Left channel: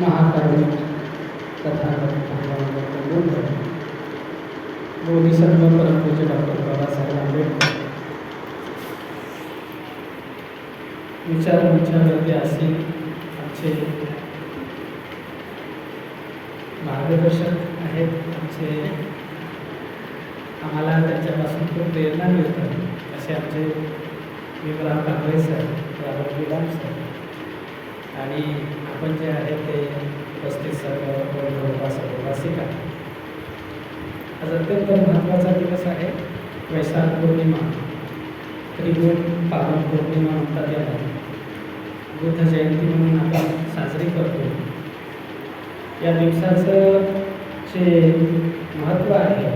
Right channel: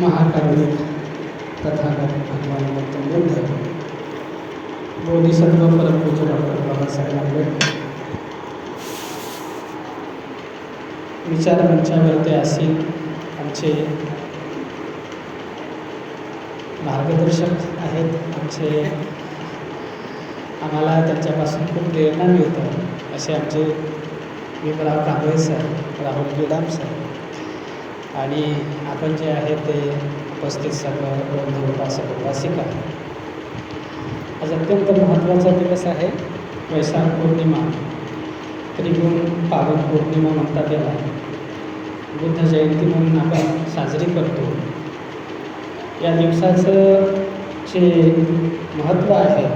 महाकाली तथागत भगवान गौतम बुद्ध, बोधिसत्व परमपूज्य डॉक्टर बाबासाहेब आंबेडकर विचारांच्यावरती असे आमचे मार्गदर्शक आहेत. आम्हाला त्यांच्यापासून खूप प्रेरणा मिळतं असे आमचे भीमराव कांबळे साहेब, राहुल गिलाम साहेब आणि आपण जे आहे ते उपस्थित सर्व उपासिका. आज अत्यंत महत्त्वाचा दिवस आहे. वैशाख पौर्णिमा, त्रिगुण पावन पौर्णिमा म्हणतात याला. बुद्ध जयंती म्हणून आपण साजरी करतो. या दिवसाचं जे महत्त्व आहे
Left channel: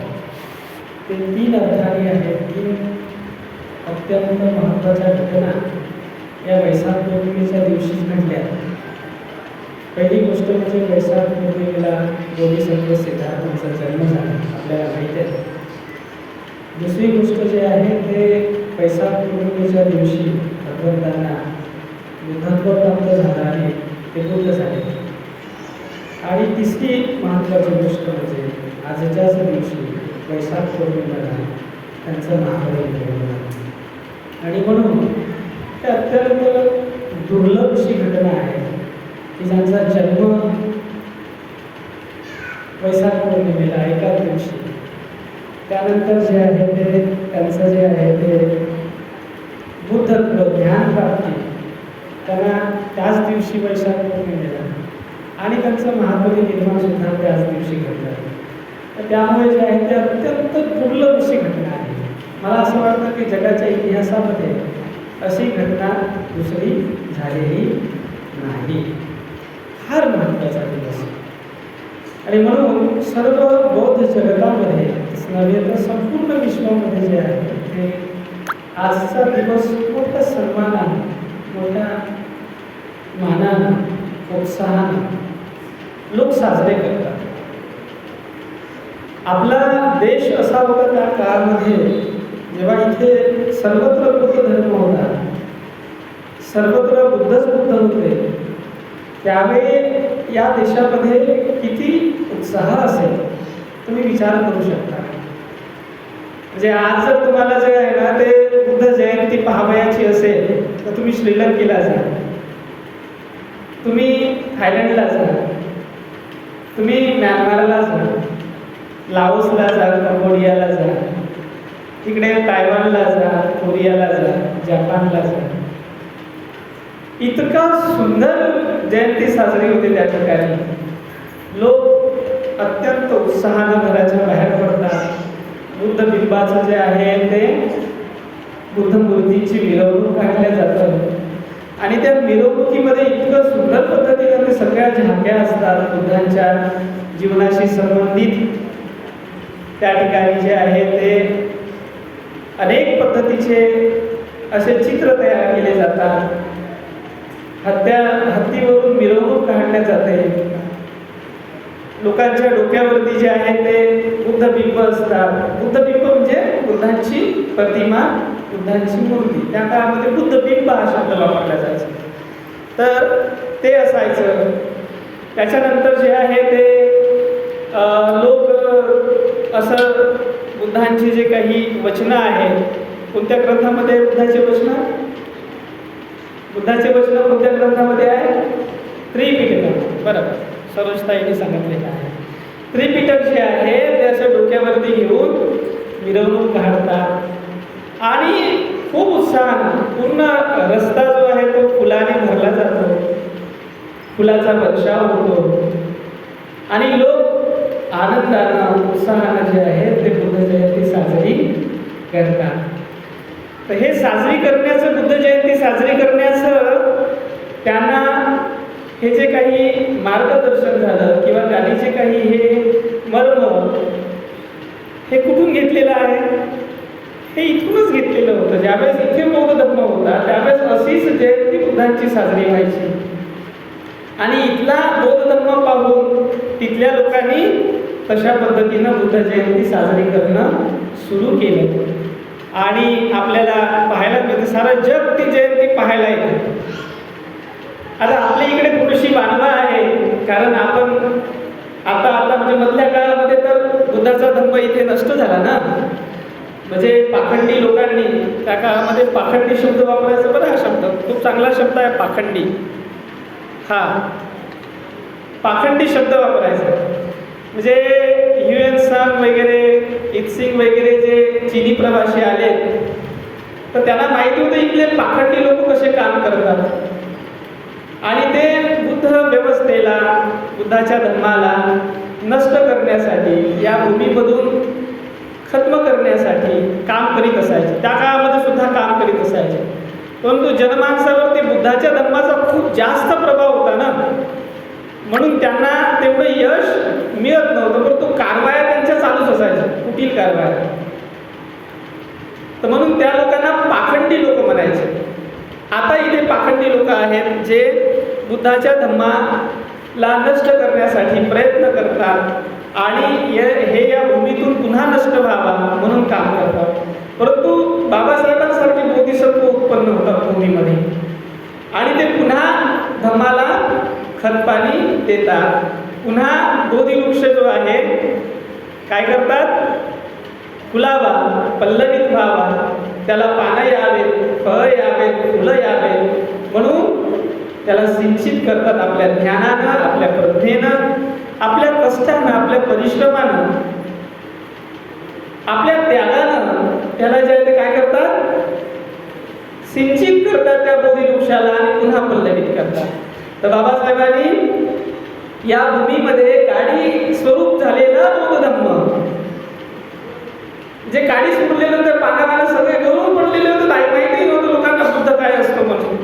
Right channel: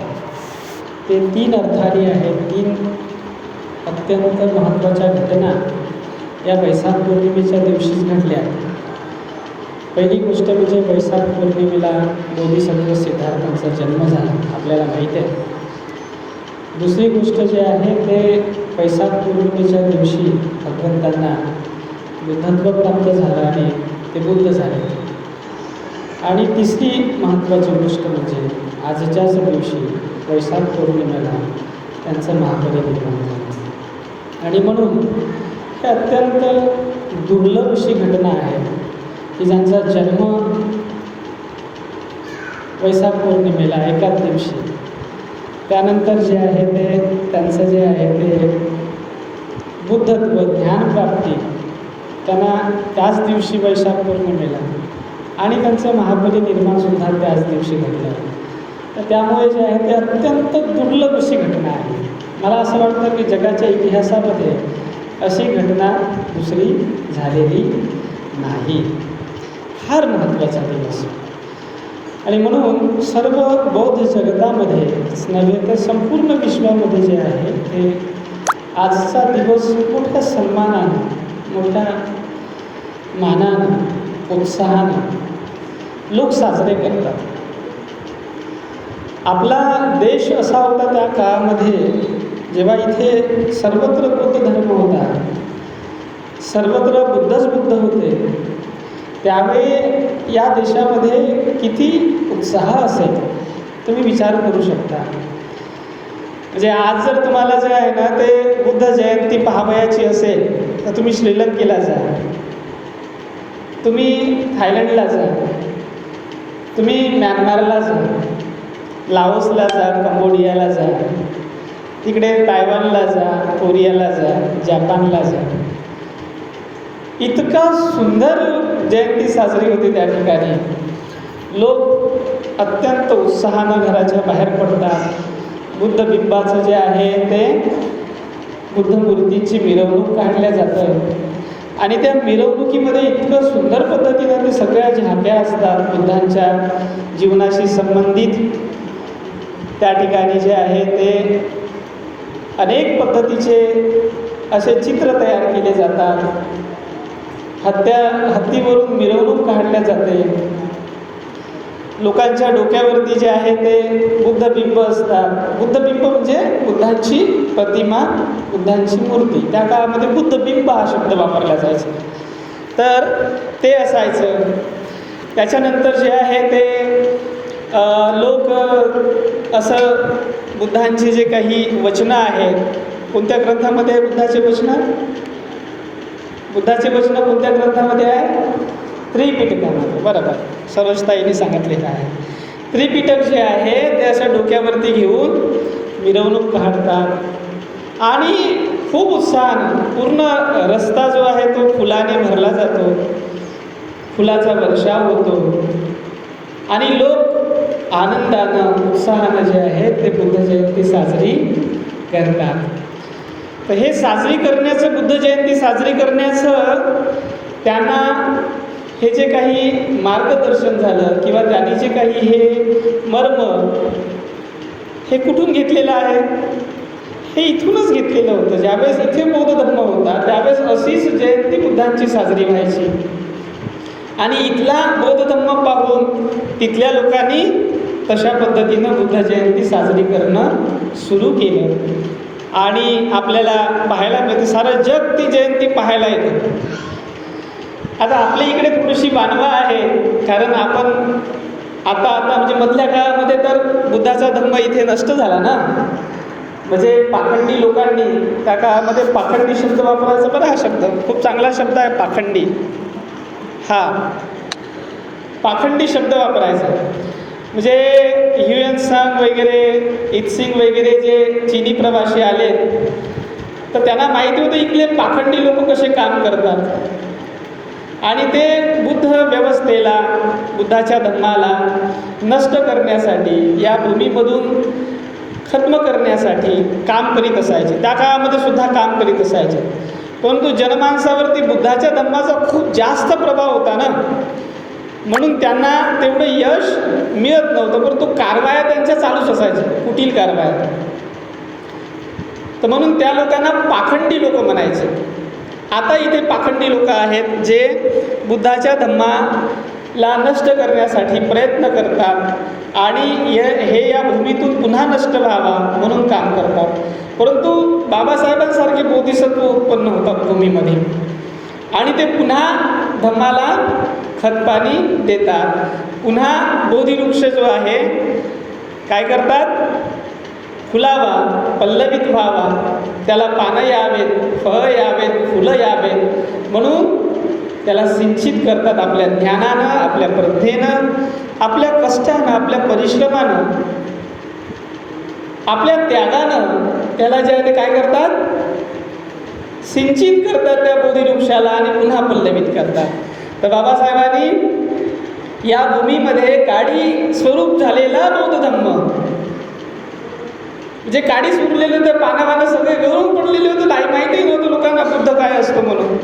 ते 3 अर्थाने आहे. 3 अत्यंत महत्त्वाच्या घटना या वैशाख पौर्णिमेच्या दिवशीच घडल्या. पहिली गोष्ट म्हणजे वैशाख पौर्णिमेला बोधिसत्व सिद्धार्थांचा जन्म झाला, आपल्याला माहीत आहे. दुसरी गोष्ट जे आहे ते वैशाख पौर्णिमेच्या दिवशी भगवंतांना बुद्धत्व प्राप्त झालं आणि ते बुद्ध झाले. आणि तिसरी महत्त्वाची गोष्ट म्हणजे आजच्याच दिवशी वैशाख पौर्णिमेला त्यांचं महापरिनिर्वाण झालं. आणि म्हणून हे अत्यंत दुर्लभ अशी घटना आहे की ज्यांचा जन्म वैशाख पौर्णिमेला एकाच दिवशी, त्यानंतर जे आहे ते त्यांचं जे आहे ते बुद्धत्व ज्ञानप्राप्ती त्यांना त्याच दिवशी वैशाख पौर्णिमेला आणि त्यांचं महापरिनिर्वाणसुद्धा त्याच दिवशी घडलं. तर त्यामुळे जे आहे ते अत्यंत दुर्लभ अशी घटना आहे. मला असं वाटतं की जगाच्या इतिहासामध्ये अशी घटना दुसरी झालेली नाही. फार महत्त्वाचा दिवस आणि म्हणून सर्व बौद्ध जगतामध्येच नव्हे तर संपूर्ण विश्वामध्ये जे आहे ते आजचा दिवस मोठ्या सन्मानानं, मोठ्या मानानं, उत्साहानं लोक साजरे करतात. आपला देश असा होता त्या काळामध्ये जेव्हा इथे सर्वत्र बुद्ध धर्म होता, सर्वत्र बुद्धच बुद्ध होते, त्यावेळी या देशामध्ये किती उत्साह असेल तुम्ही विचार करू शकता. म्हणजे आज जर तुम्हाला जे आहे ना ते बुद्ध जयंती पाहावयाची असेल तर तुम्ही श्रीलंकेला जा, तुम्ही थायलंडला जा, तुम्ही म्यानमारला जा, लाओसला जा, कंबोडियाला जा, तिकडे तायवानला जा, कोरियाला जा, जपानला जा. इतका सुंदर जयंती साजरी होती त्या ठिकाणी. लोक अत्यंत उत्साहानं घराच्या बाहेर पडतात. बुद्ध बिंबाचं जे आहे ते बुद्ध मूर्तीची मिरवणूक काढल्या जातं आणि त्या मिरवणुकीमध्ये इतकं सुंदर पद्धतीनं ते सगळ्या झाक्या असतात बुद्धांच्या जीवनाशी संबंधित. त्या ठिकाणी जे आहे ते अनेक पद्धतीचे असे चित्र तयार केले जातात. हत्तीवरून मिरवणूक काढल्या जाते. लोकांच्या डोक्यावरती जे आहे ते बुद्धबिंब असतात. बुद्धबिंब म्हणजे बुद्धांची प्रतिमा, बुद्धांची मूर्ती. त्या काळामध्ये बुद्धबिंब हा शब्द वापरला जायचा. तर ते असायचं. त्याच्यानंतर जे आहे ते लोक असं बुद्धांचे जे काही वचनं आहेत, कोणत्या ग्रंथामध्ये बुद्धाचे वचनं कोणत्या ग्रंथामध्ये आहे? त्रिपिटकामध्ये. बरोबर, सरोजताईंनी सांगितलेलं आहे. त्रिपिटक जे आहे ते असं डोक्यावरती घेऊन मिरवणूक काढतात आणि खूप उत्साहानं पूर्ण रस्ता जो आहे तो फुलाने भरला जातो, फुलाचा वर्षाव होतो आणि लोक आनंदानं, उत्साहानं जे आहे ते बुद्ध जयंती साजरी करतात. तर हे साजरी करण्याचं, बुद्ध जयंती साजरी करण्याचं त्यांना हे जे काही मार्गदर्शन झालं किंवा त्यांनी जे काही हे मर्म हे कुठून घेतलेलं आहे? हे इथूनच घेतलेलं होतं. ज्यावेळेस इथे बौद्ध धर्म होता त्यावेळेस अशीच जयंती बुद्धांची साजरी व्हायची आणि इथला बौद्ध धर्म पाहून तिथल्या लोकांनी तशा पद्धतीनं बुद्ध जयंती साजरी करणं सुरू केलं आणि आपल्याला पाहायला मिळते. सारं जग ती जयंती पाहायला येतं. आता आपल्या इकडे थोडीशी वानवा आहे. कारण आपण आता म्हणजे मधल्या काळामध्ये तर बुद्धाचा धम्म इथे नष्ट झाला ना. म्हणजे पाखंडी लोकांनी त्या काळामध्ये पाखंडी शब्द वापरायचा. बरं, हा शब्द खूप चांगला शब्द आहे पाखंडी. हा पाखंडी शब्द वापरायचा. म्हणजे ह्युएन सांग वगैरे, इत्सिंग वगैरे जे चीनी प्रवासी आले तर त्यांना माहिती होतं इथले पाखंडी लोक कसे काम करतात. आणि ते बुद्ध व्यवस्थेला, बुद्धाच्या धर्माला नष्ट करण्यासाठी, या भूमीमधून खत्म करण्यासाठी काम करीत असायचे. त्या काळामध्ये सुद्धा काम करीत असायचे. परंतु जनमानसावरती बुद्धाच्या धर्माचा खूप जास्त प्रभाव होता ना, म्हणून त्यांना तेवढं यश मिळत नव्हतं. परंतु कारवाया त्यांच्या चालूच असायच्या, कुटील कारवाया. तर म्हणून त्या लोकांना पाखंडी लोक म्हणायचे. आता इथे पाखंडी लोक आहेत जे बुद्धाच्या धम्माला नष्ट करण्यासाठी प्रयत्न करतात आणि हे या भूमीतून पुन्हा नष्ट व्हावा म्हणून काम करतात. परंतु बाबासाहेबांसारखे बोधिसत्व उत्पन्न होतात भूमीमध्ये आणि ते पुन्हा धम्माला खतपाणी देतात. पुन्हा बोधिवृक्ष जो आहे काय करतात, फुलावा, पल्लवित व्हावा, त्याला पानं यावेत, फळं यावेत, फुलं यावेत म्हणून त्याला सिंचित करतात. आपल्या ज्ञानानं, आपल्या प्रज्ञेनं, आपल्या कष्टानं, आपल्या परिश्रमानं, आपल्या त्यागानं त्याला जे आहे ते काय करतात, सिंचित करतात त्या बोधिवृक्षाला आणि पुन्हा पल्लवित करतात. तर बाबासाहेबांनी या भूमीमध्ये काडी स्वरूप झालेला बौद्ध धम्म, जे काडीच उरलेलं तर पानावानं सगळे गळून पडलेले होते, माहितीही नव्हतं लोकांना बुद्ध काय असतो म्हणून,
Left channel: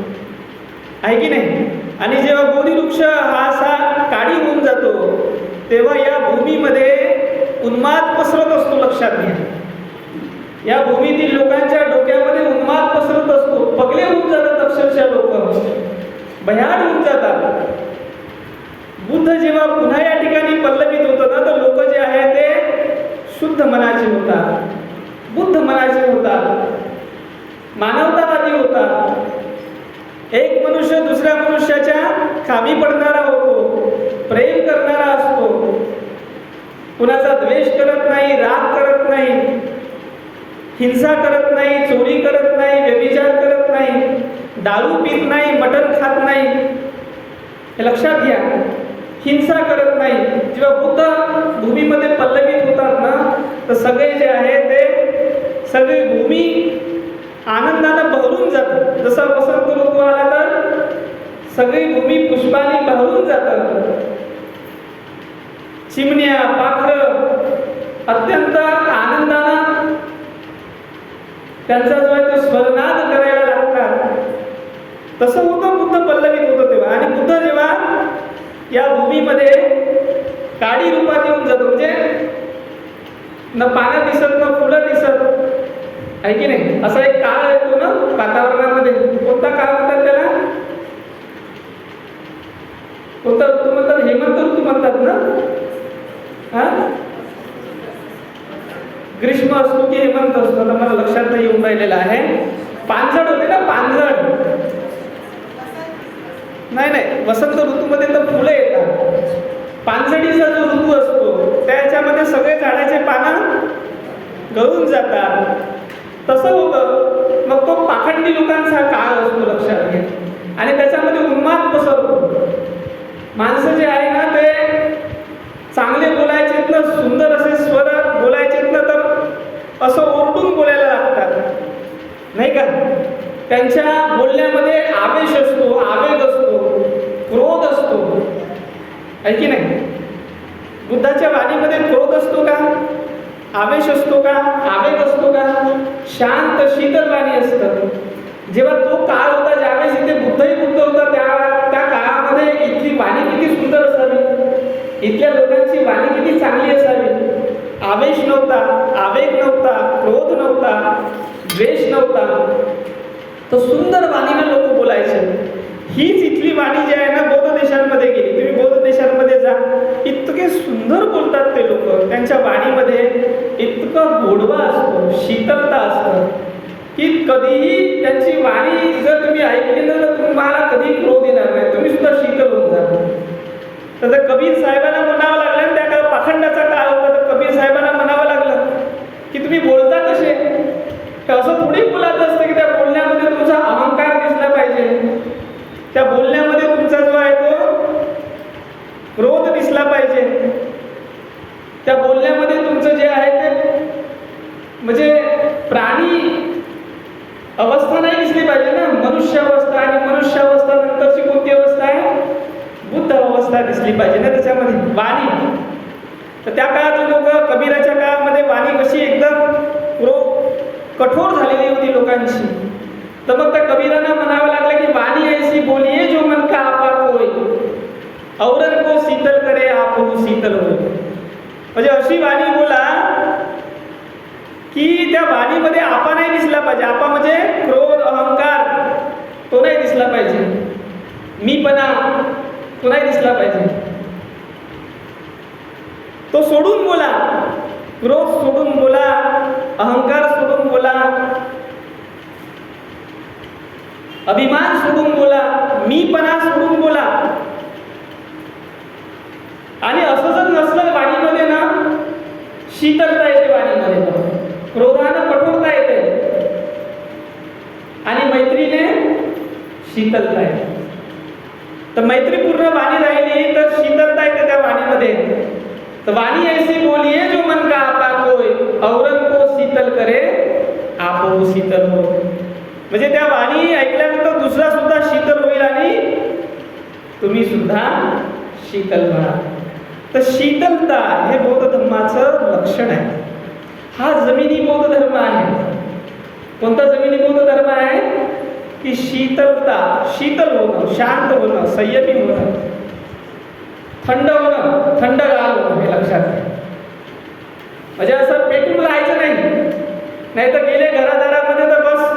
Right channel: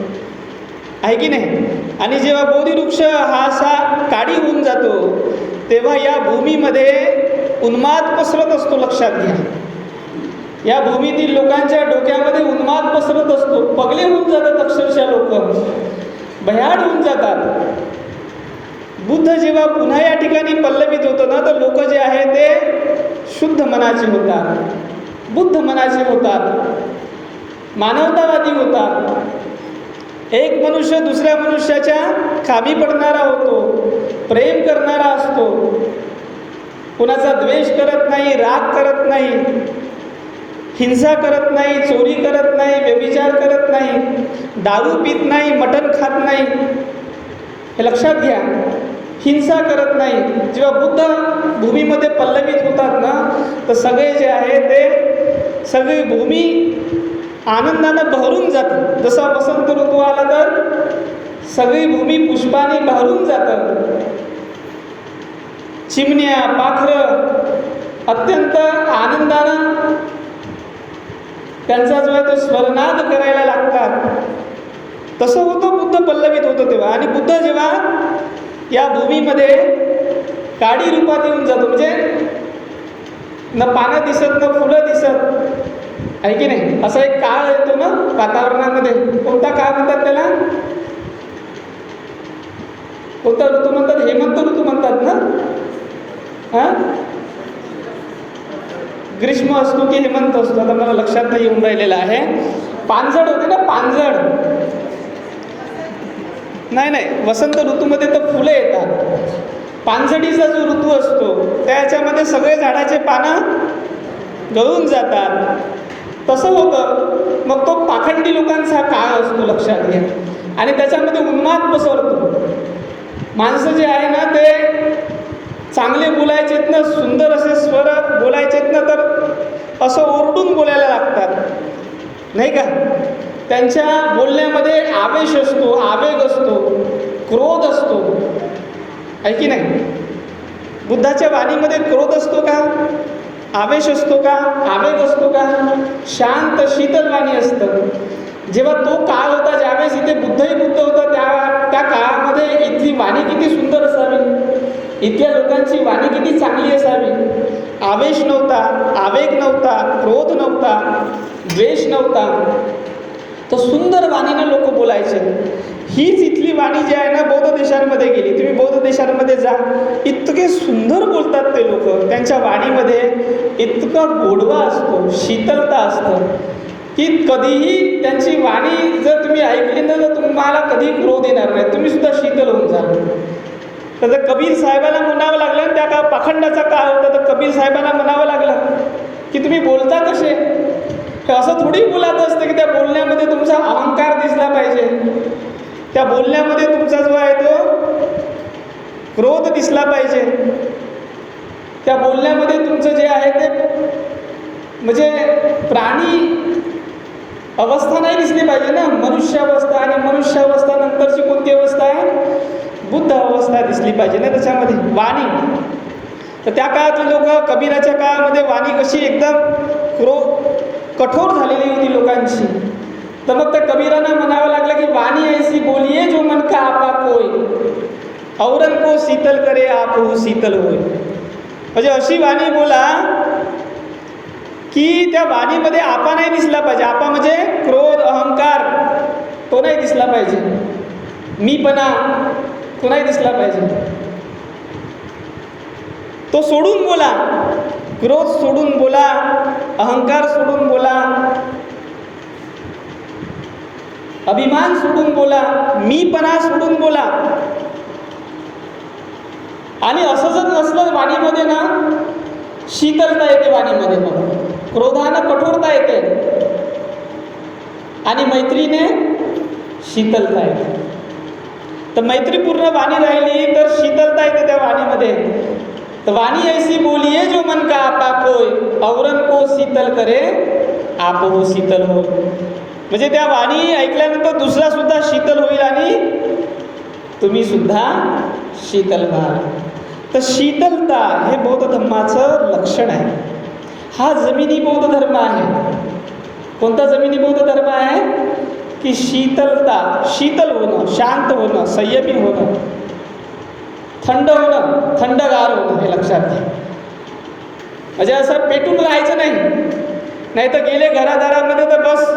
आहे की नाही. आणि जेव्हा बोधिवृक्ष हा असा काडी होऊन जातो तेव्हा या भूमीमध्ये उन्माद पसरत असतो. लक्षात घ्या, या भूमीतील लोकांच्या डोक्यामध्ये उन्माद पसरत असतो. पगले होऊन जातात अक्षरशः, लोक भयाड होऊन जातात. बुद्ध जेव्हा पुन्हा या ठिकाणी पल्लवित होतं ना, तर लोक जे आहे ते शुद्ध मनाचे होतात, बुद्ध मनाचे होतात, मानवतावादी होतात. एक मनुष्य दुसऱ्या मनुष्याच्या कामी पडणारा होतो, प्रेम करणारा असतो, कुणाचा द्वेष करत नाही, राग करत नाही, हिंसा करत नाही, चोरी करत नाही, व्यभिचार करत नाही, दारू पित नाही, मटण खात नाही. हे लक्षात घ्या, हिंसा करत नाही. जेव्हा बुद्ध भूमीमध्ये पल्लवित होतात ना, तर सगळे जे आहे ते सगळी भूमी आनंदानं बहरून जाते. जसा वसंत ऋतू आला तर सगळी भूमी पुष्पाने बहरून जातात. चिमण्या, पाखरं अत्यंत आनंदानं त्यांचा जो आहे तो स्वरनाद करायला लागतात. तसं होतं बुद्ध पल्लवित होतं तेव्हा. आणि बुद्ध जेव्हा या भूमीमध्ये काडी रूपात येऊन जातो, म्हणजे न पानं दिसत न फुलं दिसत, आहे की नाही, असा एक काळ येतो ना वातावरणामध्ये. कोणता काळ म्हणतात त्याला, कोणता ऋतू म्हणतात, हेमंत ऋतू म्हणतात ना. हां, ग्रीष्म असतो की हेमंत असतो, आता मला लक्षात नाही येऊन राहिलेलं आहे. पानझड होते ना, पानझड. नाही, वसंत ऋतूमध्ये तर फुलं येतात. पानझडीचा जो ऋतू असतो त्याच्यामध्ये सगळे झाडाचे पानं गळून जातात. तसं होतं. मग तो पाखंडी लोकांचा काळ असतो, लक्षात घ्या. आणि त्याच्यामध्ये उन्माद पसरतो. माणसं जे आहे ना ते चांगले बोलायचेत ना, सुंदर असे स्वर बोलायचेत ना, तर असं ओरडून बोलायला लागतात, नाही का. त्यांच्या बोलण्यामध्ये आवेश असतो, आवेग असतो, क्रोध असतो, आहे की नाही. बुद्धाच्या वाणीमध्ये क्रोध असतो का, आवेश असतो का, आवेग असतो का. शांत शीतल वाणी असतं. जेव्हा तो काळ होता ज्यावेळेस इथे बुद्धही बुद्ध होता, त्या काळामध्ये इथली वाणी किती सुंदर असावी, इथल्या लोकांची वाणी किती चांगली असावी. आवेश नव्हता, आवेग नव्हता, क्रोध नव्हता, द्वेष नव्हता. तर सुंदर वाणीनं लोक बोलायचे. हीच इथली वाणी जी आहे ना बौद्ध देशांमध्ये गेली. तुम्ही बौद्ध देशांमध्ये जा, इतके सुंदर बोलतात ते लोक. त्यांच्या वाणीमध्ये इतका गोडवा असतो, शीतलता असतं की कधीही त्यांची वाणी जर तुम्ही ऐकली ना तर तुम्हाला कधी क्रोध येणार नाही, तुम्ही सुद्धा शीतल होऊन जाल. तर ते कबीर साहेबांना म्हणावं लागलं आणि त्या काळ पाखंडाचा काळ होता, तर कबीर साहेबांना म्हणावं लागलं की तुम्ही बोलता कसे. तर असं थोडी बोलायचं असतं की त्या बोलण्यामध्ये तुमचा अहंकार दिसला पाहिजे, त्या बोलण्यामध्ये तुमचा जो आहे तो क्रोध दिसला पाहिजे, त्या बोलण्यामध्ये तुमचं जे आहे ते म्हणजे प्राणी अवस्था नाही दिसली पाहिजे ना. मनुष्य अवस्था आणि मनुष्य अवस्था नंतरची कोणती अवस्था आहे, बुद्ध अवस्था दिसली पाहिजे ना त्याच्यामध्ये. वाणी, तर त्या काळातली लोक, कबीराच्या काळामध्ये वाणी कशी एकदम कठोर झालेली होती लोकांची. तर मग त्या कबीरांना म्हणावं लागलं की वाणी ऐसी बोलिये जो मन का आपा कोय, औरन को शीतल करे आपहु शीतल होय. म्हणजे अशी वाणी बोला की त्या वाणीमध्ये आपा नाही दिसला पाहिजे. आपा म्हणजे क्रोध, अहंकार तो नाही दिसला पाहिजे, मीपणा तो नाही दिसला पाहिजे. तो सोडून बोला, क्रोध सोडून बोला, अहंकार सोडून बोला, अभिमान सोडून बोला, मीपणा सोडून बोला. आणि असं जर नसलं वाणीमध्ये ना, शीतलता येते वाणीमध्ये, मग क्रोधानं कठोरता येते आणि मैत्रीने शीतलता येते. तर मैत्रीपूर्ण वाणी राहिली तर शीतलता येते त्या वाणीमध्ये. तर वाणी ऐसी बोलिये जो मन का आता कोय, औरन को शीतल करे आपहु शीतल हो. म्हणजे त्या वाणी ऐकल्यानंतर दुसरा सुद्धा शीतल होईल आणि तुम्ही सुद्धा शीतल व्हा. तर शीतलता हे बौद्ध धर्माचं लक्षण आहे. हा जमिनी बौद्ध धर्म आहे. कोणता जमिनी बौद्ध धर्म आहे की शीतलता, शीतल होणं, शांत होणं, संयमी होणं, थंड होणं, थंडगार होणं, हे लक्षात घ्या. म्हणजे असं पेटून राहायचं नाही तर गेले घरादारामध्ये तर बस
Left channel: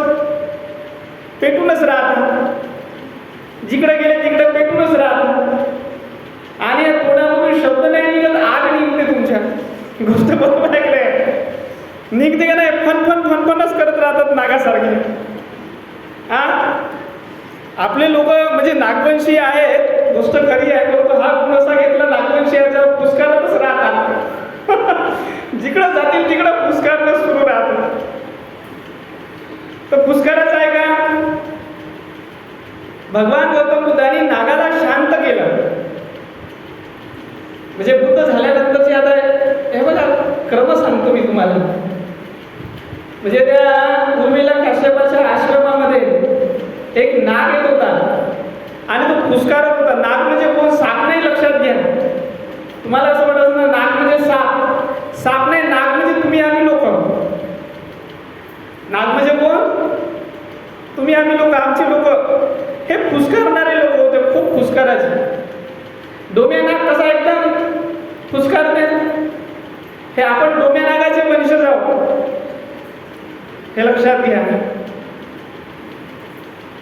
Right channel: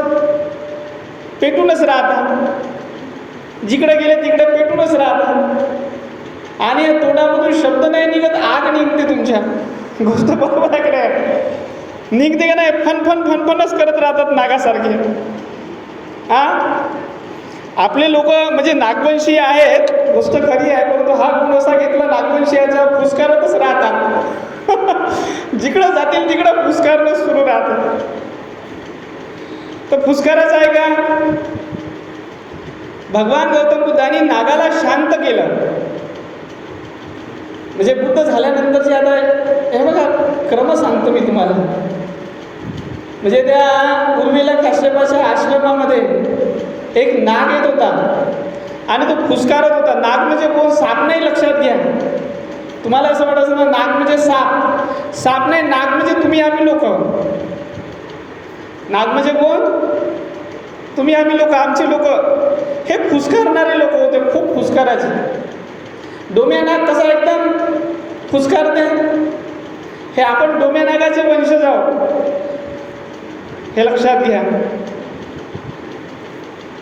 पेटूनच राहतात, जिकडे गेले तिकडे पेटूनच राहतात आणि तोंडामधून शब्द नाही निघत, आग निघते तुमच्या. गोष्ट बरोबर आहे की नाही? निघते का नाही? फनफनच करत राहतात नागासारखे. आपले लोक म्हणजे नागवंशी आहेत, गोष्ट खरी आहे, परंतु हा गुण असा घेतला नागवंशीयाचा, फुसकारतच राहतात. जिकडं जातील तिकडं फुसकारणं सुरू राहतात. तर फुसकाराच आहे का? भगवान गौतम बुद्धांनी नागाला शांत केलं. म्हणजे बुद्ध झाल्यानंतरची आता हे बघा क्रम सांगतो मी तुम्हाला. म्हणजे त्या उर्मिला काश्यपाच्या आश्रमामध्ये एक नाग येत होता आणि तो फुसकारत होता. नाग म्हणजे कोण? साप नाही, लक्षात घ्या. तुम्हाला असं वाटायचं ना नाग म्हणजे साप. साप नाही, नाग म्हणजे तुम्ही आम्ही लोक. नाग म्हणजे कोण? तुम्ही आम्ही लोक, आमचे लोक. हे फुसकारणारे लोक होते, खूप फुसकाराचे. डोम्या नाग कसा एकदम फुसकारते, हे आपण डोम्या नागाचे वंशज आहोत, हे लक्षात घ्या.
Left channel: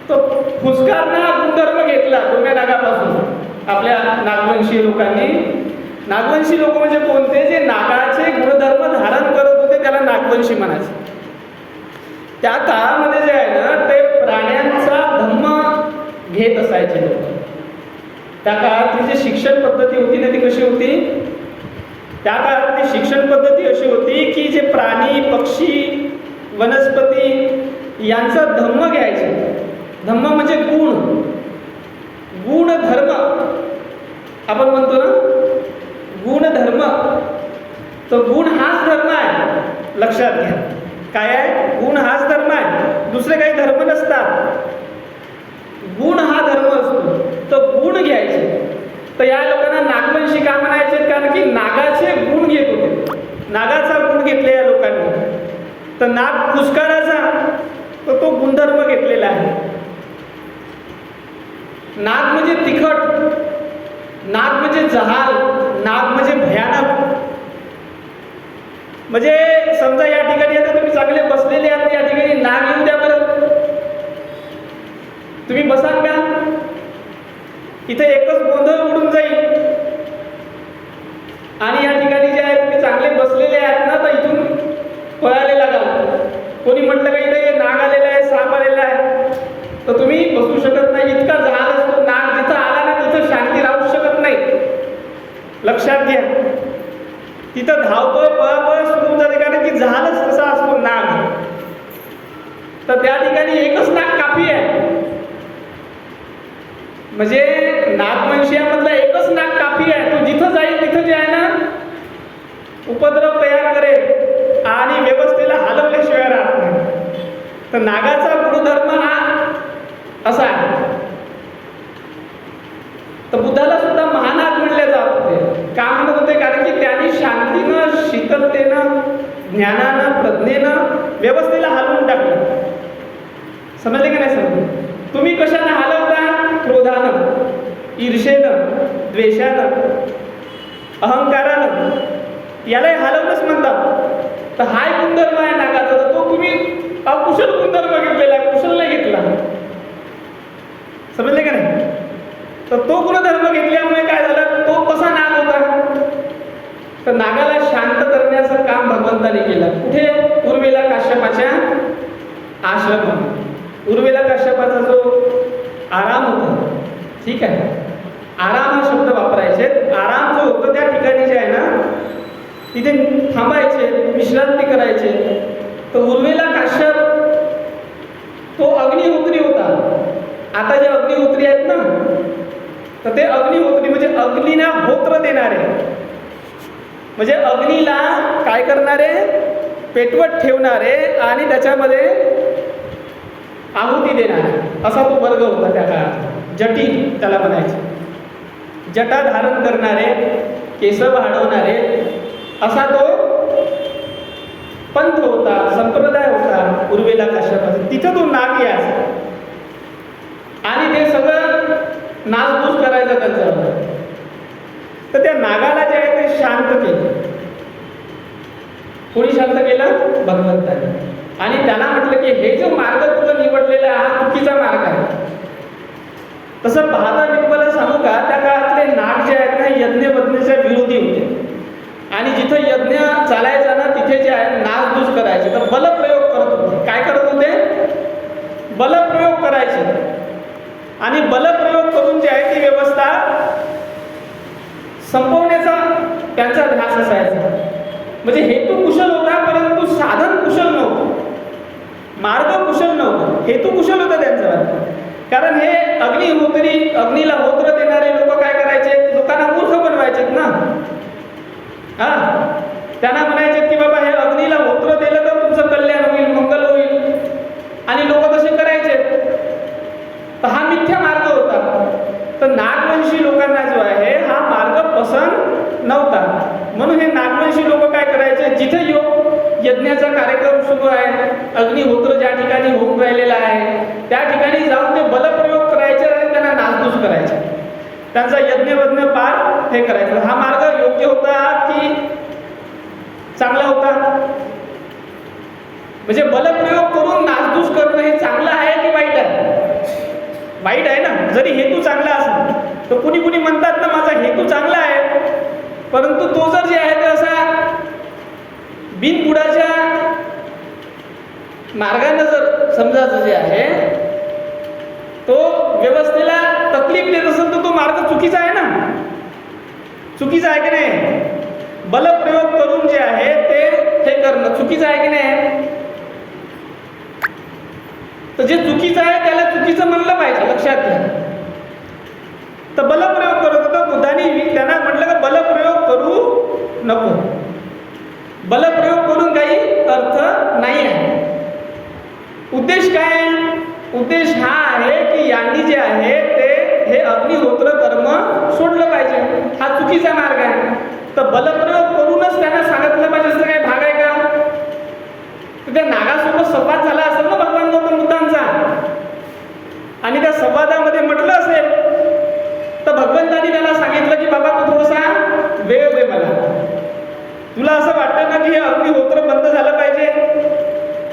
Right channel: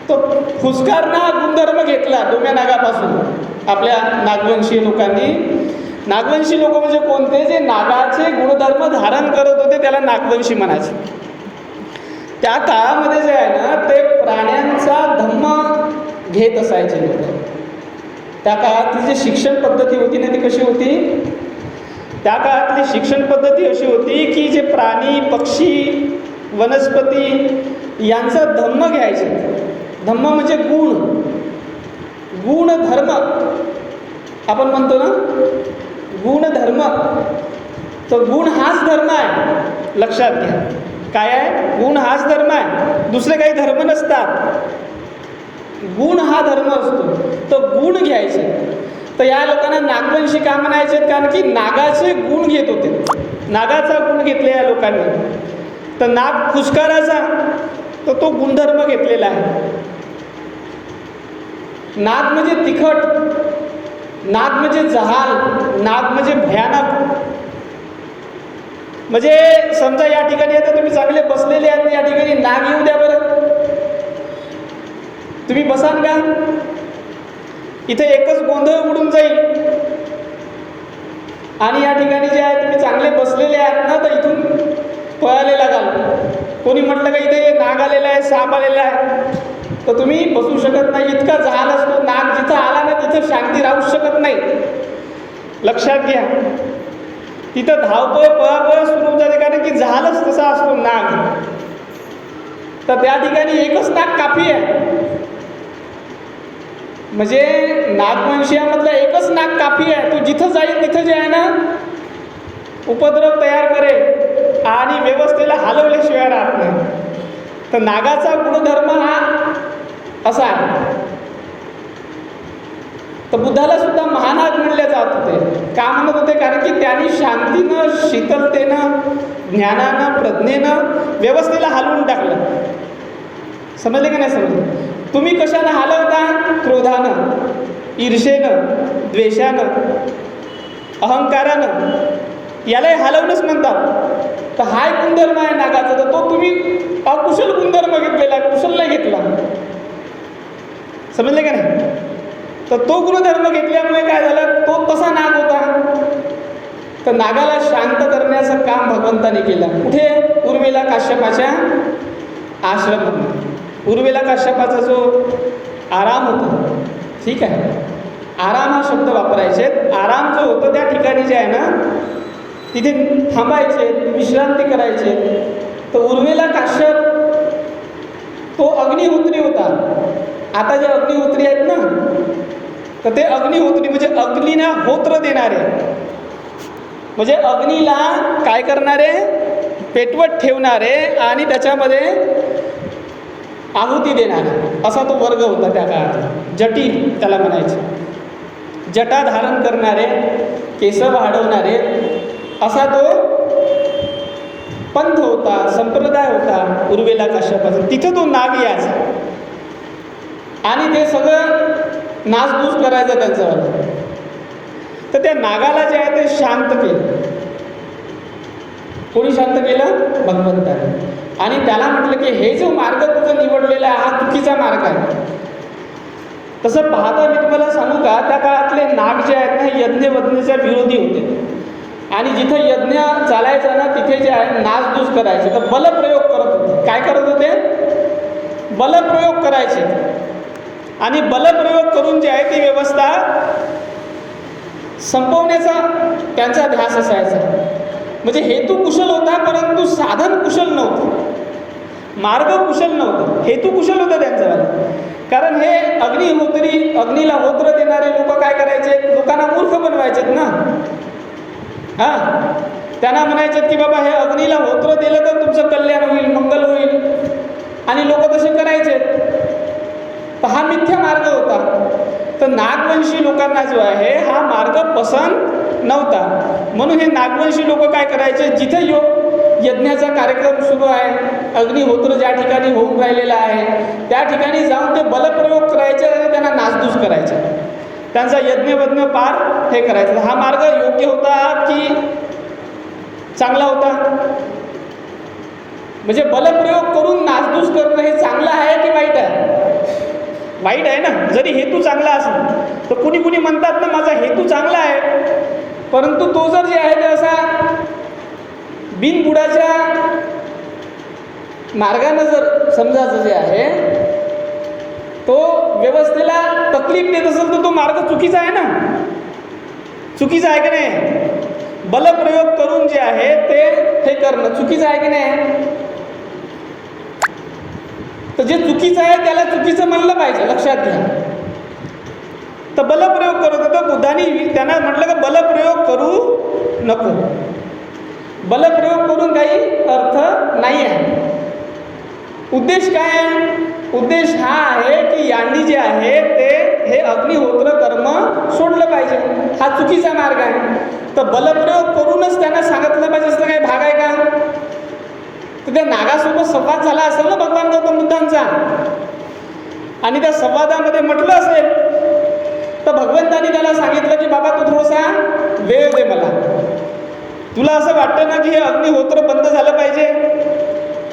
तो फुसकारना गुणधर्म घेतला डोम्या नागापासून आपल्या नागवंशी लोकांनी. नागवंशी लोक म्हणजे कोणते? जे नागाचे गुणधर्म धारण करत होते त्याला नागवंशी म्हणायचे. त्या काळामध्ये जे आहे ना ते प्राण्यांचा धम्म घेत असायचे लोक. त्या काळातली जी शिक्षण पद्धती होती ना ती कशी होती? त्या काळातली शिक्षण पद्धती अशी होती की जे प्राणी, पक्षी, वनस्पती यांचा धम्म घ्यायचे. धम्म म्हणजे गुण, गुणधर्म आपण म्हणतो ना, गुणधर्म. तर गुण हाच धर्म आहे, लक्षात घ्या. काय आहे? गुण हाच धर्म आहे, दुसरे काही धर्म नसतात. गुण हा धर्म असतो. तर गुण घ्यायचे. तर या लोकांना नागवंशी का म्हणायचे? कारण की नागाचे गुण घेत होते, नागाचा गुण घेतले या लोकांनी. तर नाग फुसकाराचा, तर तो गुणधर्म घेतलेला आहे. नाग म्हणजे तिखट, नाग म्हणजे जहाल, नाग म्हणजे भयानक. म्हणजे समजा या ठिकाणी आता तुम्ही चांगले बसलेले आहात, या ठिकाणी नाग येऊ द्या बरं, तुम्ही बसाल का? इथे एकच गोंधळ उडून जाईल. आणि या ठिकाणी जे आहे तुम्ही चांगले बसलेले आहात ना, तर इथून पळायला लागाल. कोणी म्हटलं का इथे नाग आलेला आहे, साप आलेला आहे, तर तुम्ही बसू शकत नाही. इतका जहाल असतो. नाग जिथं आला ना तिथं शांती राहू शकत नाही. लक्षात घ्या. तिथं धावपळ पळापळ सुरू झाली, कारण की झालंच तसा असतो नाग. तर त्या ठिकाणी एकच नाग काफी आहे. म्हणजे नागवंशीयामधला एकच नाग काफी आहे. तो जिथं जाईल तिथं जे आहे ना उपद्रव तयार करेल आणि व्यवस्थेला हलवल्याशिवाय राहत नाही. तर नागाचा गुणधर्म हा असा आहे. तर बुद्धाला सुद्धा महानाग म्हणले जात होते. का म्हणत होते? कारण की त्यांनी शांतीनं, शीतलतेनं, ज्ञानानं, प्रज्ञेनं व्यवस्थेला हलवून टाकलं. समजले की नाही समजले? तुम्ही कशाने हलवता? क्रोधानं, ईर्षेनं, द्वेषानं, अहंकारानं. यालाही हलवणंच म्हणतात. तर हा एक गुणधर्म आहे नागाचा. तर तो तुम्ही अकुशल गुणधर्म घेतलेला, कुशल नाही घेतला. समजले का नाही? तर तो गुणधर्म घेतल्यामुळे काय झालं? तो तसा नाग होता. तर नागाला शांत करण्याचं काम भगवंताने केलं. कुठे? उर्मिला काश्यपाच्या आश्रमामध्ये. उर्मिला काश्यपाचा जो आराम होता, ठीक आहे, आराम हा शब्द वापरायचे. आराम जो होतो त्या ठिकाणी जे आहे ना तिथे थांबायचे, विश्रांती करायचे. तर उर्मिला काश्यप तो अग्निहोत्री होता. आता जे अग्निहोत्री आहेत ना, तर ते अग्निहोत्री म्हणजे अग्नीला होत्र देणारे, म्हणजे अग्नीला काय करणारे? पेटवत ठेवणारे आणि त्याच्यामध्ये आहुती देणारे, असा तो वर्ग होता त्या काळात. जटी त्याला म्हणायचे. जटा धारण करणारे, केस वाढवणारे, असा तो पंथ होता, संप्रदाय होता उर्मिला काश्यपाचा. तिथं तो नाग यायचा आणि ते सगळं नासधूस करायचं त्यांचं. तर त्या नागाला जे आहे ते शांत केलं. कोणी शांत केलं? भगवंताने. आणि त्याला म्हटलं की हे जो मार्ग तुझं निवडलेला आहे हा चुकीचा मार्ग आहे. तसं पाहता मी तुम्हाला सांगू का, त्या काळातले नाग जे आहेत ना यज्ञवज्ञेच्या विरोधी होते. आणि जिथं यज्ञ चालायचा ना तिथे जे आहे नासधूस करायचे. तर बलप्रयोग करत होते. काय करत होते? बलप्रयोग करायचे. आणि बलप्रयोग करून जे आहे ती व्यवस्था संपवण्याचा त्यांचा ध्यास असायचा. म्हणजे हेतू कुशल होता, परंतु साधन कुशल नव्हतं, मार्ग कुशल नव्हतं. हेतू कुशल होता त्यांचा. कारण हे अग्निहोत्री, अग्नीला होत्र देणारे लोक काय करायचे? लोकांना मूर्ख बनवायचे ना. हां, त्यांना म्हणायचे की बाबा हे अग्नीला होत्र दिलं तर तुमचं कल्याण होईल, मंगल होईल. आणि लोक तसे करायचे. तर हा मिथ्या मार्ग होता. तर नागवंशी लोकांना जो आहे हा मार्ग पसंत नव्हता. म्हणून हे नागवंशी लोक काय करायचे? जिथे यज्ञाचा कार्यक्रम सुरू आहे, अग्निहोत्र ज्या ठिकाणी होऊन राहिलेला आहे त्या ठिकाणी जाऊन ते बलप्रयोग करायचे आणि त्यांना नासधूस करायचे. त्यांचा यज्ञवज्ञ पार हे करायचं. हा मार्ग योग्य होता की चांगला होता? म्हणजे बलप्रयोग करून नासधूस करणं हे चांगलं आहे की वाईट आहे? वाईट आहे ना. जरी हेतू चांगला असेल तर कुणी कुणी म्हणतात ना माझा हेतू चांगला आहे, परंतु तो जर जे आहे ते असा बिनबुडाच्या मार्गाने जर समजायचं जे आहे तो व्यवस्थेला तकलीफ देत असेल तर तो मार्ग चुकीचा आहे ना. चुकीचा आहे की नाही? बलप्रयोग करून जे आहे ते हे करणं चुकीचं आहे की नाही? तर जे चुकीचं आहे त्याला चुकीचं म्हणलं पाहिजे, लक्षात घ्या. तर बलप्रयोग करत होता बुद्धाने त्यांना म्हटलं की बलप्रयोग करू नको. बलप्रयोग करून काही अर्थ नाही आहे. उद्देश काय आहे? उद्देश हा आहे की यांनी जे आहे ते हे अग्निहोत्र कर्म सोडलं पाहिजे. हा चुकीचा मार्ग आहे. तर बलप्रयोग करूनच त्यांना सांगितलं पाहिजे असं काही भाग आहे का? तर त्या नागासोबत संवाद झाला असेल ना भगवान गौतम बुद्धांचा, आणि त्या संवादामध्ये म्हटलं असेल तर भगवंतांनी त्याला सांगितलं की बाबा तू थोडासा वेळ दे मला. तुला असं वाटतं ना की हे अग्निहोत्र बंद झालं पाहिजे,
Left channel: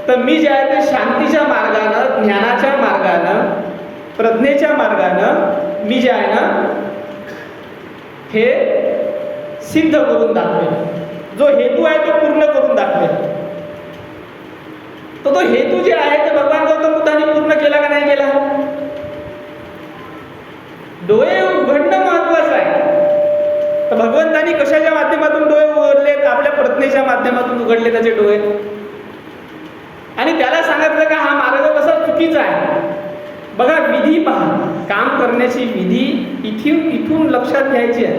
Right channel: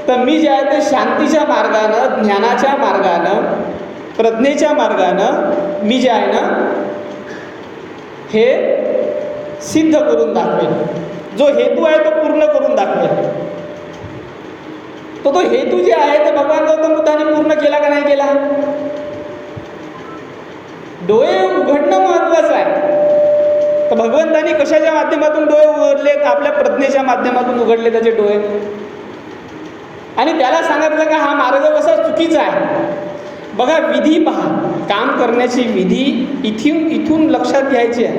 तर मी जे आहे ते शांतीच्या मार्गानं, ज्ञानाच्या मार्गानं, प्रज्ञेच्या मार्गानं मी जे आहे ना हे सिद्ध करून दाखवेल. जो हेतू आहे तो पूर्ण करून दाखवेल. तो हेतू जे आहे ते भगवान गौतम बुद्धांनी पूर्ण केला का नाही केला? डोळे उघडणं महत्वाचं आहे. तर भगवंतांनी कल्पनेच्या माध्यमातून उघडले त्याचे डोळे आणि त्याला सांगितलं का हा मार्ग कसा चुकीचा आहे. बघा विधी पहा, काम करण्याची विधी इथून लक्षात घ्यायची आहे.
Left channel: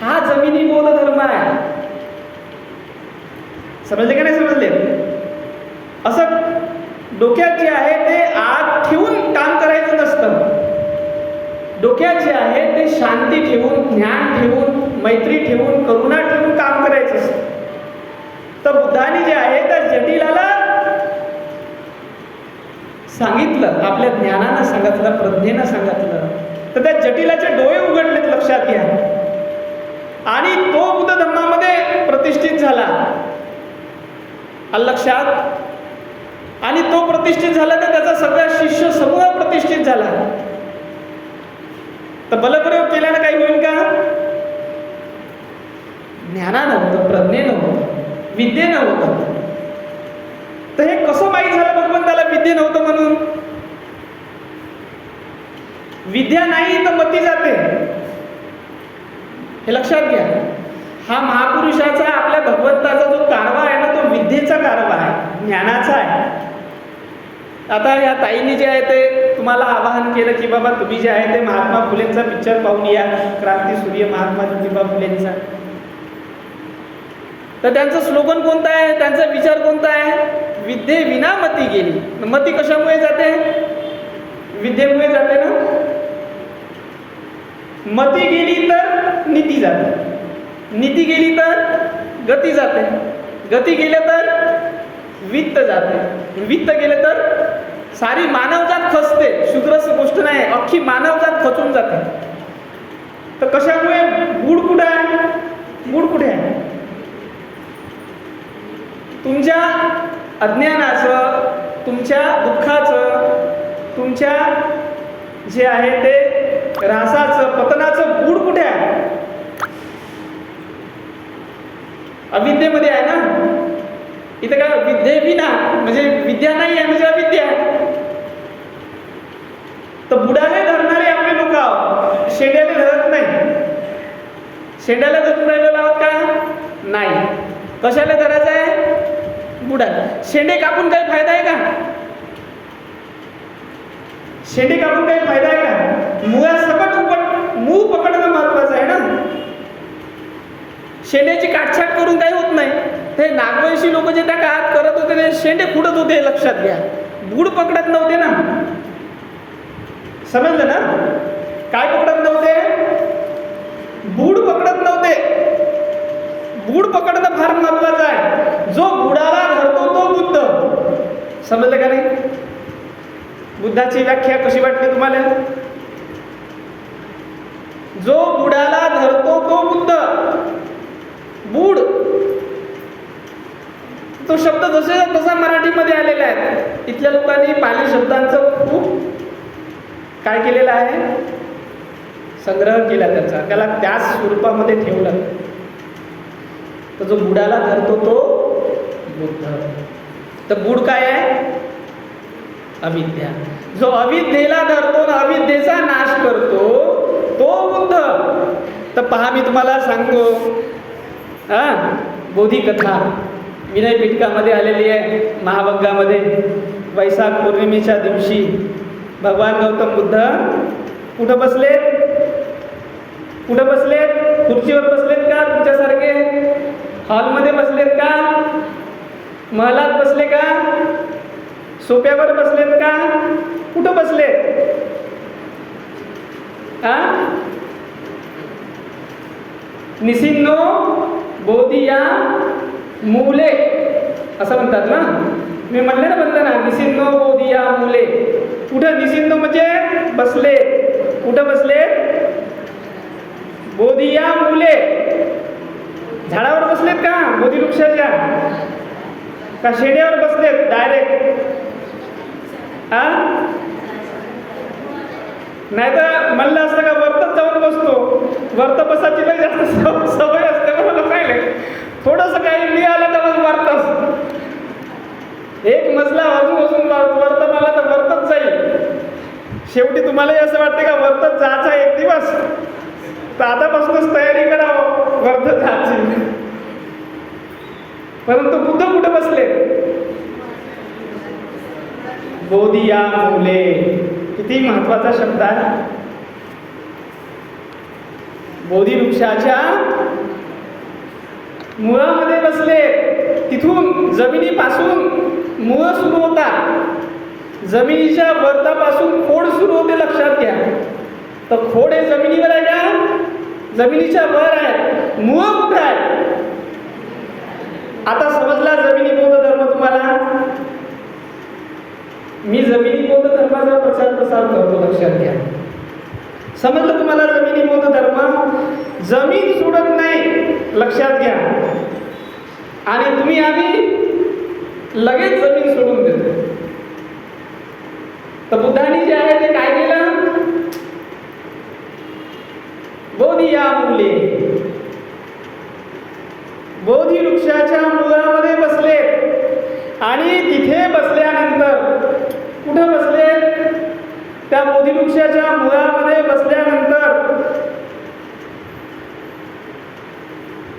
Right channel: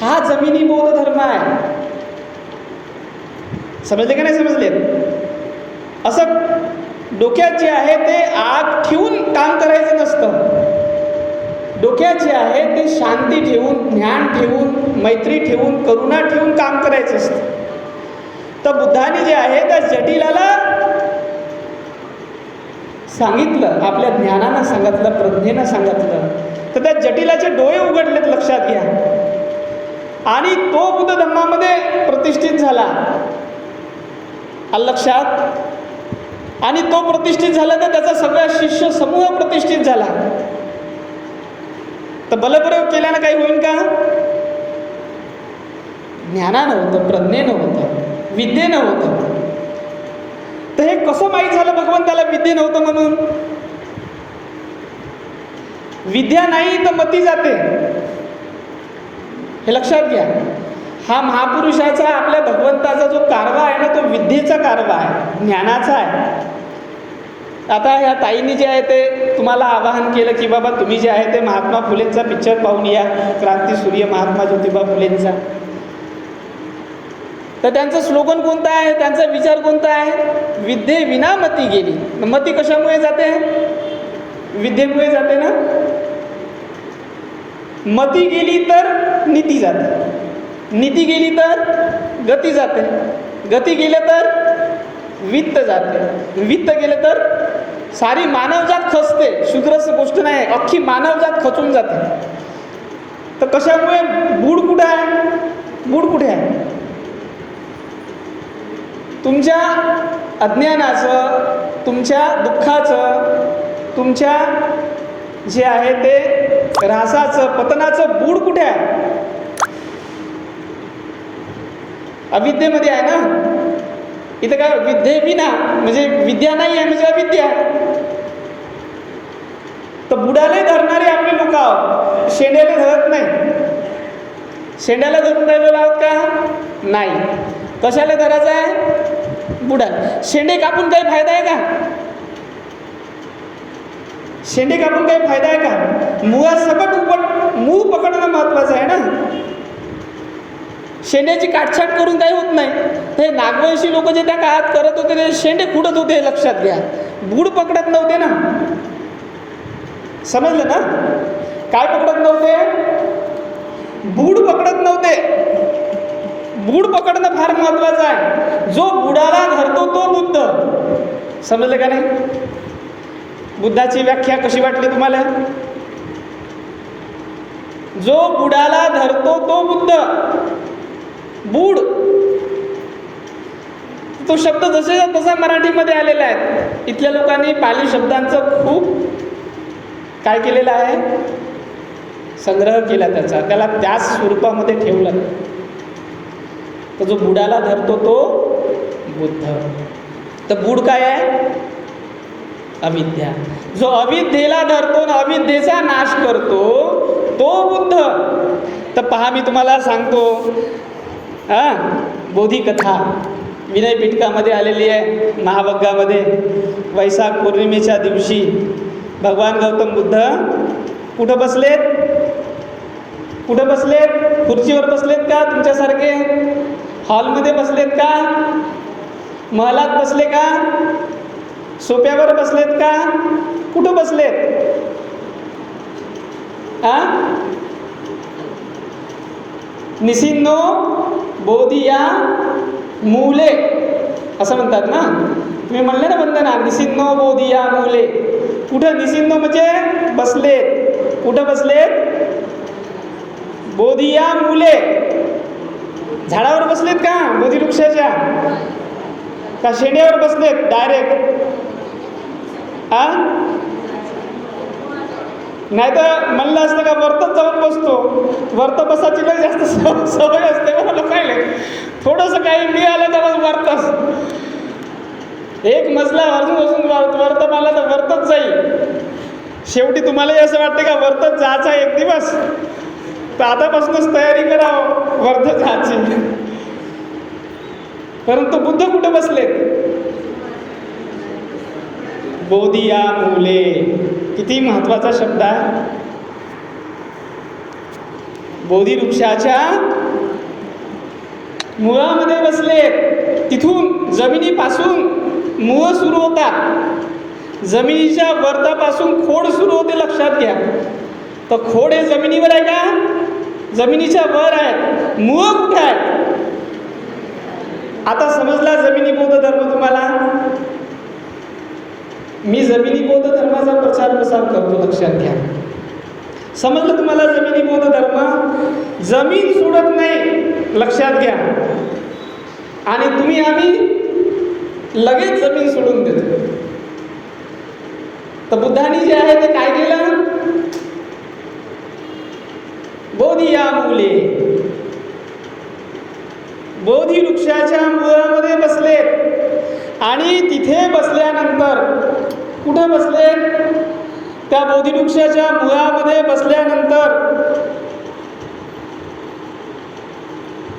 हा जमिनी बोध धर्म आहे. समजले का नाही समजले? असं डोक्यात जे आहे ते आग ठेवून काम करायचं नसतं. डोक्यात जे आहे ते शांती ठेवून, ज्ञान ठेवून, मैत्री ठेवून, करुणा ठेवून काम करायचं असतं. तर बुद्धाने जे आहे त्या जटिलाला सांगितलं, आपल्या ज्ञानानं सांगितलं, प्रज्ञेनं सांगितलं, तर त्या जटिलाचे डोळे उघडलेत, लक्षात घ्या. आणि तो बुद्ध धम्मामध्ये प्रतिष्ठित झाला, लक्षात. आणि तो प्रतिष्ठित झाला तर त्याचा सगळा शिष्य समूह प्रतिष्ठित झाला. तर बलप्रयोग केल्यानं काही होईल का? ज्ञानानं होतं, प्रज्ञेनं होतं, विद्येनं होतं. तर हे कसं माहीत झालं भगवंताला विद्ये नव्हतं म्हणून? विद्या नाही तर मती जाते, हे लक्षात घ्या. हा महापुरुषाचा, आपल्या भगवंताचा जो कारवा आहे ना, तो विद्येचा कारवा आहे, ज्ञानाचा आहे. आता या ताईंनी जे आहे ते तुम्हाला आवाहन केलं की बाबा तुम्ही जे आहे ते महात्मा फुलेंचा पिक्चर पाहून या, क्रांतीसूर्य महात्मा ज्योतिबा फुलेंचा. तर त्यांचं स्लोगन कोणतं आहे, त्यांचा विचार कोणता आहे? विद्ये विना मती गेली. मती कशामुळे जाते? विद्येमुळे जाते ना. मती गेली तर नीती जाते, नीती गेली तर गती जाते, गती गेले तर वित्त जाते, वित्त गेले तर सारी मानवजात खचते. शूद्रच गोष्ट नाही, अख्खी मानवजात खचून जाते. तर कशामुळे? बूड कुठे आहे? बूड कुठे आहे? तुमच्या अज्ञानाचं, तुमच्या दुःखाचं, तुमच्या जे आहे ते ऱ्हासाचं, पतनाचं बूड कुठे आहे? अविद्येमध्ये आहे ना. इथं काय विद्ये विना म्हणजे विद्या नाही आहे म्हणजे अविद्या आहे. तर बुडाले धरणारे आपले लोक आहोत, शेंड्याला धरत नाही. शेंड्याला धरून राहिलेलो आहोत का? नाही. कशाला धरायचं आहे? बुडाला. शेंडे कापून काही फायदा आहे का? शेंडे कापून काही फायदा आहे का? मुळासकट मूळ पकडणं महत्वाचं आहे ना. शेंड्याची काटछाट करून काही होत नाही. हे नागवंशी लोक जे त्या काळात करत होते ते शेंडे खुडत होते, लक्षात घ्या. बूड पकडत नव्हते ना. समजलं ना? काय पकडत नव्हते? बूड पकडत नव्हते. बूड पकडणं फार महत्वाचं आहे. जो बुडाला धरतो तो बुद्ध. समजलं का नाही? बुद्धाची व्याख्या कशी वाटली तुम्हाला? जो बुडाला धरतो तो बुद्ध. बूड तो शब्द जसे तसा मराठीमध्ये आलेला आहे. इथल्या लोकांनी पाली शब्दांचं खूप काय केलेलं आहे? संग्रह केला त्याचा, त्याला त्याच स्वरूपामध्ये ठेवलं. तर जो बुडाला धरतो तो बुद्ध. तर बूड काय आहे? अविद्या. जो अविद्येला धरतो ना, अविद्येचा नाश करतो तो बुद्ध. तर पहा, मी तुम्हाला सांगतो, बोधिकथा विनयपीठकामध्ये आलेली आहे, महावग्गामध्ये. वैशाख पौर्णिमेच्या दिवशी भगवान गौतम बुद्ध कुठं बसलेत? कुठं बसलेत? खुर्चीवर बसलेत का तुमच्यासारखे? हॉलमध्ये बसलेत का? महलात बसले का? सोप्यावर बसलेत का? कुठं बसलेत? निसिन्नो बोधिया मूले असं म्हणतात ना. मी म्हणले ना, म्हणता ना, निसिन्नो बोधिया मूले. कुठं निसिन्नो म्हणजे बसले. कुठं बसले? बोधिया मूले. झाडावर बसलेत का? बोधी वृक्षाच्या का शेंड्यावर बसलेत डायरेक्ट? नाही तर म्हणलं असतं का वरतच जाऊन बसतो. वरत बसायची लई जास्त सवय असते मला. काय थोडंसं काही मिळालं तर वरतच एक मजला अजून वरत मला तर वरतच जाईल. शेवटी तुम्हालाही असं वाटतं का वरतच जायचा एक दिवस? तर आतापासूनच तयारी करावं वरत जायची. परंतु बुद्ध कुठे बसले? बोधिया मूले. किती महत्वाचा शब्द आहे. बोधी वृक्षाच्या मुळामध्ये बसले. तिथून जमिनीपासून मूळ सुरू होतात. जमिनीच्या वर्तापासून खोड सुरू होते, लक्षात घ्या. तर खोड हे जमिनीवर आहे का? जमिनीच्या वर आहे. मूळ कुठं आहे? आता समजला जमिनी बौद्ध धर्म तुम्हाला? मी जमिनी बौद्ध धर्माचा प्रचार प्रसार करतो, लक्षात घ्या. समजलं तुम्हाला जमिनी बौद्ध धर्म? जमीन सोडत नाही, लक्षात घ्या. आणि तुम्ही आम्ही लगेच जमीन सोडून देतो. तर बुद्धांनी जे आहे ते काय केलं? बोधिया मूले, बोधी वृक्षाच्या मुळामध्ये बसले. आणि तिथे बसल्यानंतर कुठे बसले? त्या बोधी वृक्षाच्या मुळामध्ये बसल्यानंतर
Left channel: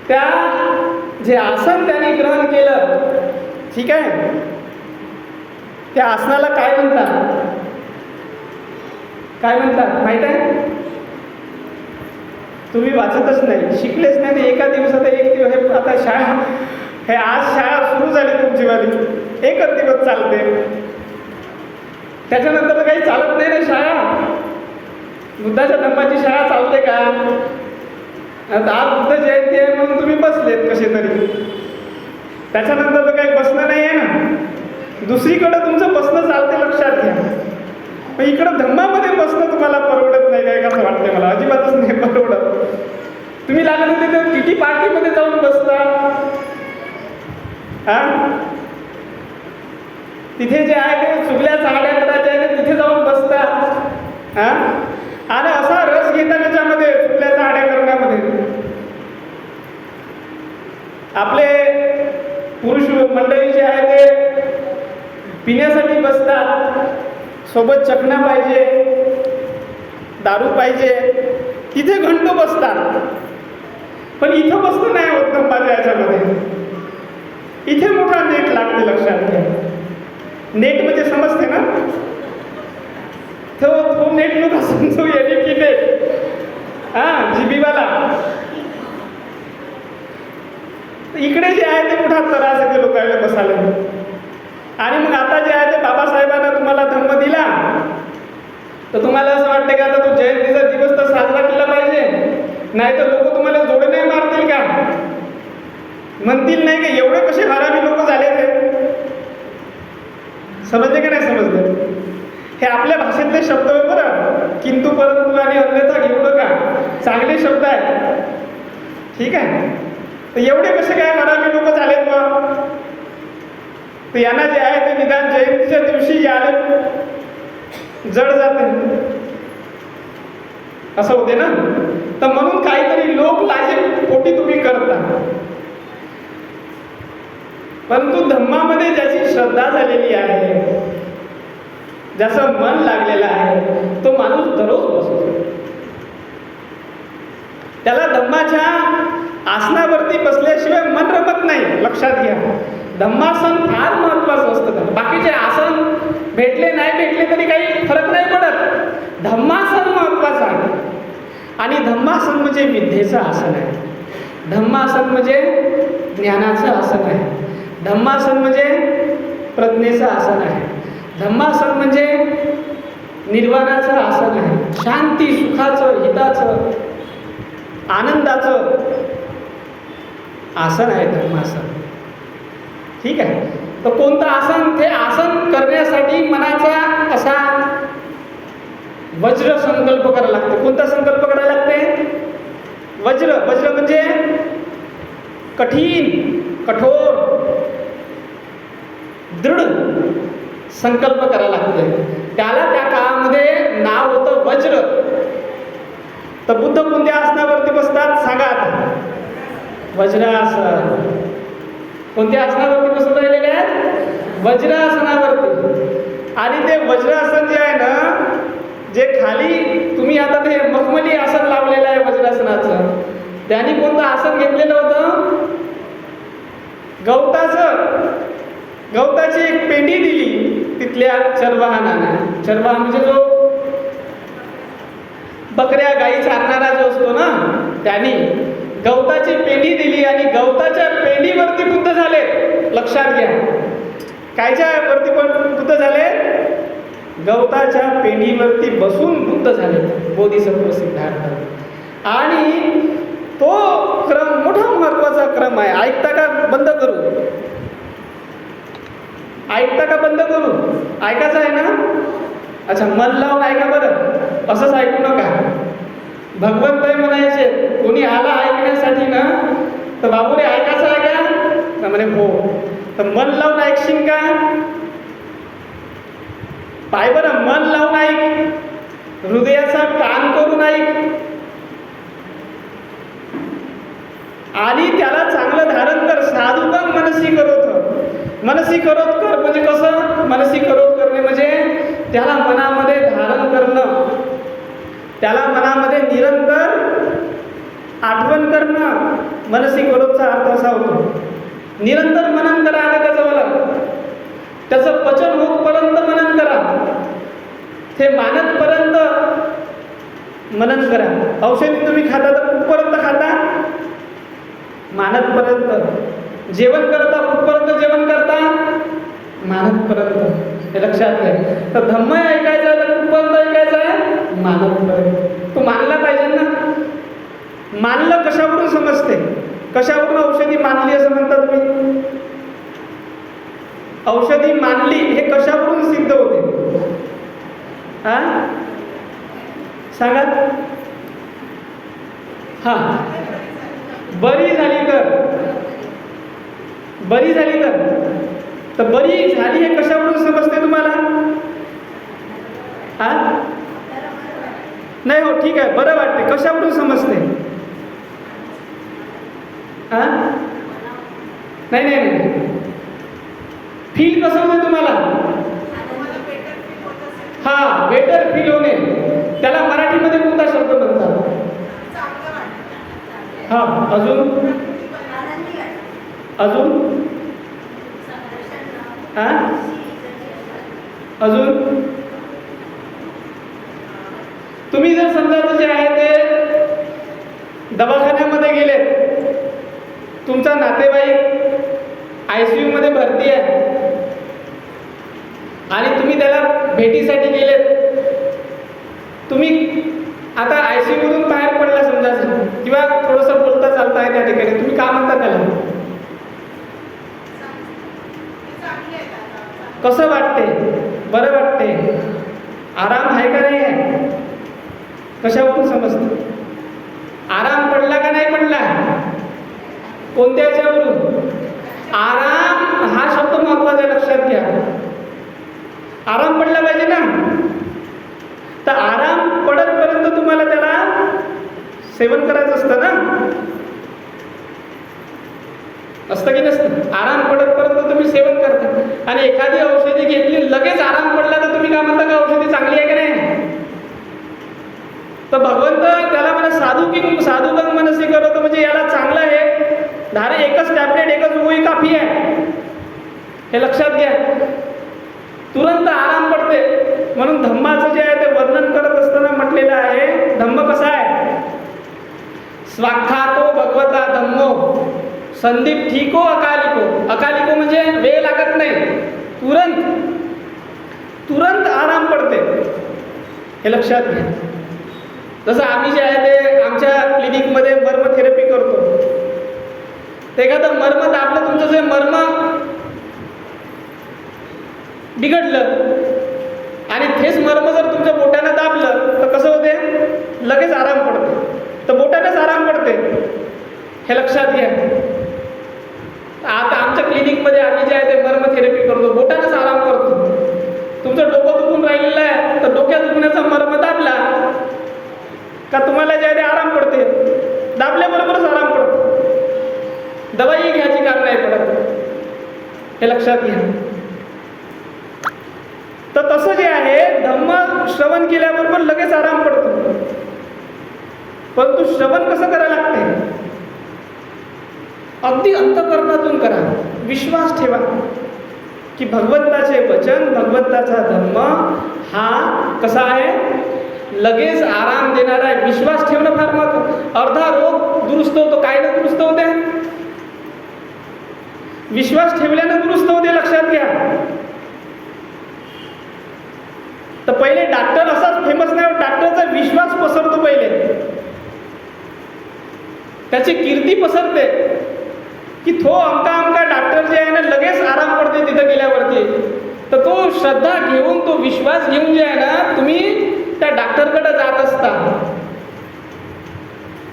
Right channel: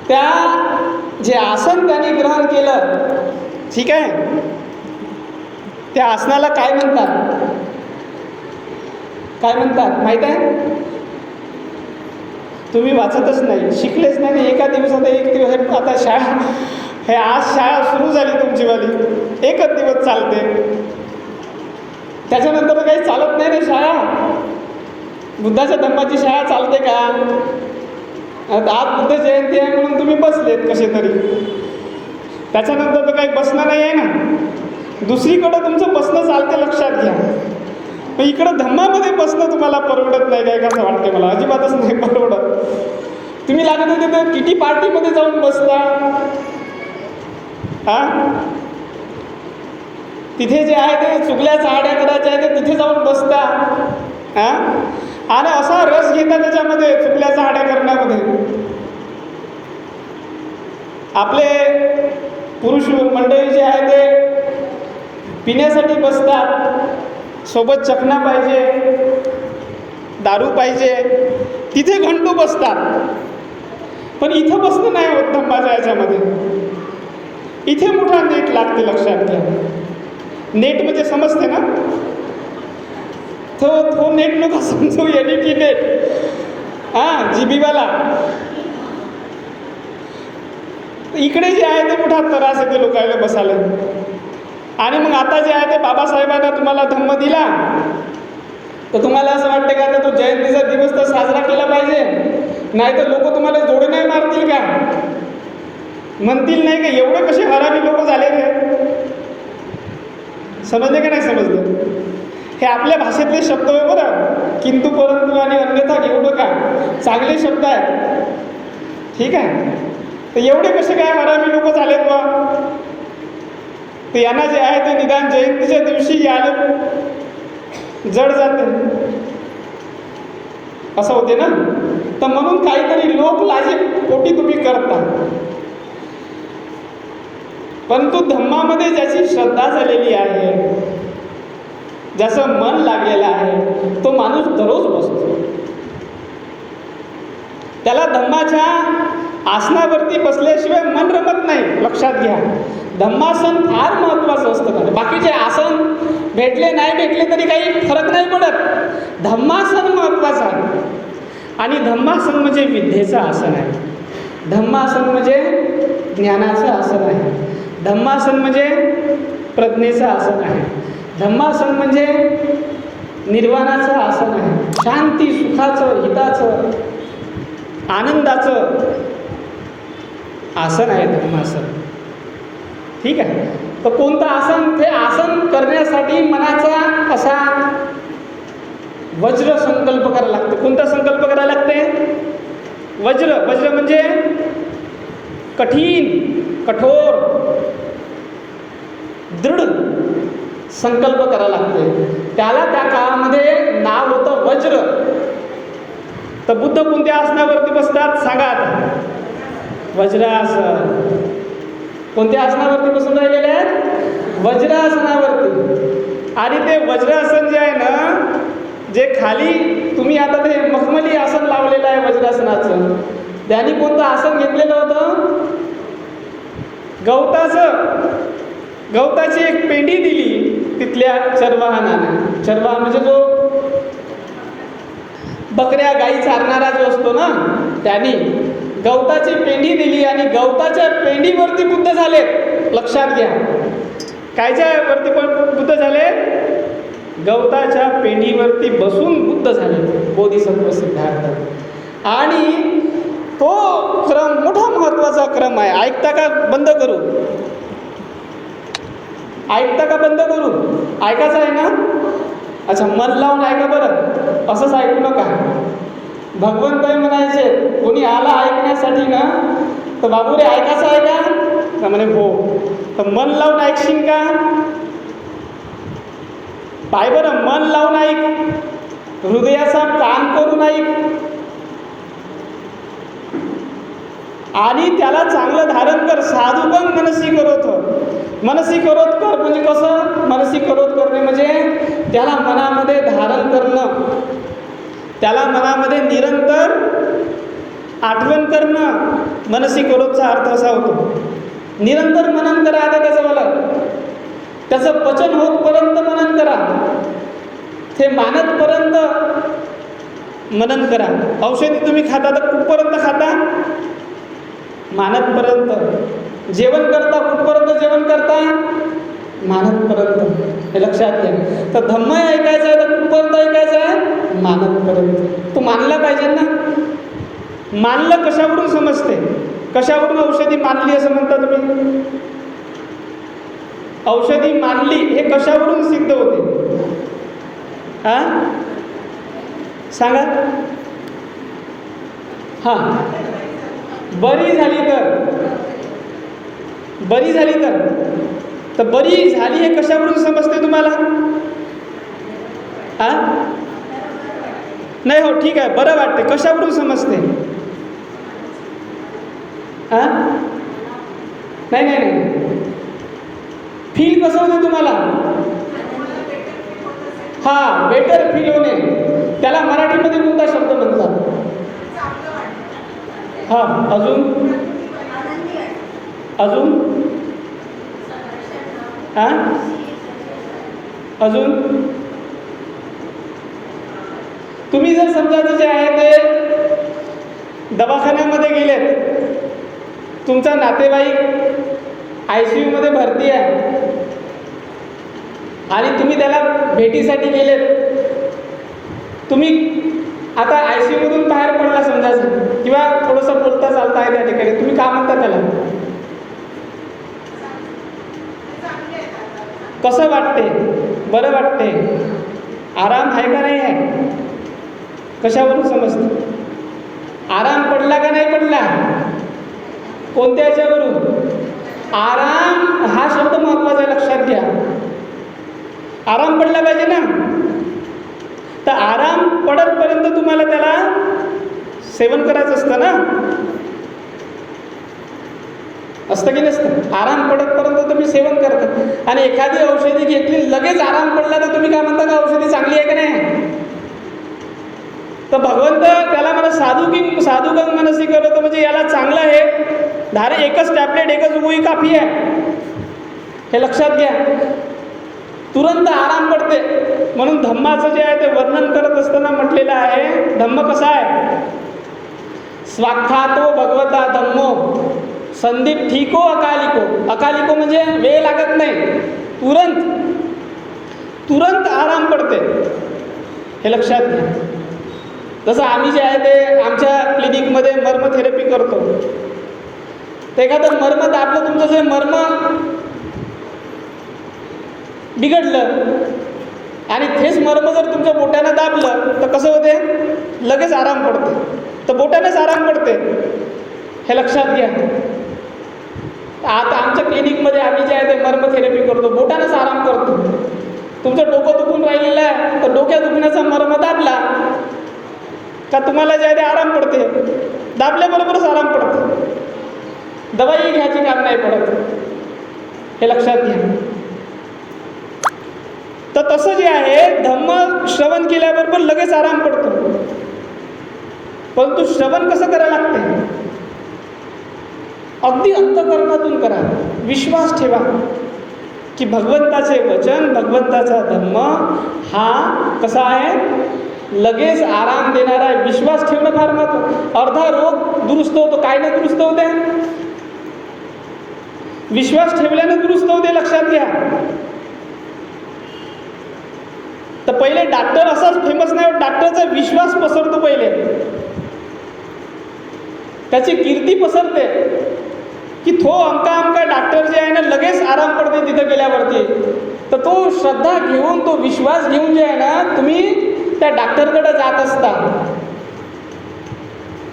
त्या जे आसन त्यांनी ग्रहण केलं, ठीक आहे, त्या आसनाला काय म्हणतात? काय म्हणतात माहित आहे? तुम्ही वाचतच नाही, शिकलेच नाही. एका दिवसात एक दिवस आता शाळा, हे आज शाळा सुरू झाली तुमचीवाली, एकच दिवस चालते. त्याच्यानंतर काही चालत नाही ना शाळा. बुद्धाच्या धम्माची शाळा चालते का? आज बुद्ध जयंती आहे म्हणून तुम्ही बसलेत कसे तरी. त्याच्यानंतर तर काही बसणं नाही आहे ना. दुसरीकडं तुमचं बसणं चालते, लक्षात घ्या. मग इकडं धम्मामध्ये बसणं तुम्हाला परवडत नाही काय? कसं वाटते मला? अजिबातच नाही परवडत. तुम्ही लागत होते तर किती पार्टीमध्ये जाऊन बसता. तिथे जे आहे ते चुकल्या चाहड्या करायच्या आहे ते तिथे जाऊन बसता. आणि असा रस घेता त्याच्यामध्ये, चुकल्या चाहड्या करण्यामध्ये. आपले पुरुष मंडळी जे आहे ते पिण्यासाठी बसतात. सोबत चकना पाहिजे, दारू पाहिजे, तिथे घंटो बसतात. पण इथं बसणं नाही होत धम्माच्या याच्यामध्ये. इथे मोठा नेट लागते, लक्षात घ्या. नेट म्हणजे समजते ना? तो नेट नका समजू, याने की नेट, जीबीवाला. इकडे जे आहे ते मोठा त्रास आहे ते लोकांना बसायला. आणि मग आता जे आहे ते बाबासाहेबांना तुम्हाला धम्म दिला, तर तुम्हाला असं वाटतं का आता तो जयंतीचा दिवस तर साजरा केला पाहिजे, नाही तर लोक तुम्हाला जोडे नाही मारतील का? म्हणतील नाही की एवढे कसे हरामी लोक झाले ते. समजले का नाही समजले? हे आपल्या भाषेतले शब्द आहे बरं. किंतु परंतु आणि अन्यथा घेऊ नका, चांगले शब्द आहेत, ठीक आहे. तर एवढे कसे काय हरामी लोक झालेत बा? तर यांना जे आहे ते निदान जयंतीच्या दिवशी आले जड जाते, असं होते ना. तर म्हणून काहीतरी लोक लाजे पोटी तुम्ही करता. परंतु धम्मामध्ये ज्याची श्रद्धा झालेली आहे, ज्याचं मन लागलेलं आहे, तो माणूस दररोज बसतो. त्याला धम्माच्या आसनावरती बसल्याशिवाय मन रमत नाही, लक्षात घ्या. धम्मासन फार महत्त्वाचं असतं. बाकीचे आसन भेटले नाही भेटले तरी काही फरक नाही पडत. धम्मासन महत्त्वाचं आहे. आणि धम्मासन म्हणजे विद्येचं आसन आहे. धम्मासन म्हणजे ज्ञानाचं आसन आहे. धम्मासन म्हणजे प्रज्ञेचं आसन आहे. धम्मासन म्हणजे निर्वाणाचं आसन आहे. शांती, सुखाचं, हिताचं, आनंदाचं आसन आहे धम्मासन, ठीक आहे. तर कोणतं आसन? ते आसन करण्यासाठी मनाचा असा वज्र संकल्प करायला लागतो. कोणता संकल्प करायला लागते? वज्र. वज्र म्हणजे कठीण, कठोर, दृढ संकल्प करायला लागते. त्याला त्या काळामध्ये नाव होतं वज्र. तर बुद्ध कोणत्या आसनावरती बसतात सांगा आता? वज्रासन. कोणत्या आसनावरती बसून राहिलेले आहेत? वज्रासनावरती. आणि ते वज्रासन जे आहे ना, जे खाली तुम्ही आता ते मखमली आसन लावलेलं आहे वज्रासनाचं, त्यांनी कोणतं आसन घेतलेलं होतं? गवताची एक पेंडी दिली तिथल्या चरवाहनाने. चरवाहन म्हणजे जो बकऱ्या गाई चारणारा जो असतो ना, त्याने गवताची पेंडी दिली आणि गवताच्या पेंडीवरती बुद्ध झाले. लक्षात घ्या, कायच्या वरती पण बुद्ध झाले? गवताच्या पेंडीवरती बसून बुद्ध झाले, बोधिसत्व सिद्धार्थ. आणि तो क्रम मोठा महत्त्वाचा क्रम आहे. ऐकता का? बंद करू? ऐकता का? बंद करू? ऐकायचं आहे ना? अच्छा, मन लावून ऐका बरं, असंच ऐकू नका. भगवंत म्हणायचे, कोणी आला ऐकण्यासाठी ना, तर बाबू रे ऐकायचं आहे का? तर म्हणे हो. तर मन लावून ऐकशील का? पाय बरं, मन लावून ऐक, हृदयाचा कान करून ऐक आणि त्याला चांगलं धारण कर. साधुकम मनसी करोत. मनसी करोत कर म्हणजे कसं? मनसी करोत करणे म्हणजे त्याला मनामध्ये धारण करणं, त्याला मनामध्ये निरंतर आठवण करणं. मनसी करोतचा अर्थ असा होतो, निरंतर मनन करा. आता त्याचं पचन होतपर्यंत मनन करा, ते मानतपर्यंत मनन करा. औषधी तुम्ही खाता तर कुठपर्यंत खाता? मानतपर्यंत. जेवण करता कुठपर्यंत जेवण करता? मानतपर्यंत. हे लक्षात घ्या. तर धम्म ऐकायचं आहे तर कुठपर्यंत ऐकायचं आहे? मानतपर्यंत. तू मानला पाहिजे ना. मानलं कशावरून समजते? कशावरून औषधी मानली असं म्हणता तुम्ही? औषधी मानली हे कशावरून सिद्ध होते? हा, सांगा. हां, बरी झाली तर. बरी झाली तर बरी झाली हे कशावरून समजते तुम्हाला? हा, नाही हो, ठीक आहे, बरं वाटते. कशावरून समजते? हा, नाही, फील कसं होते तुम्हाला? हा, बेटर फील होणे, त्याला मराठीमध्ये कोणता शब्द म्हणतात? हा, अजून हा, अजून तुम्ही जर समजा जे आहे ते दवाखान्यामध्ये गेलेत, तुमचा नातेवाईक ICU मध्ये भरती आहे आणि तुम्ही त्याला भेटीसाठी गेलेत. तुम्ही आता ICU मधून बाहेर पडला समजा, किंवा थोडंसं बोलता चालता आहे त्या ठिकाणी, तुम्ही का म्हणता त्याला? कसं वाटते? बरं वाटते? आराम आहे का नाही आहे? कशावरून समजते? आराम पडला का नाही पडला? कोणत्या याच्यावरून? आराम हा शब्द महत्त्वाचा आहे, लक्षात घ्या. आराम पडला पाहिजे ना. तर आराम पडतपर्यंत तुम्हाला त्याला सेवन करायचं असतं ना, असतं की नसतं? आराम पडतपर्यंत तुम्ही सेवन करता. आणि एखादी औषधी घेतली, लगेच आराम पडला तर तुम्ही काय म्हणता का औषधी चांगली आहे का नाही? तर भगवंत त्याला मला साधुकम मनसी करतो म्हणजे याला चांगलं आहे, एकच टॅबलेट, एकच गोळी काफी आहे, हे लक्षात घ्या. तुरंत आराम पडते. म्हणून धम्माचं जे आहे ते वर्णन करत असताना म्हटलेलं आहे, धम्म कसा आहे? स्वाख्यातो भगवता धम्मो संदीप ठीको अकालिको. अकालिको म्हणजे वेळ लागत नाही, तुरंत आराम पडते, हे लक्षात घ्या. जसं आम्ही जे आहे ते आमच्या क्लिनिकमध्ये मर्म थेरपी करतो. तर एखादं मर्म दाबलं, तुमचं जे मर्म बिघडलं आणि तेच मर्म जर तुमच्या बोटानं दाबलं तर कसं होते? लगेच आराम पडते. तर बोटानेच आराम पडते, हे लक्षात घ्या. आता आमच्या क्लिनिकमध्ये आम्ही जे आहे ते मर्म थेरपी करतो, बोटानेच आराम करतो. तुमचं डोकं दुखून राहिलेलं आहे तर डोक्या दुखण्याचा मर्म दाबला का तुम्हाला जे आहे ते आराम पडते. दाबल्याबरोबरच आराम पडतो, दवाई घ्यायची काम नाही पडत, हे लक्षात घ्या. तर तसं जे आहे, धम्म श्रवण केल्याबरोबर लगेच आराम पडतो. परंतु श्रवण कसं करायला लागते? अगदी अंतःकरणातून करा. विश्वास ठेवा की भगवंताचे वचन, भगवंताचा धर्म हा कसा आहे, लगेच आराम देणारा आहे. विश्वास ठेवणं फार महत्त्वाचं. अर्धा रोग दुरुस्त होतो, काय न दुरुस्त होते, विश्वास ठेवल्यानं दुरुस्त होते, लक्षात घ्या. तर पहिले डॉक्टर असाच फेमस नाही, डॉक्टरचा विश्वास पसरतो पहिले, त्याची कीर्ती पसरते की तो अमका डॉक्टर जे आहे ना लगेच आराम पडते तिथं गेल्यावरती. तर तो श्रद्धा घेऊन, तो विश्वास घेऊन जे आहे ना तुम्ही त्या डॉक्टरकडे जात असता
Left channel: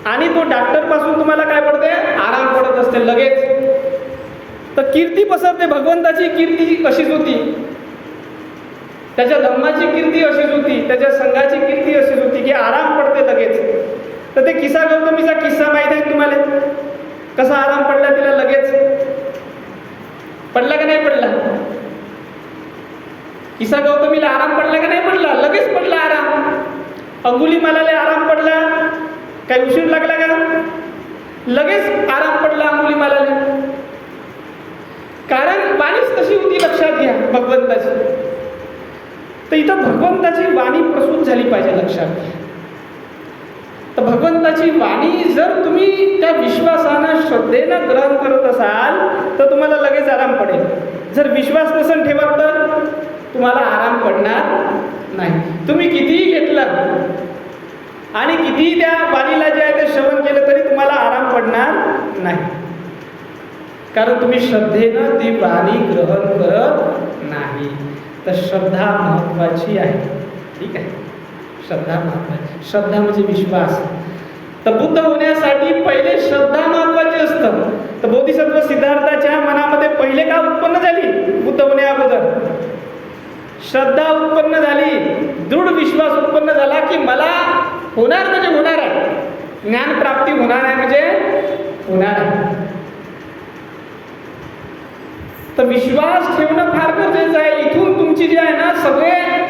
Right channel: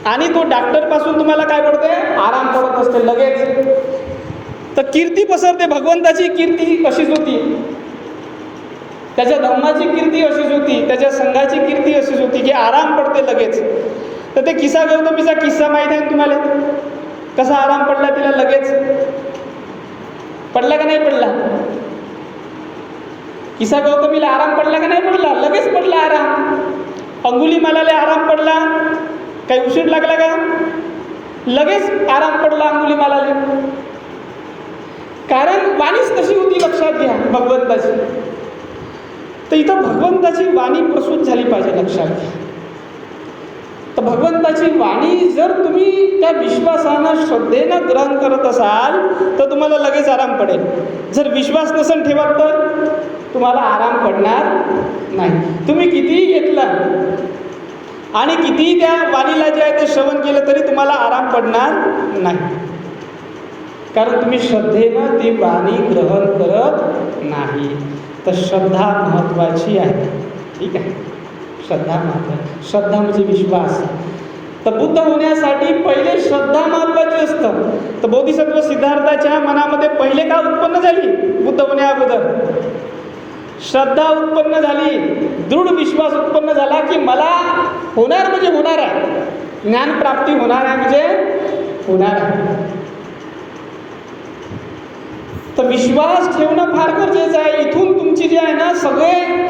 आणि तो डॉक्टरपासून तुम्हाला काय पडते, आराम पडत असते लगेच. तर कीर्ती पसरते. भगवंताची कीर्ती अशीच होती, त्याच्या धर्माची कीर्ती अशीच होती, त्याच्या संघाची कीर्ती अशीच होती की आराम पडते लगेच. तर ते किस्सा गौतमीचा किस्सा माहीत आहे तुम्हाला, कसा आराम पडला तिला लगेच, पडला का नाही पडला? किस्सा गौतमीला आराम पडला का नाही पडला? लगेच पडला आराम. अंगुलीमालाला आराम पडला, काही उशीर लागला का? लगेच आराम पडला अंगुलीमालाला. कारण वाणीच तशी होती, लक्षात घ्या, भगवंताची. तर इथं भगवंताची वाणी प्रसूत झाली पाहिजे, लक्षात घ्या. तर भगवंताची वाणी जर तुम्ही त्या विश्वासानं, श्रद्धेनं ग्रहण करत असाल तर तुम्हाला लगेच आराम पडेल. जर विश्वास नसेल ठेवत तर तुम्हाला आराम पडणार नाही. तुम्ही कितीही घेतलं आणि कितीही त्या वाणीला जे आहे ते श्रवण केलं तरी तुम्हाला आराम पडणार नाही, कारण तुम्ही श्रद्धेनं ती वाणी ग्रहण करत नाही. तर श्रद्धा महत्त्वाची आहे, ठीक आहे, श्रद्धा महत्त्वाची. श्रद्धा म्हणजे विश्वास. तर बुद्ध होण्यासाठी पहिले श्रद्धा महत्त्वाची असतं. तर बोधिसत्व सिद्धार्थाच्या मनामध्ये पहिले का उत्पन्न झाली, बुद्ध होण्या अगोदर श्रद्धा उत्पन्न झाली, दृढ विश्वास उत्पन्न झाला की मला होणार म्हणजे होणार आहे, ज्ञानप्राप्ती होणार आहे म्हणजे होणार आहे. तर विश्वास ठेवणं फार गरजेचं आहे. इथून तुमची जी आहे ना सगळे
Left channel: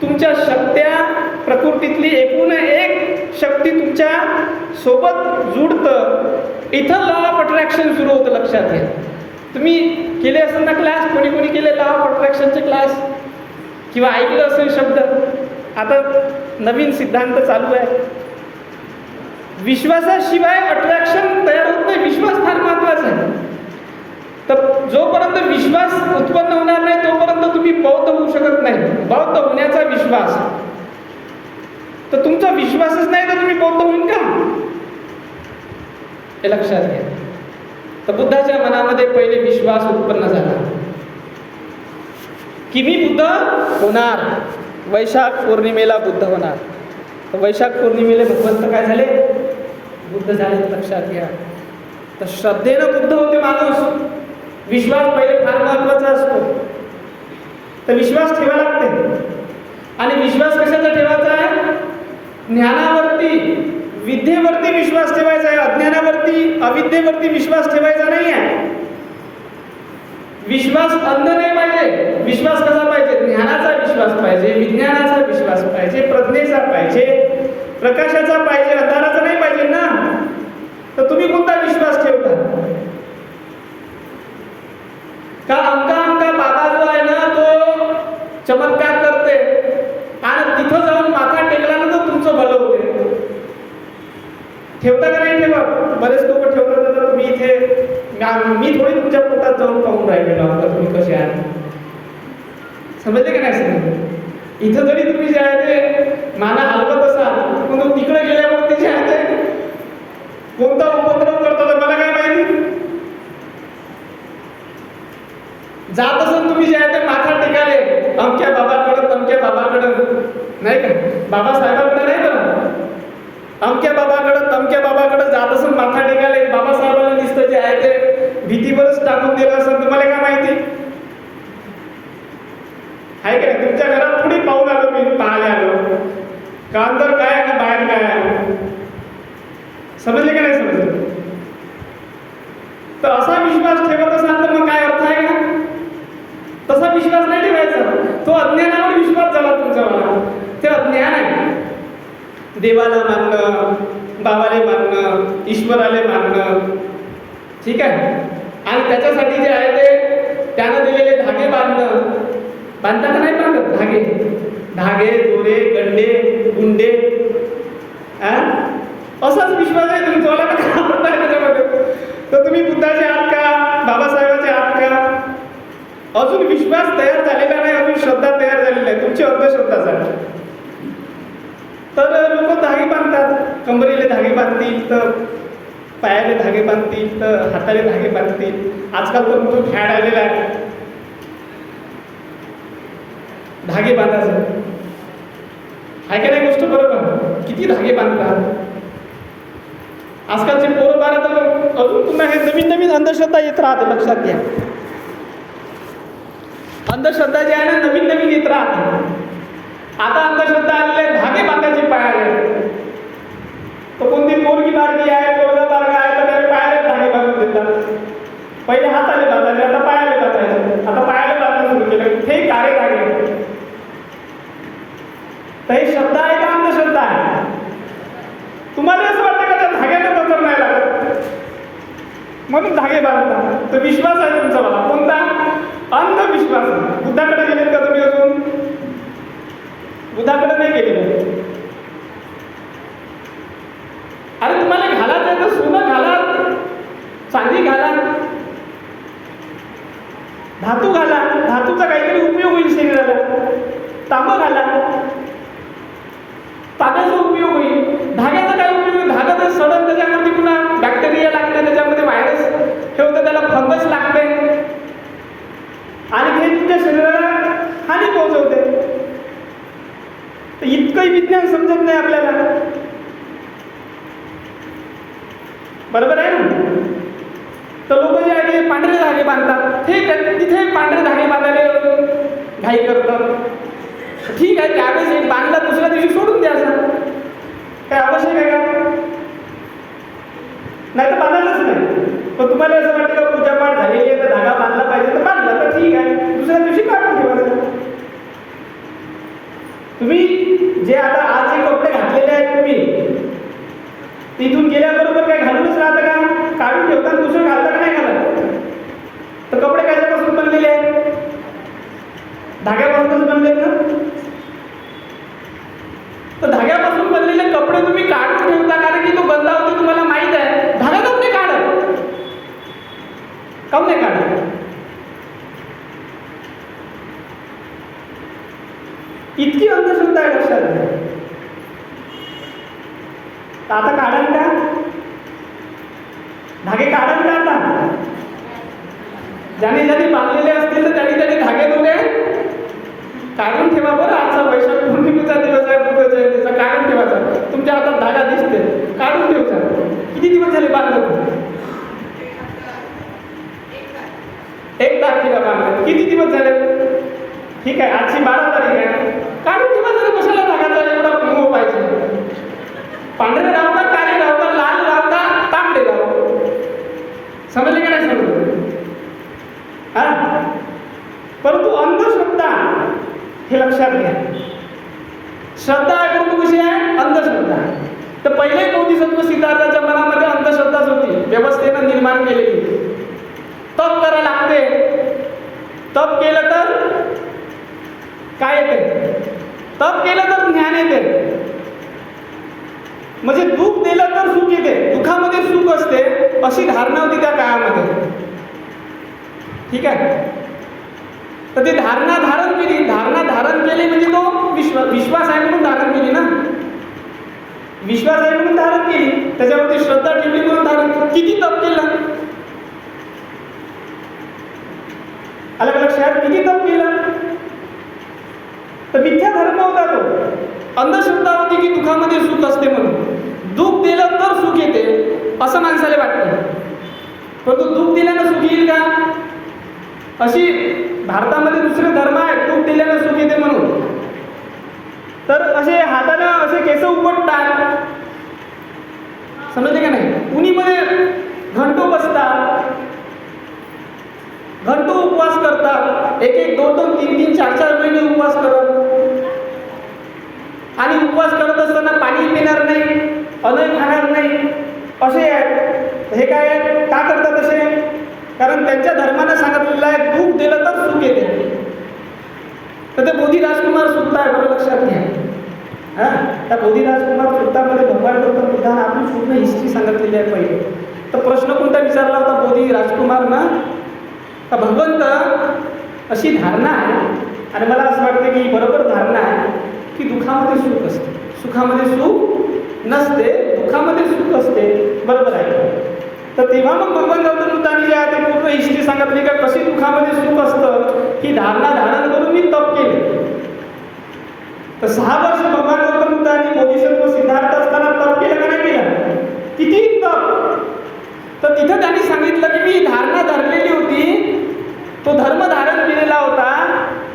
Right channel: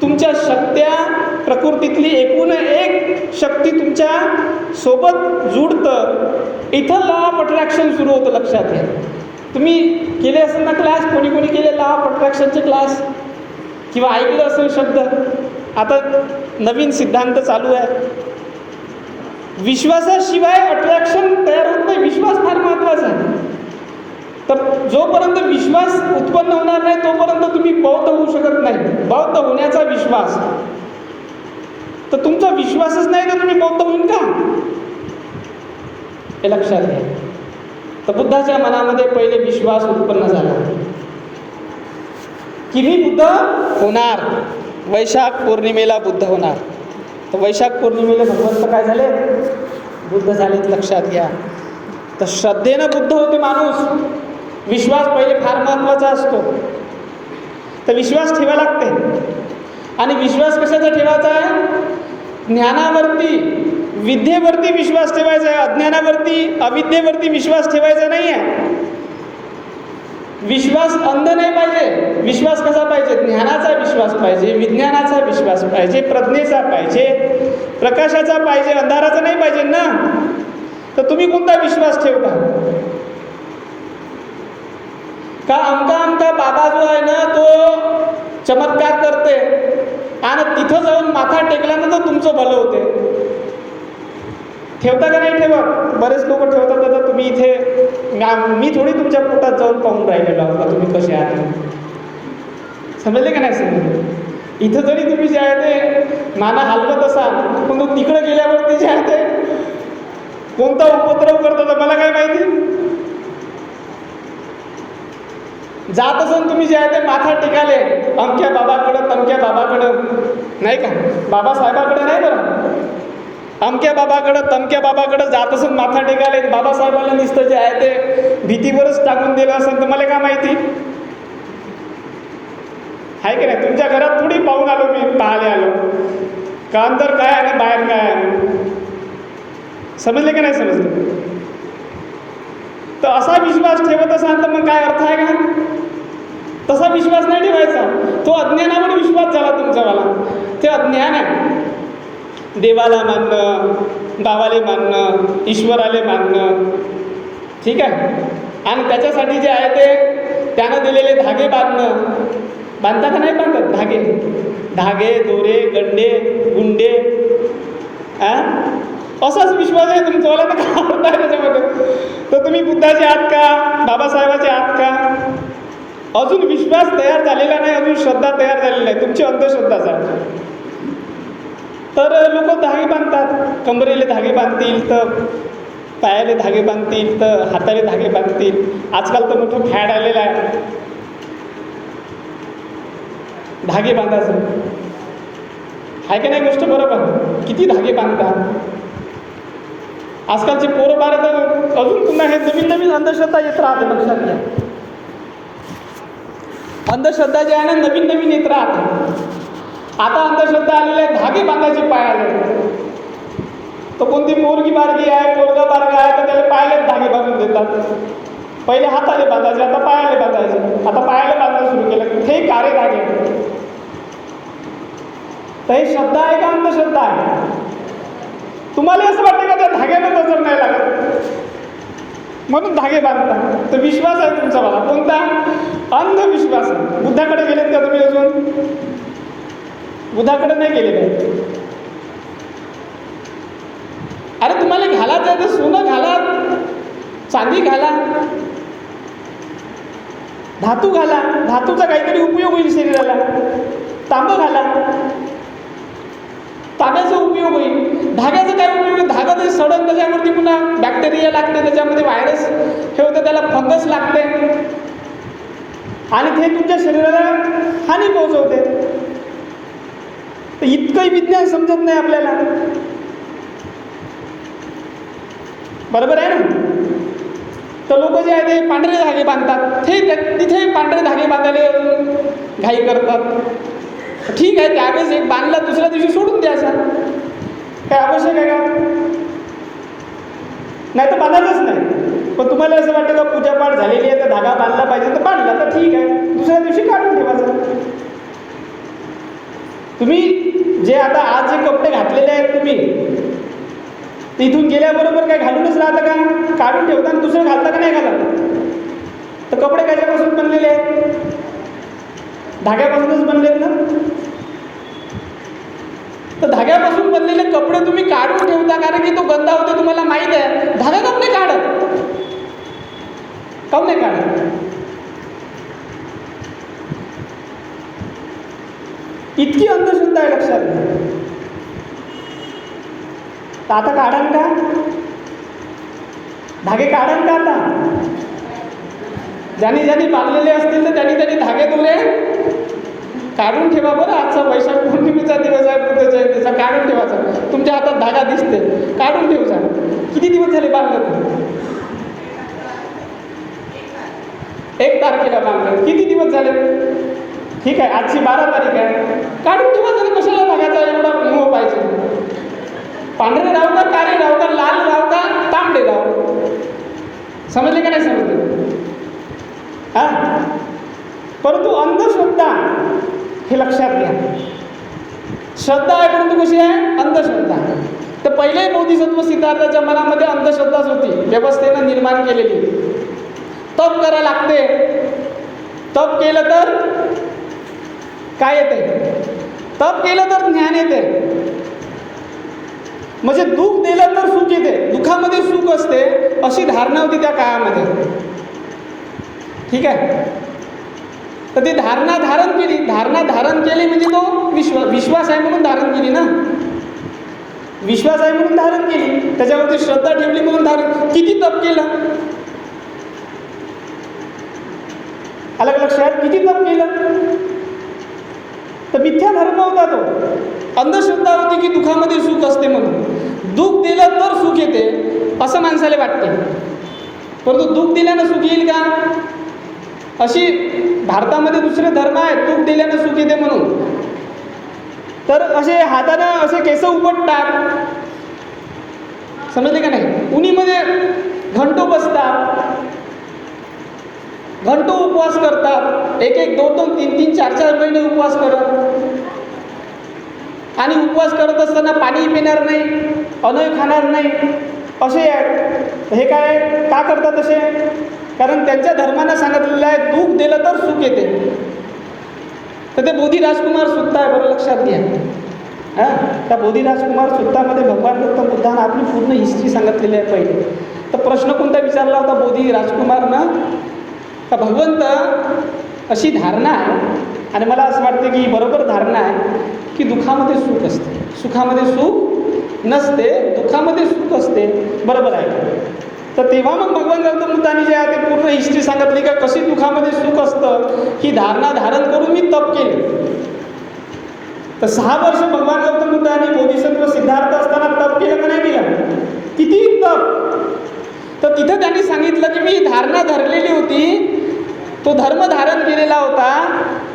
तुमच्या शक्त्या, प्रकृतीतली एकूण एक शक्ती तुमच्या सोबत जुडतं. इथं लॉ ऑफ अट्रॅक्शन सुरू होतं, लक्षात घ्या. तुम्ही केले असेल ना क्लास, कोणी कोणी केले लॉ ऑफ अट्रॅक्शनचे क्लास किंवा ऐकलं असेल शब्द. आता नवीन सिद्धांत चालू आहे. विश्वासाशिवाय अट्रॅक्शन तयार होत नाही. विश्वास फार महत्त्वाचा आहे. तर जोपर्यंत विश्वास उत्पन्न होणार नाही तोपर्यंत तुम्ही बौद्ध होऊ शकत नाही. बौद्ध होण्याचा विश्वास, तर तुमचा विश्वासच नाही तर तुम्ही बौद्ध होईल का, हे लक्षात घ्या. तर बुद्धाच्या मनामध्ये पहिले विश्वास उत्पन्न झाला की मी बुद्ध होणार, वैशाख पौर्णिमेला बुद्ध होणार. तर वैशाख पौर्णिमेला भगवंत काय झाले, बुद्ध झाले, लक्षात घ्या. तर श्रद्धेनं बुद्ध होते माणूस. विश्वास पहिले फार महत्त्वाचा असतो. तर विश्वास ठेवा लागते. आणि विश्वास कशाचा ठेवायचा आहे, ज्ञानावरती, विद्येवरती विश्वास ठेवायचा आहे. अज्ञानावरती, अविद्येवरती विश्वास ठेवायचा नाही आहे. विश्वास अंध नाही पाहिजे. विश्वास कसा पाहिजे, ज्ञानाचा विश्वास पाहिजे, विज्ञानाचा विश्वास पाहिजे, प्रज्ञेचा पाहिजे, प्रकाशाचा पाहिजे, अंधाराचा नाही पाहिजे ना. तर तुम्ही कोणता विश्वास ठेवता का? आमका बाबा जो आहे ना तो चमत्कार करते आणि तिथं जाऊन माथा टेकला ना तर तुमचं भलं होते. ठेवता का नाही ठेवत? बरेच लोक ठेवतात. तर तुम्ही इथे, मी थोडी तुमच्या पोटात जाऊन पाहून राहिले बाबा तुम्ही कसे आहात, समजले का नाही समजले? इथं जरी तुम्ही जे आहे ते माना हलवत असाल पण तिकडे गेल्यावरती जे आहे ते कोणता उपद्रव करतो तर मला काय माहिती. जात असून तुम्ही जे आहे ते माथा टेकाले अमक्या बाबाकडं तमक्या बाबाकडं, नाही का, बाबासाहेबाकडे नाही तर अमक्या बाबाकडं तमक्या बाबाकडं जात असून माथा टेकाले. बाबासाहेबांना नुसतं जे आहे ते भीतीवरच टाकून दिलं असं तुम्हाला काय माहिती आहे की नाही? तुमच्या घरात थोडी पाहून आलो मी, पाहायला आलो का अंदर काय आणि बाहेर काय आहे, समजले का नाही समजले? तर असा विश्वास ठेवत असाल तर मग काय अर्थ आहे का? तसा विश्वास नाही ठेवायचा. तो अज्ञानावर विश्वास झाला तुमचावाला. ते अज्ञान आहे. देवाला मानणं, बाबाले मानणं, ईश्वराले मानणं, ठीक आहे. आणि त्याच्यासाठी जे आहे ते त्यानं दिलेले धागे बांधता का नाही बांधत? धागे दोरे गंडे गुंडे असाच विश्वास आहे तुमचा. मला तर आवडत आहे त्याच्यामध्ये. तर तुम्ही बुद्धाचे आहात का, बाबासाहेबाचे आहात का? अजून विश्वास तयार झालेला नाही, अजून श्रद्धा तयार झालेली नाही, तुमची अंधश्रद्धाच आहे. तर लोक धागे बांधतात, कंबरेले धागे बांधतील, तर पायाले धागे बांधतील, तर हाताले धागे बांधतील. आजकाल तर मोठं फॅड आलेलं आहे धागे बांधायचं. आहे का नाही गोष्ट बरोबर? किती धागे बांधतात आजकालचे पोरं बारा. तर अजून पुन्हा हे नवीन नवीन अंधश्रद्धा येत राहते, लक्षात घ्या. अंधश्रद्धा जे आहे ना नवीन नवीन येत राहते. आता अंधश्रद्धा आलेले धागे बांधायचे पायाले. तर कोणती पोरगी बारगी आहे, पोरगा बारगा आहे, तर त्याला पायाले धागे बांधून देतात. पहिले हाताले बांधायचे, आता पायाले बांधायचे. आता पायाले बांधणं सुरू केलं. कुठेही कारे धागे. तर हे श्रद्धा आहे का अंधश्रद्धा आहे? तुम्हाला असं वाटतं का त्या धाग्याने नजर नाही लागत म्हणून धागे बांधता? तर विश्वास आहे तुमचा मला. कोणता? अंधविश्वास. बुद्धाकडे गेलेत का तुम्ही अजून? बुद्धाकडे नाही गेलेले. अरे तुम्हाला घालायचं आहे तर सोनं घाला, चांदी घाला, धातू घाला. धातूचा काहीतरी उपयोग होईल शरीराला. तांबं घाला, तांब्याचा उपयोग होईल. धाग्याचा काय उपयोग? धागा जर सडन त्याच्यावरती पुन्हा बॅक्टेरिया लागते, त्याच्यामध्ये व्हायरस हे होतं, त्याला फंगस लागते आणि ते तुमच्या शरीराला हानी पोहोचवते. इतकंही विज्ञान समजत नाही आपल्याला. बरोबर आहे ना? तर लोक जे आहे ते पांढरे धागे बांधतात. ठीक आहे, तिथे पांढरे धागे बांधायला घाई करतात. ठीक आहे, त्यावेळेस एक बांधला, दुसऱ्या दिवशी सोडून द्यायचा. काय आवश्यक आहे का? नाही तर बांधायचंच नाही. पण तुम्हाला असं वाटतं का पूजापाठ झालेली आहे तर धागा बांधला पाहिजे, तर बांधला तर ठीक आहे, दुसऱ्या दिवशी काढून ठेवायचं. तुम्ही जे आता आज जे कपडे घातलेले आहेत तुम्ही, तिथून गेल्याबरोबर काय घालूनच राहतं का? काढून ठेवता आणि दुसरं घालता का नाही घालत? तर कपडे कशापासून बनलेले आहेत? धाग्यापासूनच बनलेत ना. तर धाग्यापासून बनलेले कपडे तुम्ही काढून ठेवता कारण की तो गंदा होते, तुम्हाला माहीत आहे. धागा काऊन नाही काढत? काऊन नाही काढत? इतकी अंधश्रद्धा आहे, लक्षात घ्या. तर आता काढाल का? धागे काढाल का आता? ज्याने ज्याने बांधलेले असतील तर त्यांनी धागे दोरे काढून ठेवा. बरं, आजचा वैशाख पौर्णिमेचा दिवस आहे, बुद्ध जयंतीचा. काढून ठेवायचा. तुमच्या हातात धागा दिसते, काढून ठेवचा. किती दिवस झाले बांधलं? 1 तारखेला बांधलं. किती दिवस झाले? ठीक आहे, आजची 12 तारीख आहे. काढून ठेवायचं. कशाला धागाचा एवढा मोह पाहिजे? पांढरे राव का, काळे राव का, लाल राव का, तांबडे राव? समजले का नाही समजले? हा. परंतु अंधश्रद्धा हे लक्षात घ्या. श्रद्धा आहे परंतु कशी आहे? अंधश्रद्धा. तर पहिले बोधिसत्व सिद्धार्थाच्या मनामध्ये अंधश्रद्धाच होती, व्यवस्थेनं निर्माण केलेली. तप करायला लागते. तप केलं तर काय येते? तप केलं तर ज्ञान येते. म्हणजे दुःख दिलं तर सुख येते, दुःखामध्ये सुख असते, अशी धारणा होती त्या काळामध्ये. ठीक आहे. तर ती धारणा धारण केली. धारणा धारण केली म्हणजे तो विश्वास आहे म्हणून धारण केली ना. विश्वास आहे म्हणून धारण केली, त्याच्यावरती श्रद्धा ठेवली म्हणून धारण. किती तप केलं? आलं का लक्षात? किती तप केलं? तर मिथ्या धर्म होता तो. अंधश्रद्धा होती की दुःखामध्ये सुख असते म्हणून. दुःख दिलं तर सुख येते असं माणसाला वाटते. परंतु दुःख दिल्यानं सुख येईल का? अशी भारतामध्ये दुसरे धर्म आहेत, दुःख दिल्यानं सुख येते म्हणून. तर असे हातानं असे केस उपटतात, समजले का नाही? उन्हीमध्ये घंटो बसतात, घंटो उपवास करतात, 1-1, 2-2, 3-3, 4-4 महिने उपवास करत. आणि उपवास करत असताना पाणी पिणार नाही, अन्न खाणार नाही, असे आहेत. हे काय का करतात असे? कारण त्यांच्या धर्मानं सांगितलेलं आहे दुःख दिलं तर सुख येते. तर ते बोधी राजकुमार सुत्त आहे, बरं लक्षात घ्या. हां, त्या बोधी राजकुमार सुत्तामध्ये भगवान गौतम बुद्धानं आपली पूर्ण हिस्ट्री सांगितलेली आहे पहिले. तर प्रश्न कोणता विचारला होता बोधी राजकुमारनं? का भगवंत अशी धारणा आहे, आणि मला असं वाटतं की बरोबर धारणा आहे, की दुःखामध्ये सुख असते, सुखामध्ये सुख नसते, दुःखामध्ये सुख असते. बरोबर आहे. तर तेव्हा मग भगवान गौतम बुद्धांनी जे आहे ते पूर्ण हिस्ट्री सांगितली का कशी दुःखामध्ये सुख असतं, ही धारणा धारण करून मी तप केले. तर 6 वर्ष भगवान गौतम बुद्धांनी बोधिसत्व सिद्धार्थ असताना तप केलं का नाही केलं? किती तप! तर तिथं त्यांनी सांगितलं की मी धारणा धरलेली होती, तो धर्म धारण केलेला होता.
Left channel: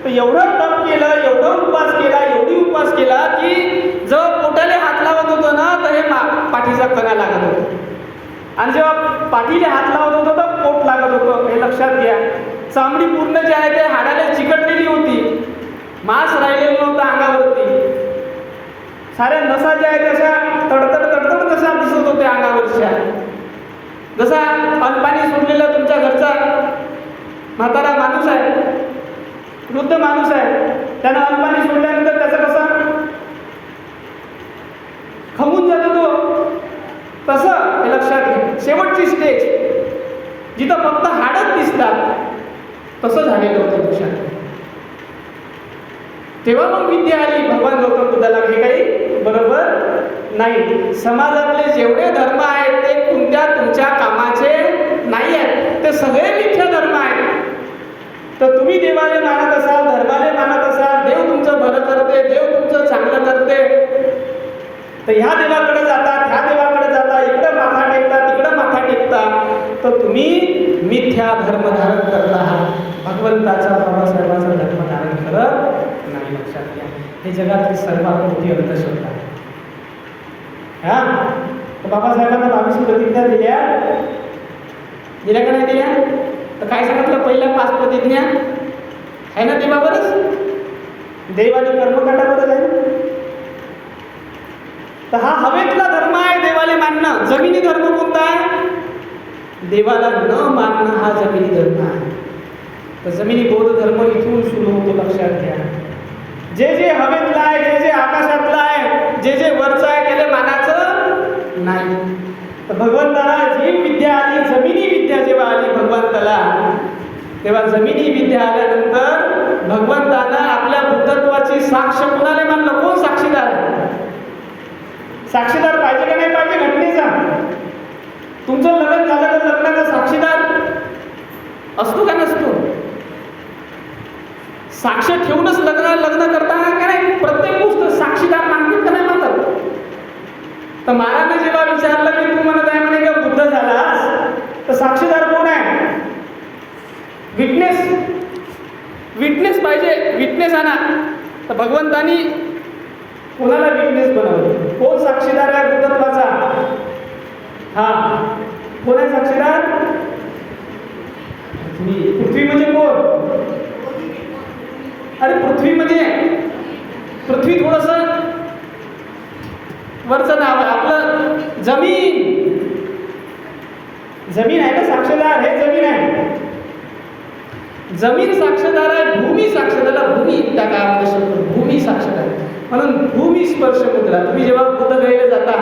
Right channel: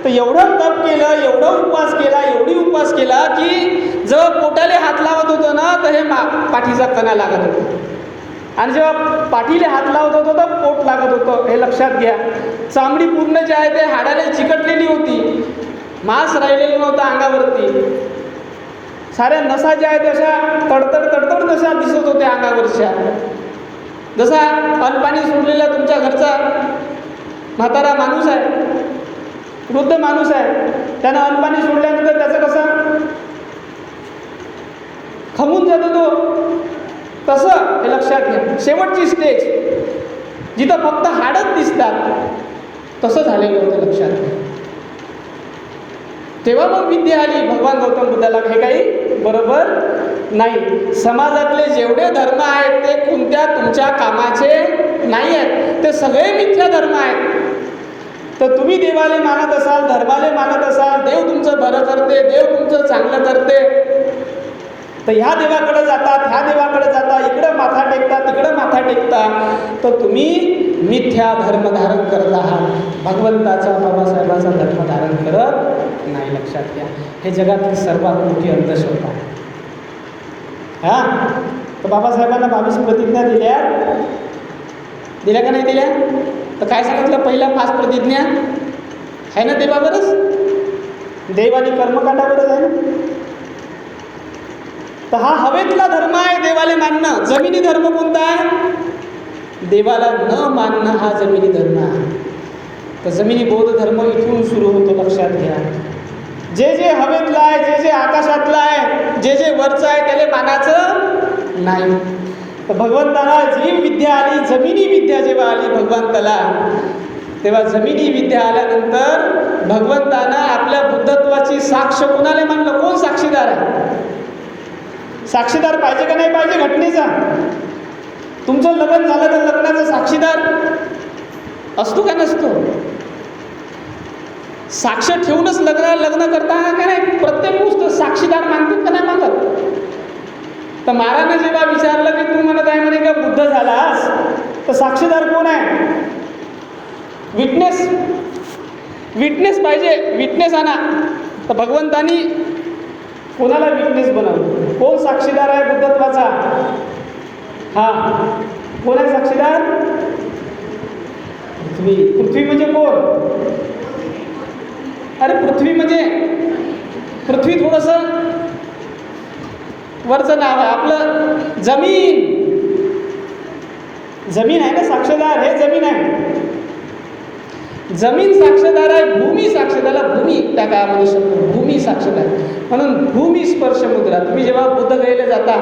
तर एवढं तप केलं, एवढं उपवास केला, एवढी उपवास केला की जर पोटाले हात लावत होतो ना तर हे पाठीचा कणा लागत होता, आणि जेव्हा पाठीला हात लावत होतो तर पोट लागत होतं. हे लक्षात घ्या. चामडी पूर्ण जे आहे ते हाडाला चिकटलेली होती, मांस राहिलेलं नव्हतं अंगावरती. साऱ्या नसा ज्या आहेत अशा तडतड तडतड नसा दिसत होत्या अंगावरच्या. जसा अनपाणी सोडलेला तुमच्या घरचा म्हातारा माणूस आहे, वृद्ध माणूस आहे, त्यानं अनपाणी सोडल्यानंतर त्याचं कसं खमून जातो तो, तसं हे लक्षात घ्या. शेवटची स्टेज जिथं फक्त हाडच दिसतात तसं झालेलं होतं, लक्षात घ्या. तेव्हा मग विद्या आली भगवान गौतम बुद्धाला, हे काही बरोबर नाही. समाजातले जेवढे धर्म आहेत ते कोणत्या तुमच्या कामाचे नाही आहेत, ते सगळे मिथ्या धर्म आहेत. तर तुम्ही देवाले मानत असाल, धर्माले मानत असाल, देव तुमचं बरं करते, देव तुमचं चांगलं करते, तर ह्या देवाकडे जातात, ह्या देवाकडे जाता, इकडं माथा टेकता, तिकडं माथा टेकता, तर तुम्ही मिथ्या धर्म धारण करत आहात. भगवंताचा, बाबासाहेबांचा धर्म धारण करत नाही. लक्षात घ्या. हे जगातली सर्वात मोठी अंधश्रद्धा आहे. हां, तर बाबासाहेबांना 22 प्रतिज्ञा दिल्या का नाही दिल्या? तर काय सांगितलं? पहिल्या 5 प्रतिज्ञा आहे ना देवावरच, देव आणि कर्मकांडावरच आहे ना. तर हा हवेतला धर्म आहे देवाला मानणं. जमिनी धर्म कोणता आहे? देवाला न मानणं हा जमिनी धर्म आहे. तर जमिनी बौद्ध धर्म इथून सुरू होतो, लक्षात घ्या. जे जे हवेतलं आहे, जे जे आकाशातलं आहे, जे जे वरचं आहे त्याला मानाचं नाही. तर भगवंताला जी विद्या आली, जमिनी विद्या जेव्हा आली भगवंताला, तेव्हा जमिनी विद्या आल्यानंतर भगवंतानं आपल्या बुद्धत्वाची साक्ष कोणाला मानलं? कोण साक्षीदार आहे? साक्षीदार पाहिजे का नाही पाहिजे घटनेचा? तुमचं लग्न झालं तर लग्नाचा साक्षीदार असतो का नसतो? साक्ष ठेवूनच लग्न करताना का नाही प्रत्येक गोष्ट साक्षीदार मानतात का नाही मानत? तर महाराजांनी जेव्हा विचारलं की तू म्हणत आहे म्हणे का बुद्ध झालास, तर साक्षीदार कोण आहे? विटनेस पाहिजे, विटनेस आणा. तर भगवंतानी कोणाला विटनेस बनवलं? कोण साक्षीदार आहे बुद्धत्वाचा? हां, कोण आहे साक्षीदार? पृथ्वी म्हणजे कोण? अरे पृथ्वी म्हणजे पृथ्वी थोडंसं वरचं नाव आहे आपलं. जमीन आहे ना साक्षीदार, हे जमीन आहे. जमीन साक्षीदार आहे, भूमी साक्षीदार, भूमी त्या काळामध्ये शब्द भूमी साक्षीदार. म्हणून भूमी स्पर्श मुद्रा. तुम्ही जेव्हा बुद्धगयेला जाता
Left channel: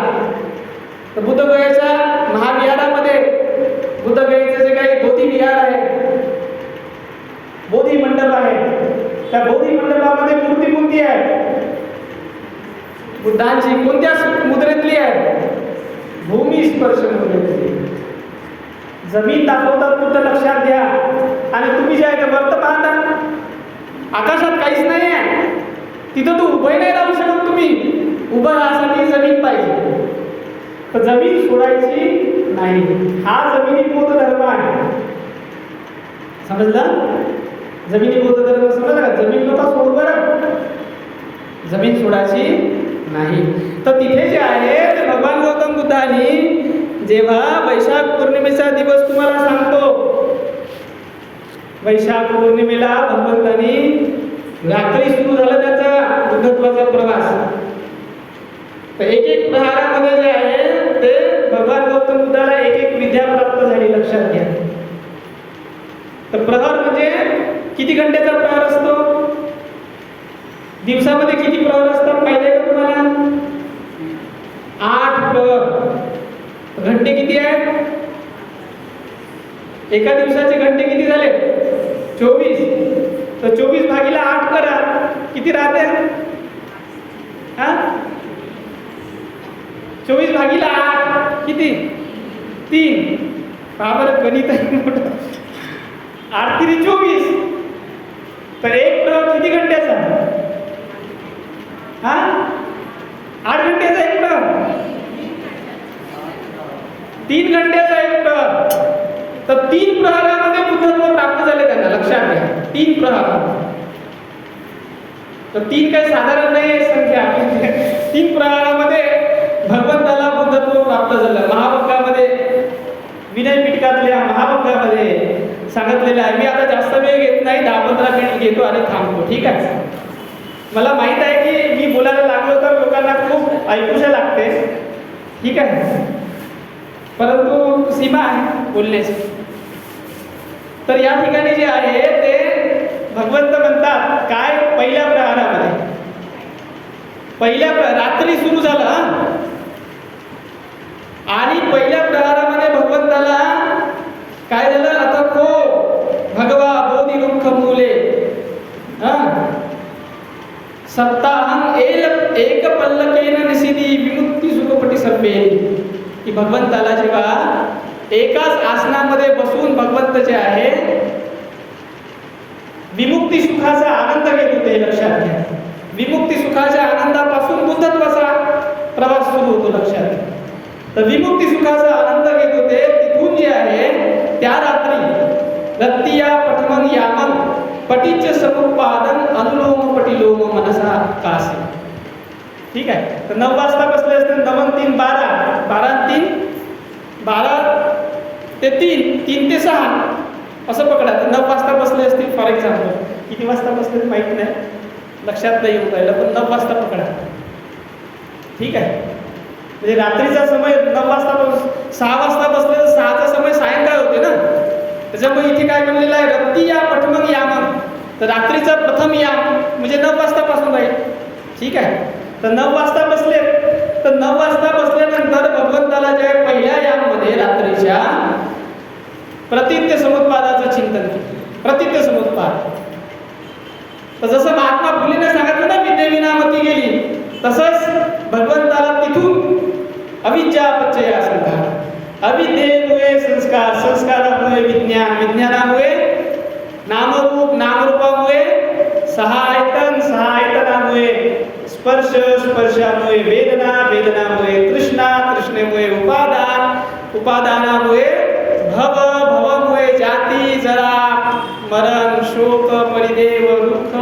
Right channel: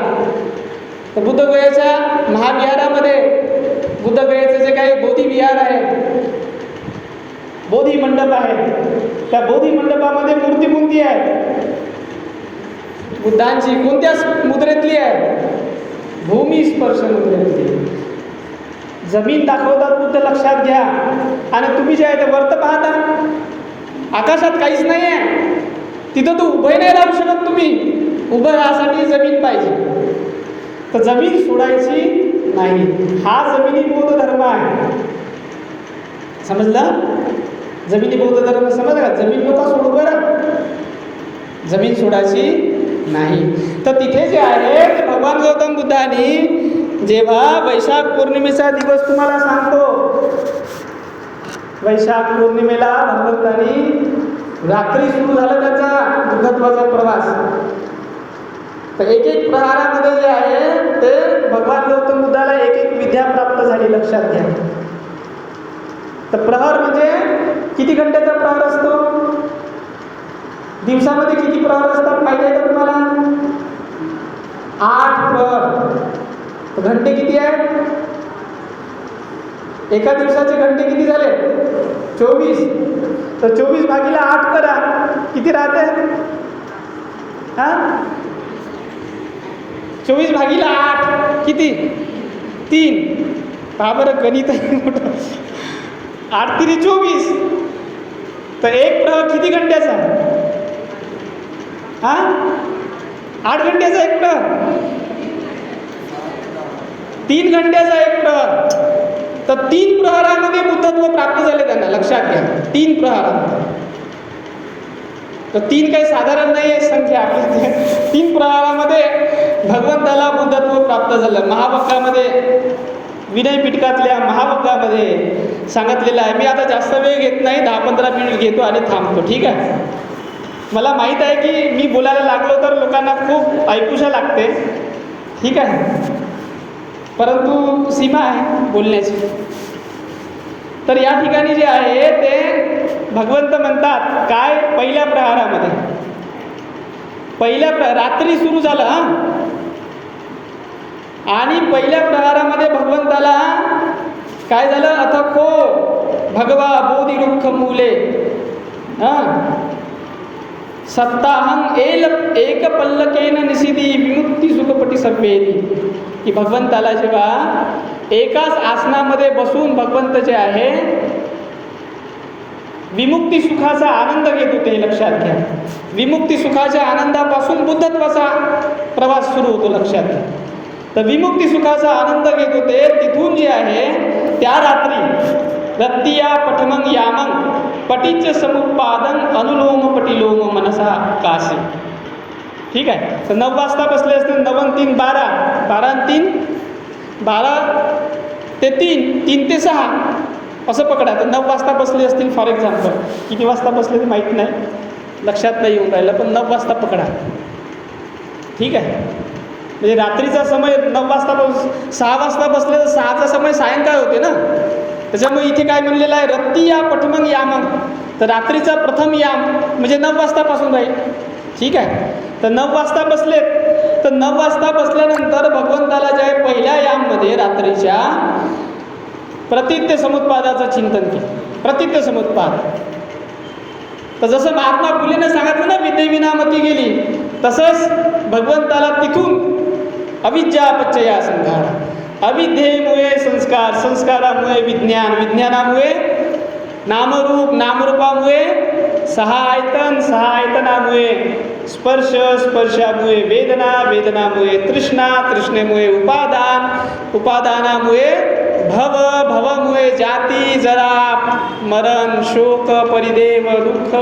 तर बुद्धगयेच्या महाविहारामध्ये बुद्धगयेचे जे काही बोधी विहार आहे, बोधी मंडप आहे, त्या बोधी मंडपामध्ये मूर्ती कोणती आहे? बुद्धांची. कोणत्या मुद्रेतली आहे? भूमी स्पर्श मुद्रेतली. जमीन दाखवतात बुद्ध, लक्षात घ्या. आणि तुम्ही जे आहे ते वरत पाहता, आकाशात काहीच नाही आहे. तिथं तू उभं नाही राहू शकत. तुम्ही उभं राहण्यासाठी जमीन पाहिजे. तर जमीन सोडायची नाही. हा जमिनी बौद्ध धर्म आहे. समजलं? जमिनी बौद्ध धर्म समजला का? जमीन नका सोडू बरं, जमीन सोडायची नाही. तर तिथे जे आहे ते भगवान गौतम बुद्धांनी जेव्हा वैशाख पौर्णिमेचा दिवस तुम्हाला सांगतो, वैशाख पौर्णिमेला भगवंतांनी रात्री सुरू झाला त्याचा बुद्धत्वाचा प्रवास. तर एक प्रहारामध्ये जे आहे ते भगवान गौतम बुद्धाला एक एक विद्या प्राप्त झाली, लक्षात घ्या. तर प्रहर म्हणजे किती घंट्याचा प्रहर असतो? दिवसामध्ये किती प्रहर असतात माहिती आहे का तुम्हाला? 8 प्रहर. तर घंटे किती आहेत? एका दिवसाचे घंटे किती झाले? 24. तर 24 भागीला 8 करा, किती राहते? 24 भागीला 8 किती? 3. पहा बरं, गणित आहे मोठं. 8 3 24. तर एक प्रहर किती घंट्याचा? 8 घंट्याचा एक प्रहर. 3 घंट्याचा एक प्रहर. तर 3 प्रहरामध्ये बुद्धत्व प्राप्त झाले त्यांना, लक्षात घ्या. 3 प्रहरामध्ये. तर 3 काही साधारण नाही संख्या. 3 प्रहरामध्ये भगवंताला बुद्धत्व प्राप्त झालं. महावाक्यामध्ये, विनय पिटकातल्या महावाक्यामध्ये सांगितलेलं आहे. मी आता जास्त वेळ घेत नाही, 10-15 मिनिट घेतो आणि थांबतो, ठीक आहे? मला माहीत आहे की मी बोलायला लागलो तर लोकांना खूप ऐकूशा लागते, ठीक आहे? परंतु सीमा आहे बोलण्याची. तर या ठिकाणी जे आहे ते भगवंत म्हणतात काय, पहिल्या प्रहारामध्ये, रात्री सुरू झालं आणि पहिल्या प्रहारामध्ये भगवंताला काय झालं? अथको भगवा बोधी दुःख मूले सप्ताहम एक पल्लकेन निसिदी विमुक्ती सुखपटी सर्वेली. की भगवंताला जेव्हा एकाच आसनामध्ये बसून भगवंत जे आहे विमुक्ती सुखाचा आनंद घेत होते, लक्षात घ्या. विमुक्ती सुखाच्या आनंदापासून बुद्धत्वाचा प्रवास सुरू होतो, लक्षात घ्या. तर विमुक्ती सुखाचा आनंद घेत होते, तिथून जे आहे त्या रात्री रत्तिया पठमग यामन पटीच समुत्पादन अनुलोम पटिलोम मनसा कासे. ठीक आहे. तर 9 वाजता बसले असते, 9 3 12, 12 3 12 ते 3 ते 6 असं पकडा. तर 9 वाजता बसले असतील फॉर एक्झाम्पल. किती वाजता बसले ते माहीत नाही, लक्षात नाही येऊन राहिलं, पण 9 वाजता पकडा, ठीक आहे. म्हणजे रात्रीचा समय 9 वाजता 6 वाजता बसले तर 6चा समय सायंकाळ होते ना. त्याच्यामुळे इथे काय म्हणलेलं आहे? रत्ती या पठमग यामन. तर रात्रीचा प्रथम याम म्हणजे 9 वाजतापासून राहील, ठीक आहे. तर 9 वाजता बसलेत, तर 9 वाजता बसल्यानंतर भगवंताला ज्या पहिल्या याममध्ये रात्रीच्या प्रतित्य समुत्पादाचं चिंतन केलं. प्रतित्य समुत्पाद. तर जसं महात्मा फुलेने सांगितलं ना, विद्येविनामती गेली, तसंच भगवंताला तिथून अविद्यापच्चया संघार, अविद्येमुळे संस्कार, संस्कारामुळे विज्ञान, विज्ञानामुळे नामरूप, नामरूपामुळे 6 आयतन, 6 आयतनामुळे स्पर्श, स्पर्शामुळे वेदना, वेदनामुळे तृष्णा, तृष्णेमुळे उपादान, उपादानामुळे भव, भवमुळे जाती, जरा, मरण, शोक, परिदेव, दुःख,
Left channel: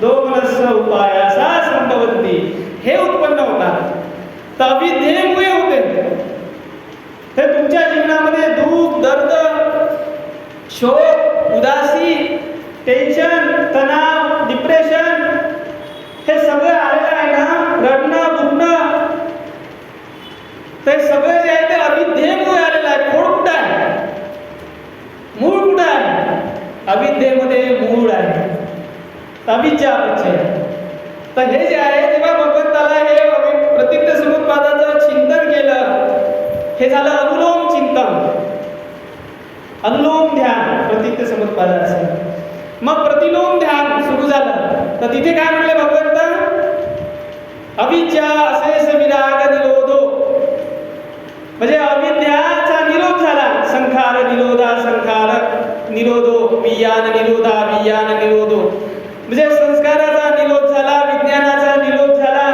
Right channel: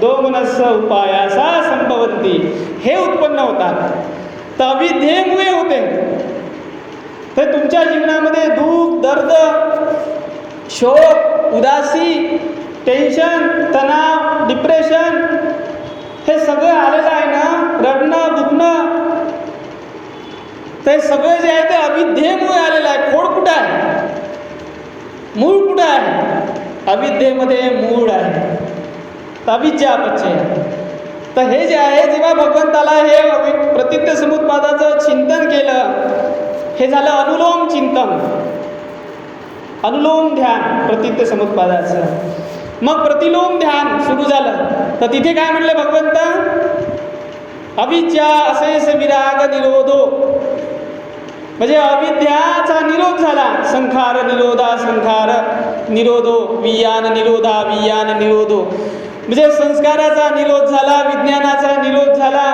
दोमनस्स उपायासा संभवती. हे उत्पन्न होतात. तर अविद्येमुळे होते. तर तुमच्या जीवनामध्ये दुःख, दर्द, शोक, उदासी, टेन्शन, तणाव, डिप्रेशन हे सगळं आलेलं आहे ना, रडणं, दुखणं, ते सगळं जे आहे ते अविद्येमुळे आलेलं आहे. खोड कुठं आहे? मूळ कुठं आहे? अविद्येमध्ये मूळ आहे. अविद्यापच्चय. तर हे जे आहे, जेव्हा भगवंताला हे प्रतित्य समुत्पादाचं चिंतन केलं, हे झालं अनुलोम चिंतन, अनुलोम ध्यान प्रतित्य समुत्पादाचं. मग प्रतिलोम ध्यान सुरू झालं. तर तिथे काय म्हणले भगवंत? अविद्या अशेष विराग निरोधो, म्हणजे अविद्याचा निरोध झाला. संखार निरोधा, संखार निरोधो, वियान निरोधा, वियान निरोधो, म्हणजे संस्काराचा निरोध झाला, विज्ञानाचा निरोध झाला,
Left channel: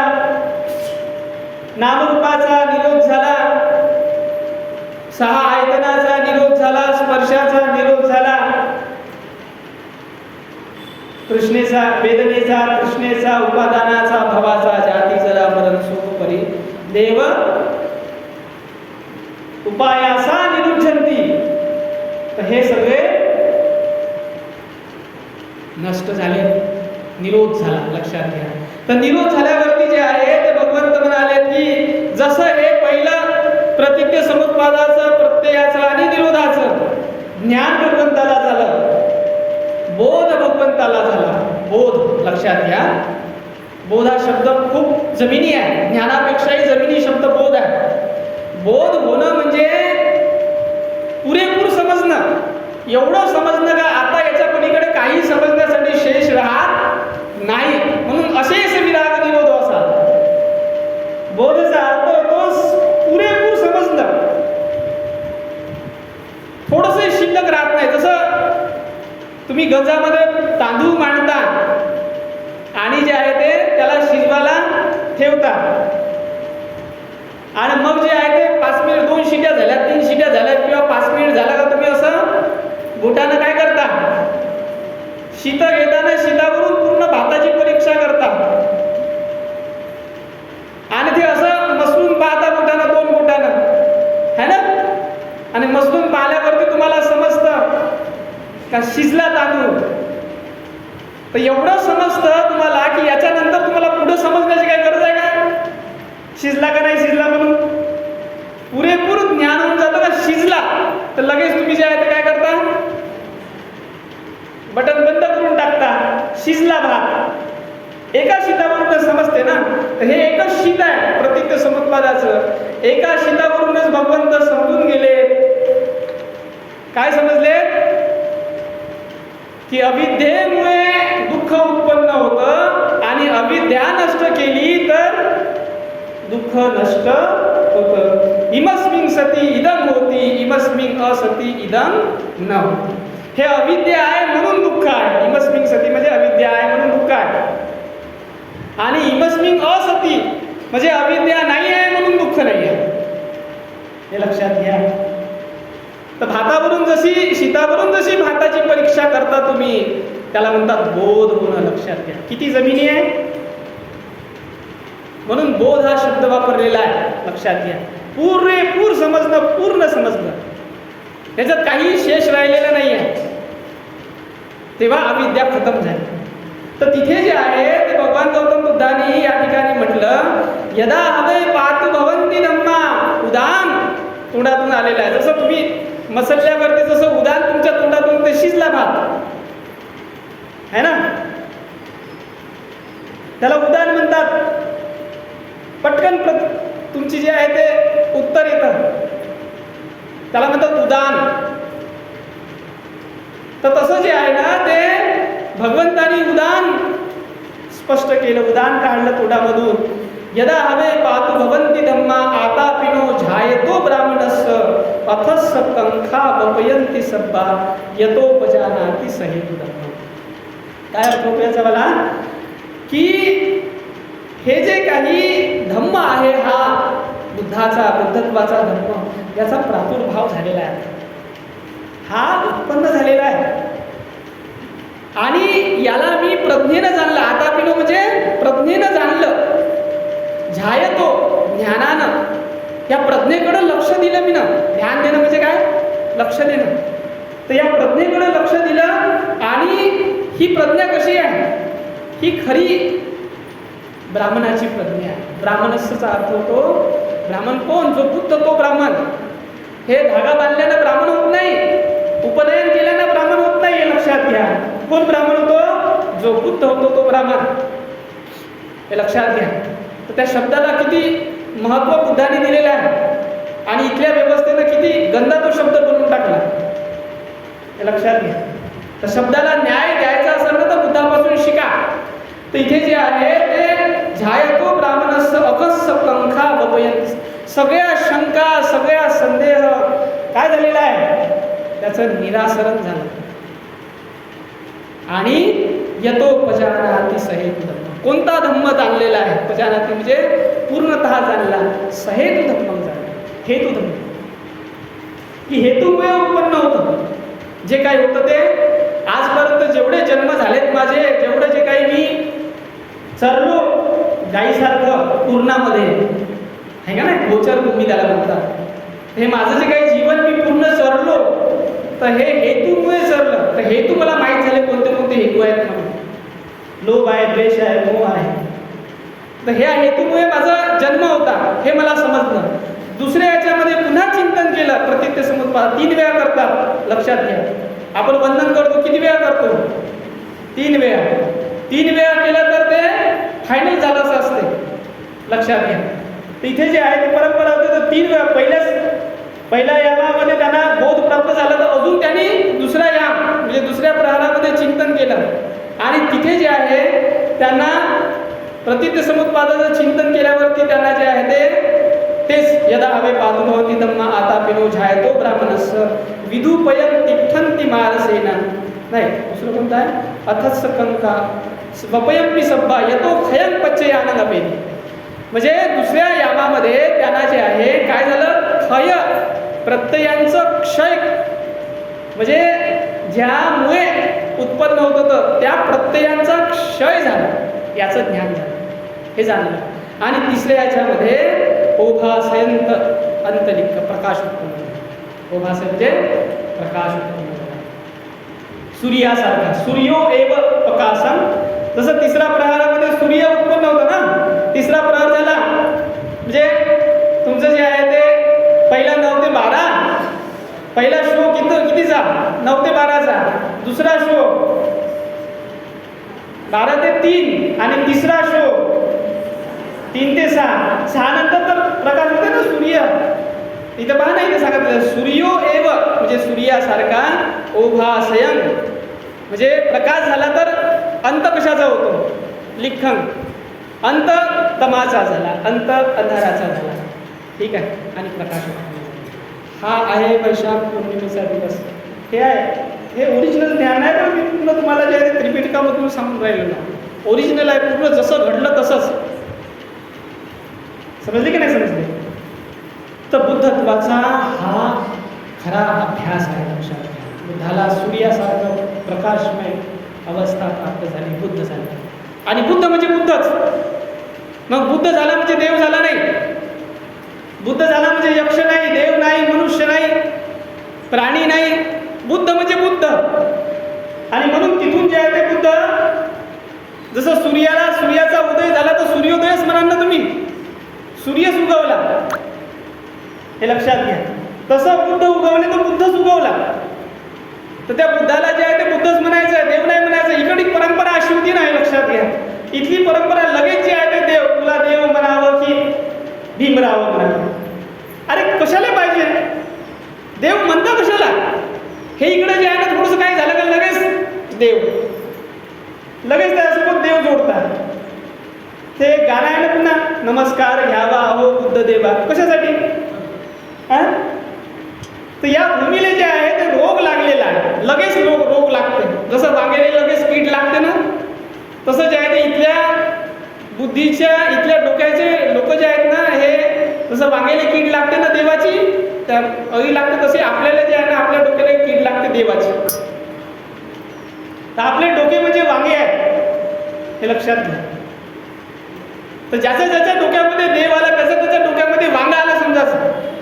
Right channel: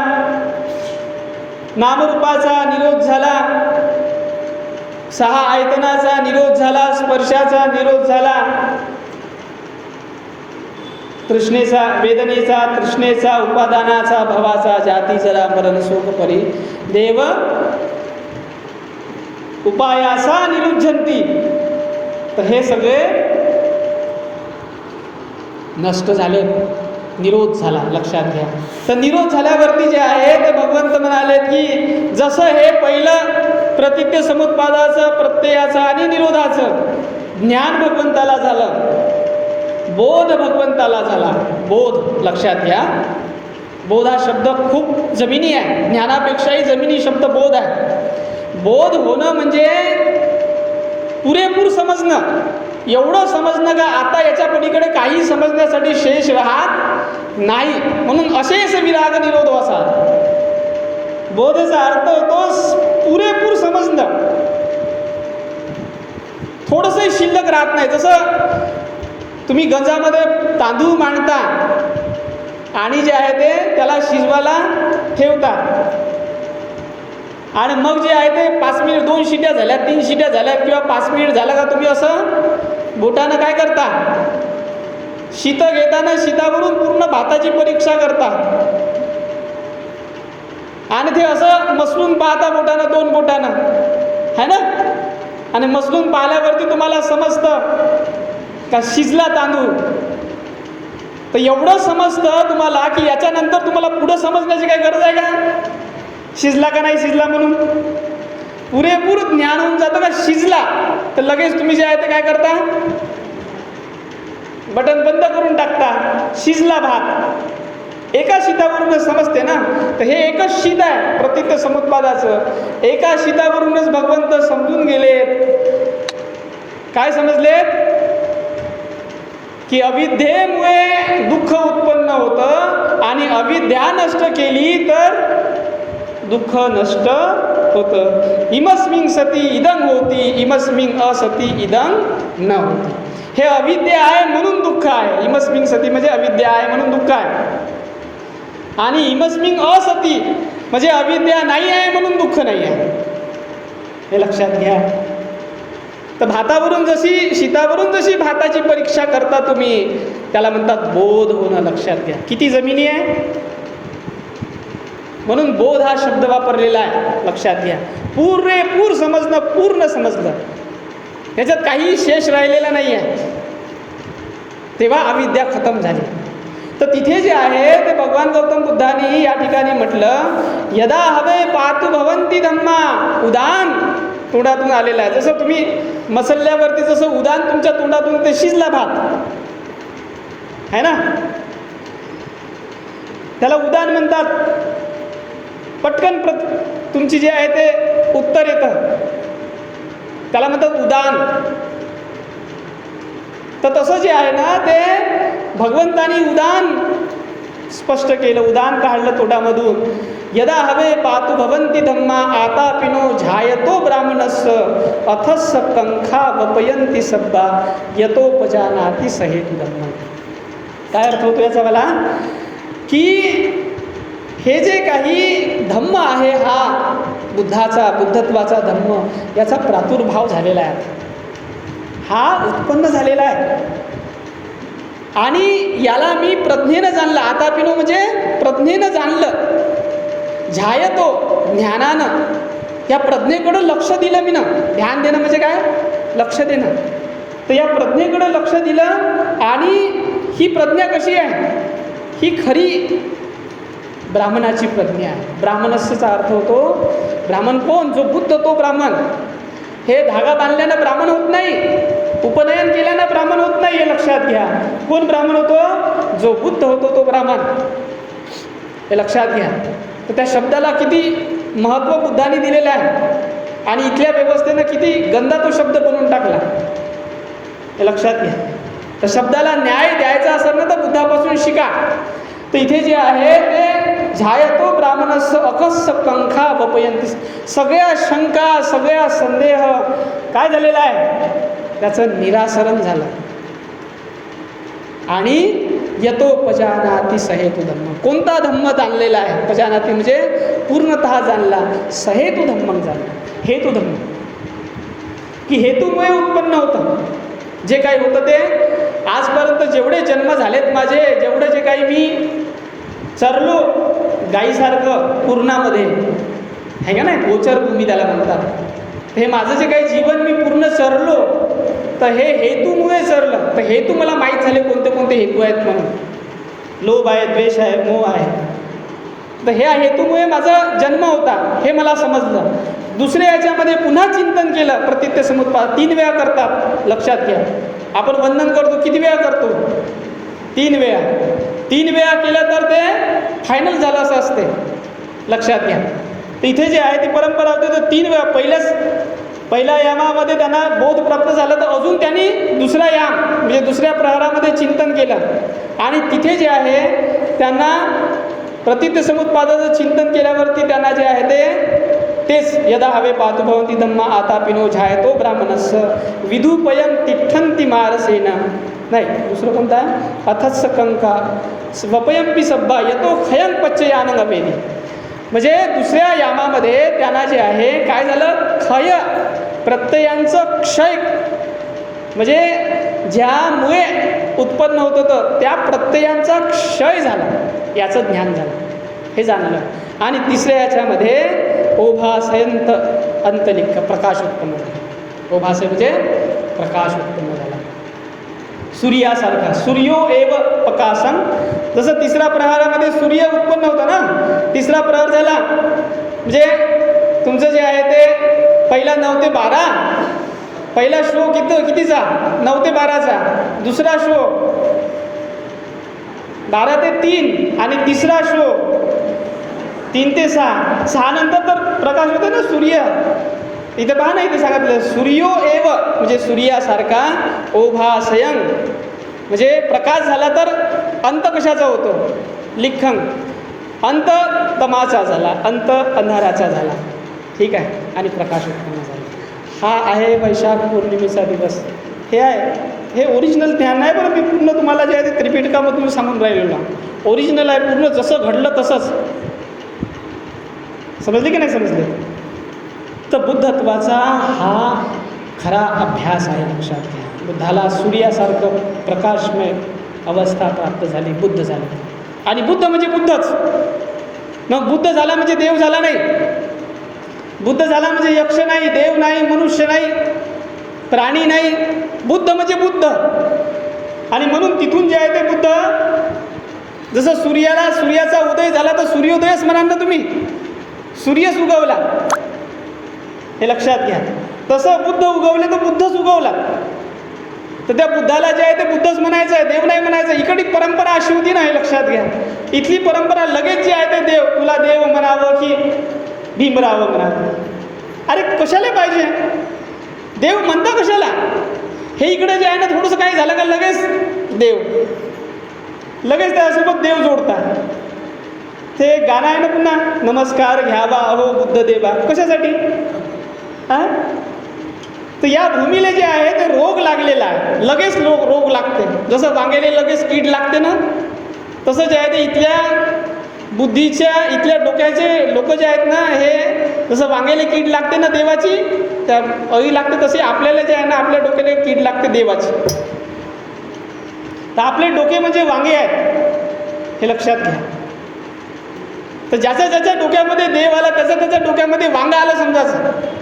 नामरूपाचा निरोध झाला, 6 आयतनाचा निरोध झाला, स्पर्शाचा निरोध झाला, तृष्णेचा, वेदनेचा, तृष्णेचा, उपादानाचा, भवाचा, जाती, जरा, मरण, शोक, परी देव उपायासा निरुद्धंती. तर हे सगळे नष्ट झाले, निरोध झाला, लक्षात घ्या. तर निरोध झाल्यावरती जे आहे ते भगवंत म्हणाले की जसं हे पहिलं प्रतित्य समुत्पादाचं ज्ञान भगवंताला झालं, बोध भगवंताला झाला. बोध लक्षात घ्या, बोध हा शब्द खूप जमिनी आहे, ज्ञानापेक्षाही जमिनी शब्द बोध आहे. बोध होणं म्हणजे पुरेपूर समजणं, एवढं समजणं का आता याच्या पलीकडे काही समजण्यासाठी शेष राहत नाही. म्हणून अशेष विराग निरोध असा बोधचा अर्थ होतो पुरेपूर समजणं, थोडंसं शिल्लक राहत नाही. जसं तुम्ही गंजामध्ये तांदूळ मांडता आणि जे आहे ते त्याला शिजवायला ठेवता आणि मग जे आहे ते 5 मिनिट, 2 शिट्या झाल्या, 3 शिट्या झाल्या किंवा 5 मिनिट झाला का तुम्ही असं बोटानं काय करता, शीत घेताना शीतावरून पूर्ण भाताची परीक्षा करता आणि ते असं मसलून पाहता बोटानं, 2 बोटानं, है ना. आणि मसलून पाहिल्यावरती तुम्हाला समजतं का शिजला तांदूळ. तर एवढं समजतं तुम्हाला की याच्यानंतर तुम्हाला पुढं समजण्याची काही गरज आहे का, शिजला का नाही शिजला म्हणून. पुरेपूर ज्ञान होऊन जातं का शिजला तर लगेच तुम्ही जे आहे ते काय करता, बटन बंद करून टाकता. शिजला भात एका शीतावरून समजते ना. तर हे एकच शीत आहे प्रतीक समुत्पादाचं. एका शीतावरूनच भगवंत समजून गेले. काय समजले की अविद्येमुळे दुःख उत्पन्न होतं आणि अविद्या नष्ट केली तर दुःख नष्ट होतं. इमस्मिन सती इदं होती, इमस्मिन असती इदं न होती. हे अविद्या आहे म्हणून दुःख आहे. इमस्मिन सती म्हणजे अविद्या आहे म्हणून दुःख आहे आणि इमस्मिन असती म्हणजे अविद्या नाही आहे म्हणून दुःख नाही आहे. हे लक्षात घ्या. तर भातावरून जशी शीतावरून जशी भाताची परीक्षा करता तुम्ही, त्याला म्हणतात बोध होणं. लक्षात घ्या किती जमिनी आहे. म्हणून बोध हा शब्द वापरलेला आहे. लक्षात घ्या, पुरेपूर समजणं, पूर्ण समजणं, याच्यात काही शेष राहिलेला नाही आहे. तेव्हा अविद्या खतम झाली. तर तिथे जे आहे ते भगवान गौतम बुद्धांनी या ठिकाणी म्हटलं, यदा हवे पातु भवंती धम्मा. उदान तोंडातून आलेलं आहे. जसं तुम्ही मसल्यावरती जसं उदान तुमच्या तोंडातून ते शिजला भात है ना, त्याला उदान म्हणतात. पटकन तुमची जे आहे ते उत्तर येतं, त्याला म्हणतात उदान. तर तसं जे आहे ना ते भगवंतानी उदान स्पष्ट केलं, उदान काढलं तोंडामधून. यदा हवे पातु भवंती धम्मा आता पिनो झायतो ब्राह्मणस्य अथस कंखा वपयंती सब्बा यतोपजानाति सहेतु धम्म. काय अर्थ होतो याचा मला, की हे जे काही धम्म आहे हा बुद्धाचा, बुद्धत्वाचा धम्म, याचा प्रादुर्भाव झालेला आहे, हा उत्पन्न झालेला आहे आणि याला मी प्रज्ञेनं जाणलं. आता पिनो म्हणजे प्रज्ञेनं जाणलं. झायतो ज्ञानानं, या प्रज्ञेकडं लक्ष दिलं मी ना. ध्यान देणं म्हणजे काय, लक्ष देणं. तर या प्रज्ञेकडं लक्ष दिलं आणि ही प्रज्ञा कशी आहे, ही खरी ब्राह्मणाची प्रज्ञा आहे. ब्राह्मणस्यचा अर्थ होतो ब्राह्मण कोण, जो बुद्ध तो ब्राह्मण. हे धागा बांधल्यानं ब्राह्मण होत नाही, उपनयन केल्यानं ब्राह्मण होत नाही, हे लक्षात घ्या. कोण ब्राह्मण होतो, जो बुद्ध होतो तो ब्राह्मण, हे लक्षात घ्या. तर त्या शब्दाला किती महत्त्व बुद्धाने दिलेलं आहे आणि इथल्या व्यवस्थेनं किती गंदा तो शब्द बनवून टाकला, हे लक्षात घ्या. तर शब्दाला न्याय द्यायचा असेल ना तर बुद्धापासून शिका. तर इथे जे आहे ते झायतो ब्राह्मणस्य अकस्स कंखा वपयंती. सगळ्या शंका, सगळ्या संदेह काय झालेला आहे, त्याचं निरासरण झालं आणि यतोपजानाति सहेतु धम्म. कोणता धम्म जाणलेला आहे, पजानाति म्हणजे पूर्णतः जाणला, सहेतु धम्म जाणला. हेतू धम्म की हेतूमुळे उत्पन्न होतं. जे काही होतं ते आजपर्यंत जेवढे जन्म झालेत माझे, जेवढं जे काही मी चरलो गाईसारखं पूर्णामध्ये आहे का नाही, गोचर भूमी त्याला म्हणतात. हे माझं जे काही जीवन मी पूर्ण चरलो तर हे हेतूमुळे चरलं. तर हेतू मला माहीत झाले कोणते कोणते हेतू आहेत म्हणून. लोभ आहे, द्वेष आहे, मोह आहे. तर ह्या हेतूमुळे माझा जन्म होता हे मला समजलं. दुसऱ्या याच्यामध्ये पुन्हा चिंतन केलं, प्रत्येक समुत्पाद 3 वेळा करतात, लक्षात घ्या. आपण वंदन करतो किती वेळा करतो? 3 वेळा. 3 वेळा केलं तर ते फायनल झालं असं असते, लक्षात घ्या. इथे जे आहे ती परंपरा होती, तर 3 वेळा पहिल्या यामामध्ये त्यांना बोध प्राप्त झाला, तर अजून त्यांनी दुसरा याम म्हणजे दुसऱ्या प्रहारामध्ये चिंतन केलं, आणि तिथे जे आहे त्यांना प्रतित्य समुत्पादाचं चिंतन केल्यावरती त्यांना जे आहे तेच यदा हवे पातु भवती धम्मा आता पिनो झायतो ब्राह्मणस्स विधुपयन तिठ्ठन्ति मारसेना. नाही, दुसरं कोणतं आहे? अथस्स कंका स्वपयंपी सब्बा यतो खयन पच्चयानंद अपेदी. म्हणजे दुसऱ्या यामामध्ये त्यांना जे आहे काय झालं? क्षय, प्रत्ययांचं क्षय, म्हणजे ज्यामुळे उत्पन्न होत होतं त्या प्रत्ययांचा क्षय झाला, याचं ज्ञान झालं, हे जाणलं. आणि तिसऱ्या याच्यामध्ये ओभासयंत अंतलिक्क प्रकाश उत्पन्न झाला. ओभासय म्हणजे प्रकाश उत्पन्न झाला, सूर्यासारखा. सूर्यो एव प्रकाशम. जसं तिसऱ्या प्रहारामध्ये सूर्य उत्पन्न होता ना, तिसरा प्रहार झाला म्हणजे तुमचं जे आहे ते पहिला 9 ते 12, पहिला शो कितीचा? 9 ते 12चा. दुसरा शो 12 ते 3, आणि तिसरा शो 3 ते 6. 6 नंतर तर प्रकाश होते ना सूर्य. इथे पहा नाही ते सांगितलं, सूर्यो एव म्हणजे सूर्यासारखा, ओभासयन म्हणजे प्रकाश झाला तर अंत कशाचा होतो? लिखन. अंत तमाचा झाला, अंत अंधाराचा झाला, ठीक आहे, आणि प्रकाश उत्पन्न झाला. हा आहे वैशाख पौर्णिमेचा दिवस. हे आहे, हे ओरिजिनल ज्ञान आहे. बरं, मी पूर्ण तुम्हाला जे आहे त्रिपिटकामध्ये तुम्ही सांगून राहिलेलं ओरिजिनल आहे, पूर्ण जसं घडलं तसंच. समजले की नाही समजले? तर बुद्धत्वाचा हा खरा अभ्यास आहे, लक्षात घ्या. बुद्धाला सूर्यासारखं प्रकाशमय अवस्था प्राप्त झाली, बुद्ध झाले. आणि बुद्ध म्हणजे बुद्धच. मग बुद्ध झाला म्हणजे देव झाला नाही, बुद्ध झाला म्हणजे यक्ष नाही, देव नाही, मनुष्य नाही, प्राणी नाही. बुद्ध म्हणजे बुद्ध. आणि म्हणून तिथून जे आहे ते बुद्ध, जसं सूर्याचा उदय झाला तर सूर्योदयच म्हणाल ना तुम्ही, सूर्यच उगवला, हे लक्षात घ्या. तसं बुद्ध उगवले तर बुद्धच उगवला. तर त्या बुद्धाला जे आहे ते बुद्धच म्हणायचं आहे, देव नाही म्हणायचं. इकडची परंपरा अशी होती ना, हे लक्षात घ्या. इथली परंपरा लगेच जे आहे ते देव, तुला देव म्हणावं की भीमराव म्हणावं. अरे कशाला पाहिजे देव म्हणता, कशाला? हे इकडे जे आहे ना थोडंसं काही झालं का लगेच देव, लगेच त्यासोबत देव जोडतात. ते गाणं आहे ना पुन्हा, नमस्कार घ्यावा अहो बुद्ध देवा. कशासाठी? तर या भूमीला जे आहे ते रोग लागलेला आहे, लगेच रोग लागते. जसं वांग्याला लगेच कीड लागते ना, तसं जे आहे ते इथल्या बुद्धीच्या, इथल्या डोक्याचे लोक जे आहेत ना, हे जसं वांग्याला कीड लागते ना देवाची, त्या अळी लागते, तसे आपल्याला जे आहे ना आपल्या डोक्याला कीड लागते देवाची. तर आपले डोके म्हणजे वांगे आहेत, हे लक्षात घ्या. तर ज्याच्या डोक्यामध्ये देव आला त्याच्या डोक्यामध्ये वांगा आला समजायचं.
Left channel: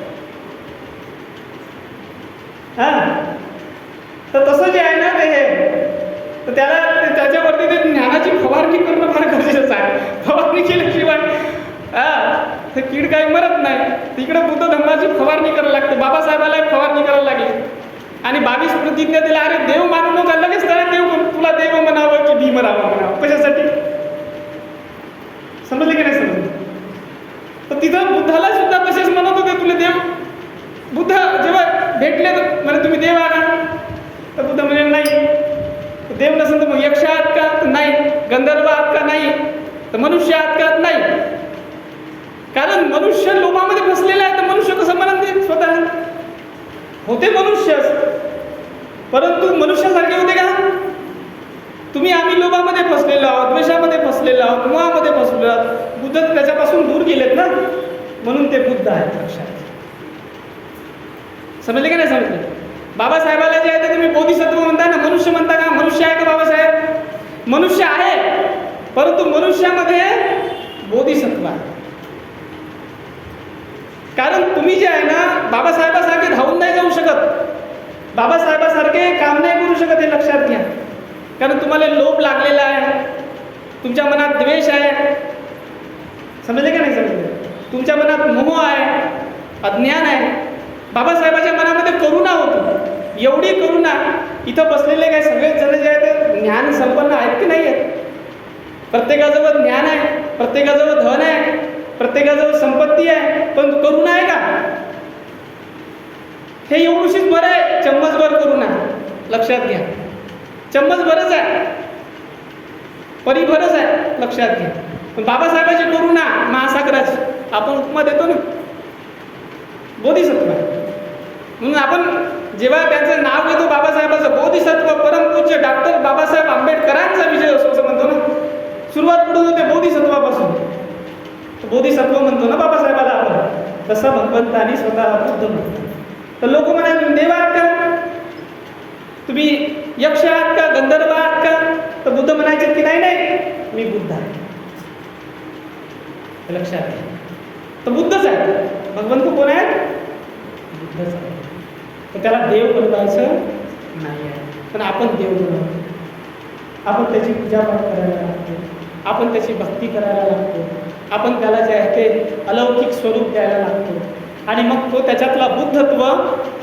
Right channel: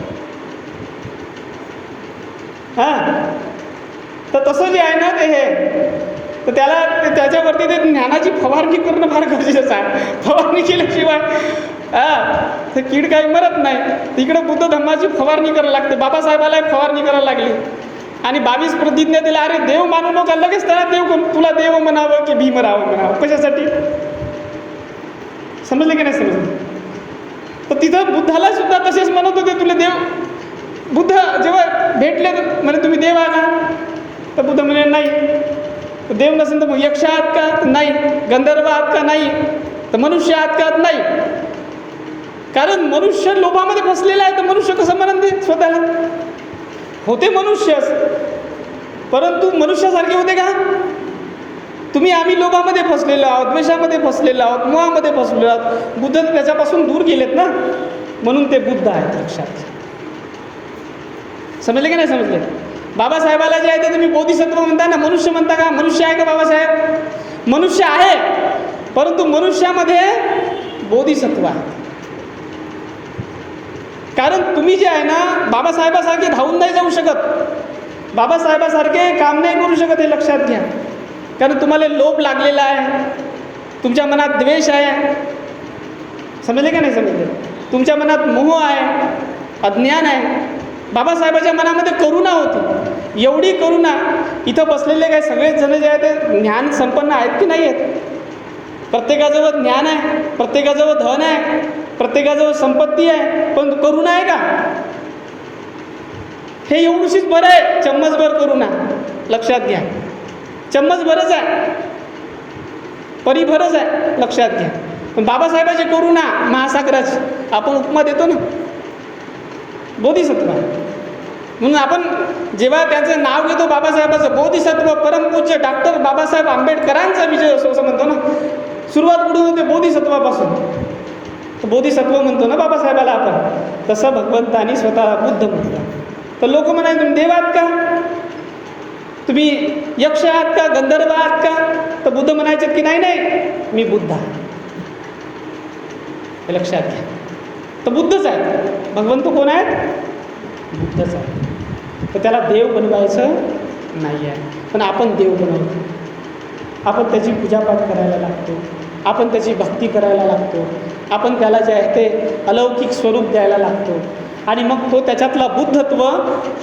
तर तसं जे आहे ना ते हे, तर त्याच्यावरती ते ज्ञानाची फवारणी करणं फार गरजेचं आहे. फवारणी केल्याशिवाय ते कीड काही मरत नाही. तिकडे बुद्ध धर्माची फवारणी करायला लागते. बाबासाहेबाला एक फवारणी करायला लागली आणि 22 प्रतिज्ञा दिला. अरे देव मानू नका, लगेच त्याला देव, तुला देव म्हणावं की भीमराव म्हणावं. कशासाठी? समजलं की नाही समजलं? तर तिथं बुद्धाला सुद्धा तसेच म्हणत होते, तुला देव. बुद्ध जेव्हा भेटले म्हणजे तुम्ही देव आहात का? तर बुद्ध म्हणजे नाही. देव नसेल तर मग यक्ष आहात का? नाही. गंधर्व आहात का? नाही. तर मनुष्य आहात का? नाही. कारण मनुष्य लोभामध्ये फसलेला आहे. तर मनुष्य कसं म्हणत ते स्वतः होते मनुष्य, परंतु मनुष्यासारखे होते का? तुम्ही आम्ही लोभामध्ये फसलेलो आहोत, द्वेषामध्ये फसलेलो आहोत, मोहामध्ये फसलेलो आहोत. बुद्ध त्याच्यापासून दूर गेलेत ना, म्हणून ते बुद्ध आहेत. लक्षात समजले का नाही समजले? बाबासाहेबाला जे आहे ते तुम्ही बोधिसत्व म्हणता ना, मनुष्य म्हणता का? मनुष्य आहे का बाबासाहेब? मनुष्य आहे, परंतु मनुष्यामध्ये बोधिसत्व आहे. कारण तुम्ही जे आहे ना बाबासाहेबासारखे धावून नाही जाऊ शकत, बाबासाहेबासारखे काम नाही करू शकत, हे लक्षात घ्या. कारण तुम्हाला लोभ लागलेला आहे, तुमच्या मनात द्वेष आहे. समजले का नाही समजले? तुमच्या मनात मोह आहे. अज्ञान आहे. बाबासाहेबाच्या मनामध्ये करुणा होती, एवढी करुणा. इथं बसलेले काय सगळेच जण जे आहेत ते ज्ञान संपन्न आहेत की नाही आहेत? प्रत्येकाजवळ ज्ञान आहे, प्रत्येकाजवळ धन आहे, प्रत्येकाजवळ संपत्ती आहे, पण करुणा आहे का? हे एवढीशीच बरं आहे, चम्मचभर करुणा. लक्षात घ्या, चम्मचभरच आहे, परिभरच आहे, लक्षात घ्या. पण बाबासाहेबाची करुणा महासागराची. आपण उपमा देतो ना बोधिसत्व, म्हणून आपण जेव्हा त्यांचं नाव घेतो बाबासाहेबाचं, बोधिसत्व परमपूज्य डॉक्टर बाबासाहेब आंबेडकरांचा विजय असो असं म्हणतो ना. सुरुवात कुठून होते? बोधिसत्वापासून. तर बोधिसत्व म्हणतो ना बाबासाहेबाला आपण, तसं भगवंतानी स्वतः बुद्ध म्हणतात. तर लोक म्हणाले तुम्ही देव आहात का, तुम्ही यक्ष आहात का, गंधर्व आहात का? तर बुद्ध म्हणायचे की नाही नाही, मी बुद्ध आहे. हे लक्षात घ्या. तर बुद्धच आहे. भगवंत कोण आहेत? बुद्धच आहे. तर त्याला देव बनवायचं नाही आहे, पण आपण देव बनवतो. आपण त्याची पूजापाठ करायला लागतो, आपण त्याची भक्ती करायला लागतो, आपण त्याला जे आहे ते अलौकिक स्वरूप द्यायला लागतो, आणि मग तो त्याच्यातला बुद्धत्व